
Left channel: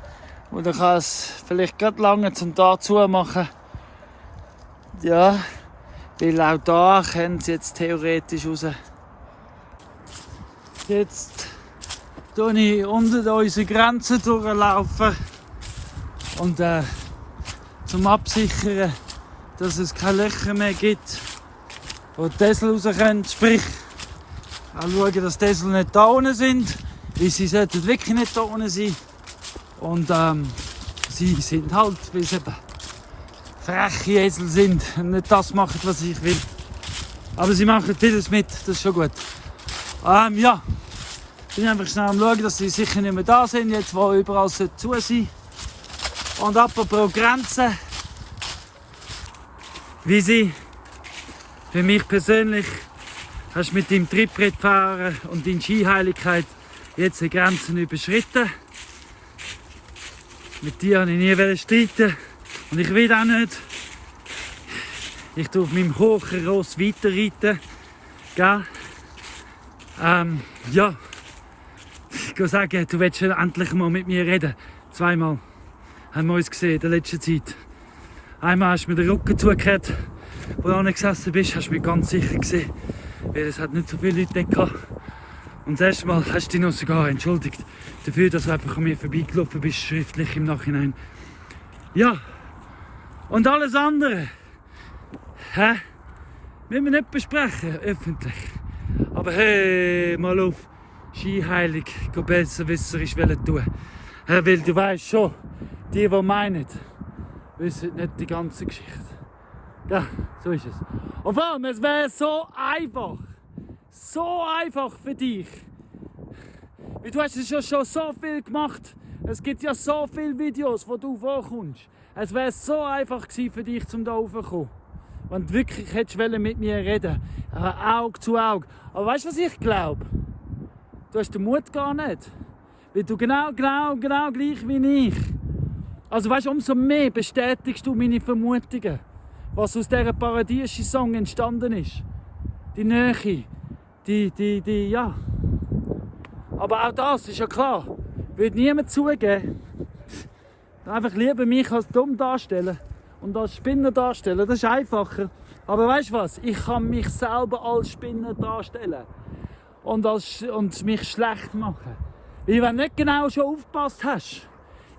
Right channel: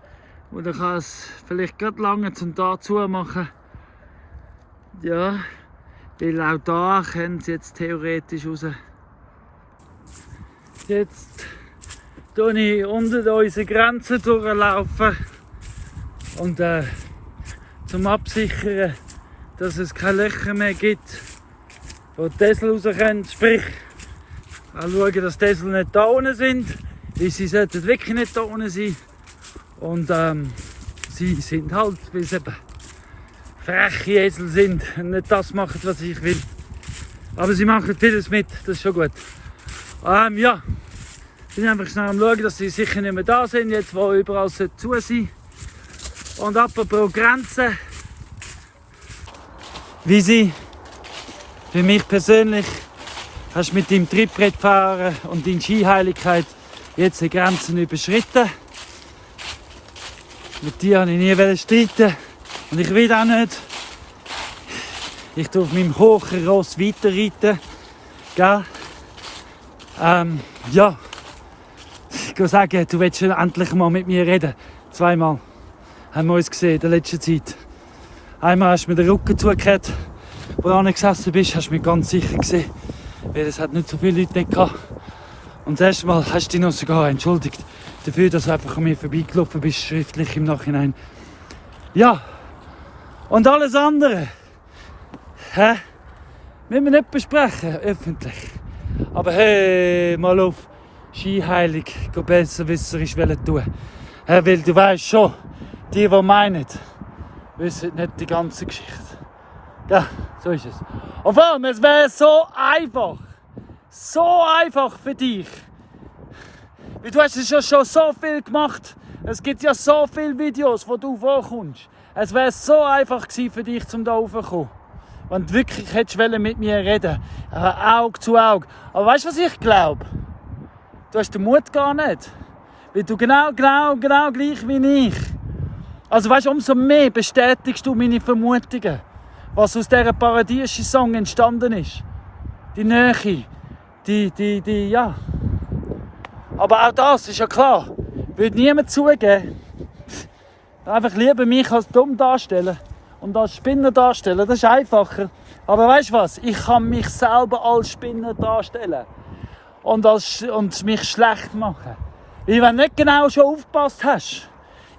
Und dann kann es vielleicht gerade lange zum da zumachen. Ja, weil auch da können sie jetzt theoretisch raus. Jetzt tue ich unter unsere Grenzen durchlaufen. Und zum Absichern, dass es keine Löcher mehr gibt, wo die Esel raus können. Sprich, auch schauen, dass die Esel nicht da unten sind, weil sie sollten wirklich nicht da unten sein. Und sie sind halt, weil sie eben freche Esel sind und nicht das machen, was ich will. Aber sie machen vieles mit, das ist schon gut. Ja, ich bin einfach schnell am Schauen, dass sie sicher nicht mehr da sind, jetzt wo überall zu sein. Und apropos Grenzen, wie sie für mich persönlich hast mit deinem Trittbrettfahren und deiner Skiheiligkeit jetzt die Grenzen überschritten. Mit dir wollte ich nie streiten und ich will auch nicht. Ich tue auf meinem hohen Ross weiterreiten. Gell? Ja. Ich kann sagen, du willst endlich mal mit mir reden. Zweimal haben wir uns gesehen in der letzten Zeit. Einmal hast du mir den Rücken zugehört, wo du gesessen bist, hast du mich ganz sicher gesehen. Weil es hat nicht so viele Leute gehabt. Und das erste Mal hast du dich noch sogar entschuldigt dafür, dass du einfach an mir vorbeigelaufen bist, schriftlich im Nachhinein. Ja. Und alles andere, müssen wir nicht besprechen, öffentlich. Aber hey, mal auf Skiheilig, besserwisserisch tun. Weil du weißt schon, die meinen, wissen nicht die ganze Geschichte. Ja, so ist es. Und vor allem, es wäre so einfach für dich. Weil du hast ja schon so viel gemacht. Es gibt ja so viele Videos, wo du vorkommst. Es wäre so einfach gewesen für dich, um da raufzukommen. Wenn du wirklich hättest mit mir reden, Auge zu Auge. Aber weißt du, was ich glaube? Du hast den Mut gar nicht. Weil du genau gleich wie ich. Also weißt du, umso mehr bestätigst du meine Vermutungen. Was aus dieser Paradieschi-Song entstanden ist. Die Nähe. Ja. Aber auch das ist ja klar. Würde niemand zugeben. Einfach lieber mich als dumm darstellen und als Spinner darstellen. Das ist einfacher. Aber weißt du was? Ich kann mich selber als Spinner darstellen. Und mich schlecht machen. Weil wenn du nicht genau schon aufgepasst hast.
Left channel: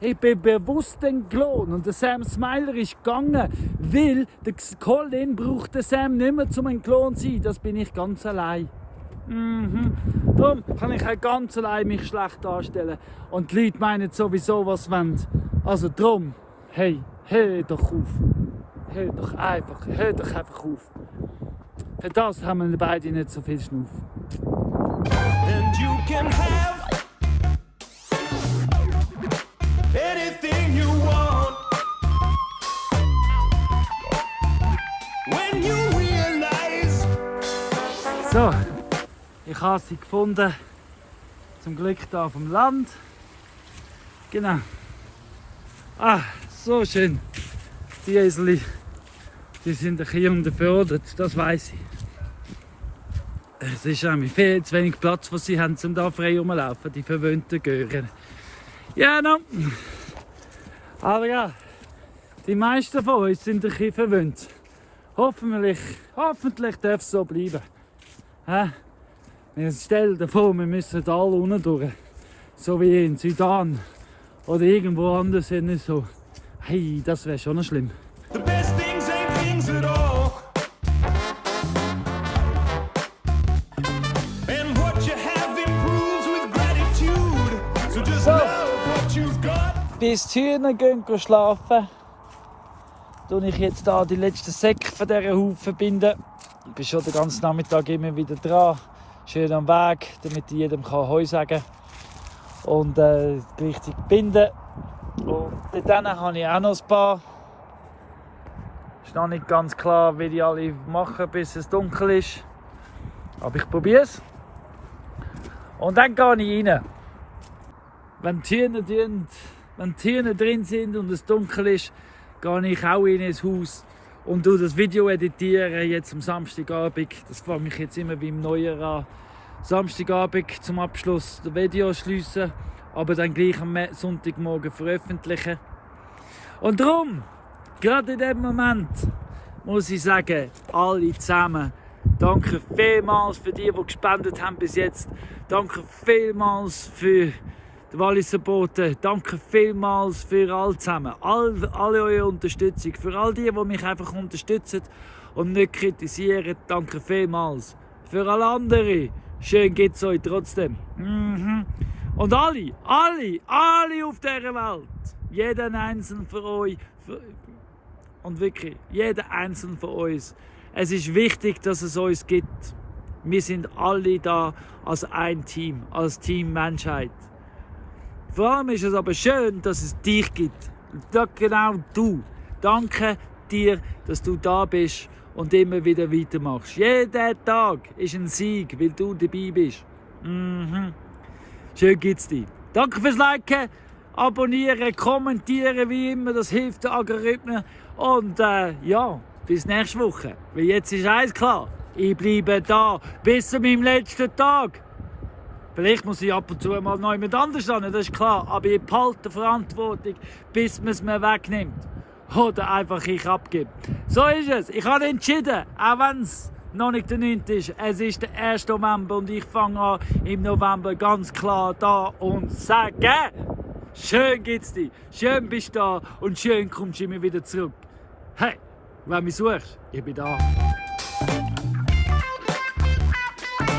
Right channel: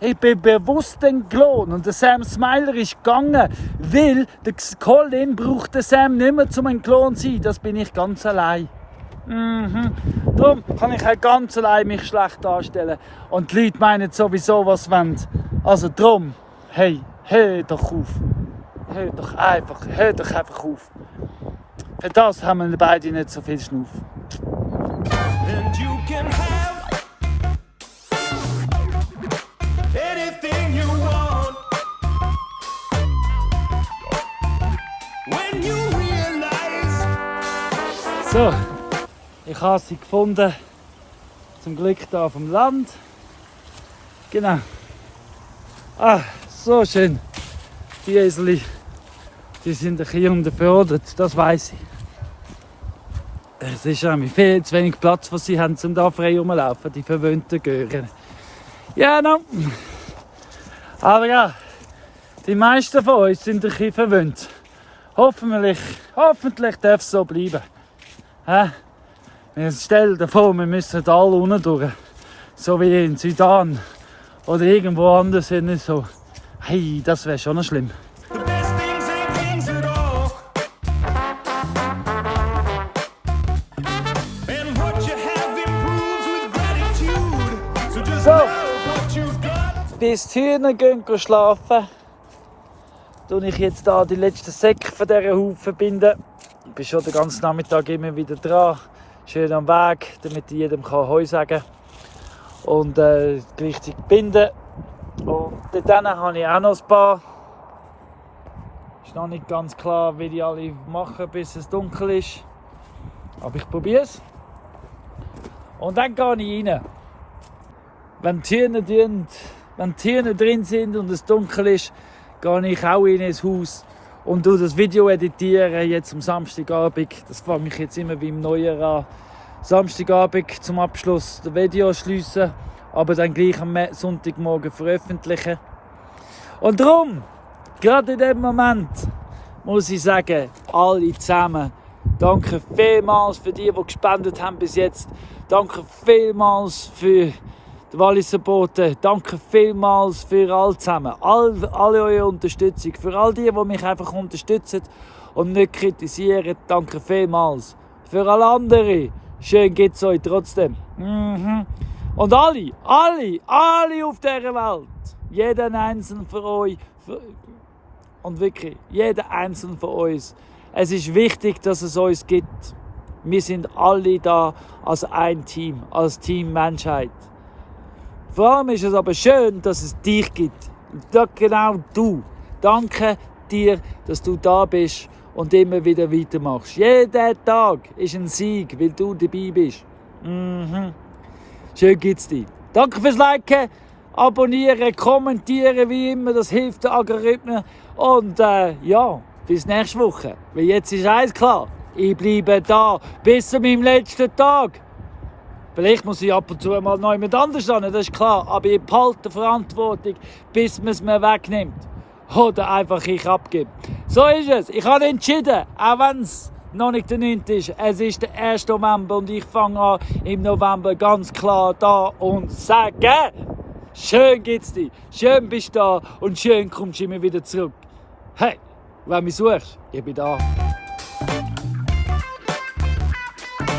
Ich bin bewusst entglohen und der Sam Smiler ist gegangen, weil der Colin braucht den Sam nicht mehr zum entglohen zu sein. Das bin ich ganz allein. Darum kann ich auch ganz allein mich schlecht darstellen. Und die Leute meinen sowieso, was wollen. Also darum, hey, hör doch auf. Hör doch einfach auf. Für das haben wir beide nicht so viel Schnuff. And you can have anything you want when you realize. So, ich habe sie gefunden. Zum Glück hier auf dem Land. Genau. So schön. Die Eseli, die sind ein bisschen unterfordert, das weiss ich. Es ist nämlich viel zu wenig Platz, was sie haben, um da frei rumlaufen, die verwöhnten Gören. Ja, no. Aber ja, die meisten von uns sind ein bisschen verwöhnt. Hoffentlich darf es so bleiben. Stell dir vor, wir müssen da alle unten durch. So wie in Sudan oder irgendwo anders. So. Hey, das wäre schon noch schlimm. The best things ain't things at all. And what you have improves with gratitude. So just love what you've got. Bis die Hühner gehen schlafen, tue ich jetzt hier die letzten Säcke von dieser Haufen binden. Ich bin schon den ganzen Nachmittag immer wieder dran. Schön am Weg, damit ich jedem Heu sagen kann. Und gleichzeitig binden. Und dann habe ich auch noch ein paar. Ist noch nicht ganz klar, wie die alle machen, bis es dunkel ist. Aber ich probiere es. Und dann gehe ich rein. wenn die Tiere drin sind und es dunkel ist, gehe ich auch in ein Haus und das Video editieren, jetzt am Samstagabend. Das fange ich jetzt immer wie im Neujahr an. Samstagabend zum Abschluss das Video schliessen, aber dann gleich am Sonntagmorgen veröffentlichen. Und darum, gerade in dem Moment, muss ich sagen, alle zusammen, danke vielmals für die gespendet haben bis jetzt. Danke vielmals für die Walliser Boten. Danke vielmals für alle zusammen. Alle eure Unterstützung. Für all die mich einfach unterstützen und nicht kritisieren. Danke vielmals. Für alle anderen. Schön geht's euch trotzdem. Und alle auf dieser Welt. Jeden einzelnen von euch. Und wirklich, jeder einzelne von uns. Es ist wichtig, dass es uns gibt. Wir sind alle da als ein Team, als Team Menschheit. Vor allem ist es aber schön, dass es dich gibt. Genau du. Danke dir, dass du da bist und immer wieder weitermachst. Jeder Tag ist ein Sieg, weil du dabei bist. Schön gibt's dir. Danke fürs Liken, Abonnieren, Kommentieren, wie immer. Das hilft den Algorithmen. Und ja, bis nächste Woche. Weil jetzt ist eins klar. Ich bleibe da bis zu meinem letzten Tag. Vielleicht muss ich ab und zu mal noch jemand anders hin, das ist klar. Aber ich behalte Verantwortung, bis man es mir wegnimmt. Oder einfach ich abgebe. So ist es. Ich habe entschieden, auch wenn es noch nicht der 9. ist. Es ist der 1. November und ich fange an im November ganz klar da und sage: Schön geht's dir, schön bist du da und schön kommst du immer wieder zurück. Hey, wenn du mich suchst, ich bin da.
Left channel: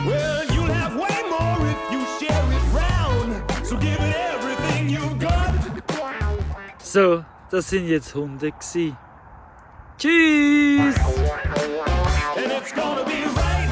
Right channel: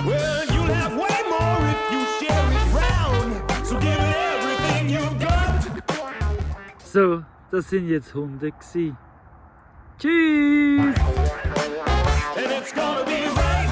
Well, you'll have way more if you share it round. So give it everything you've got. So, das sind jetzt Hunde gsi. Tschüss! And it's gonna be right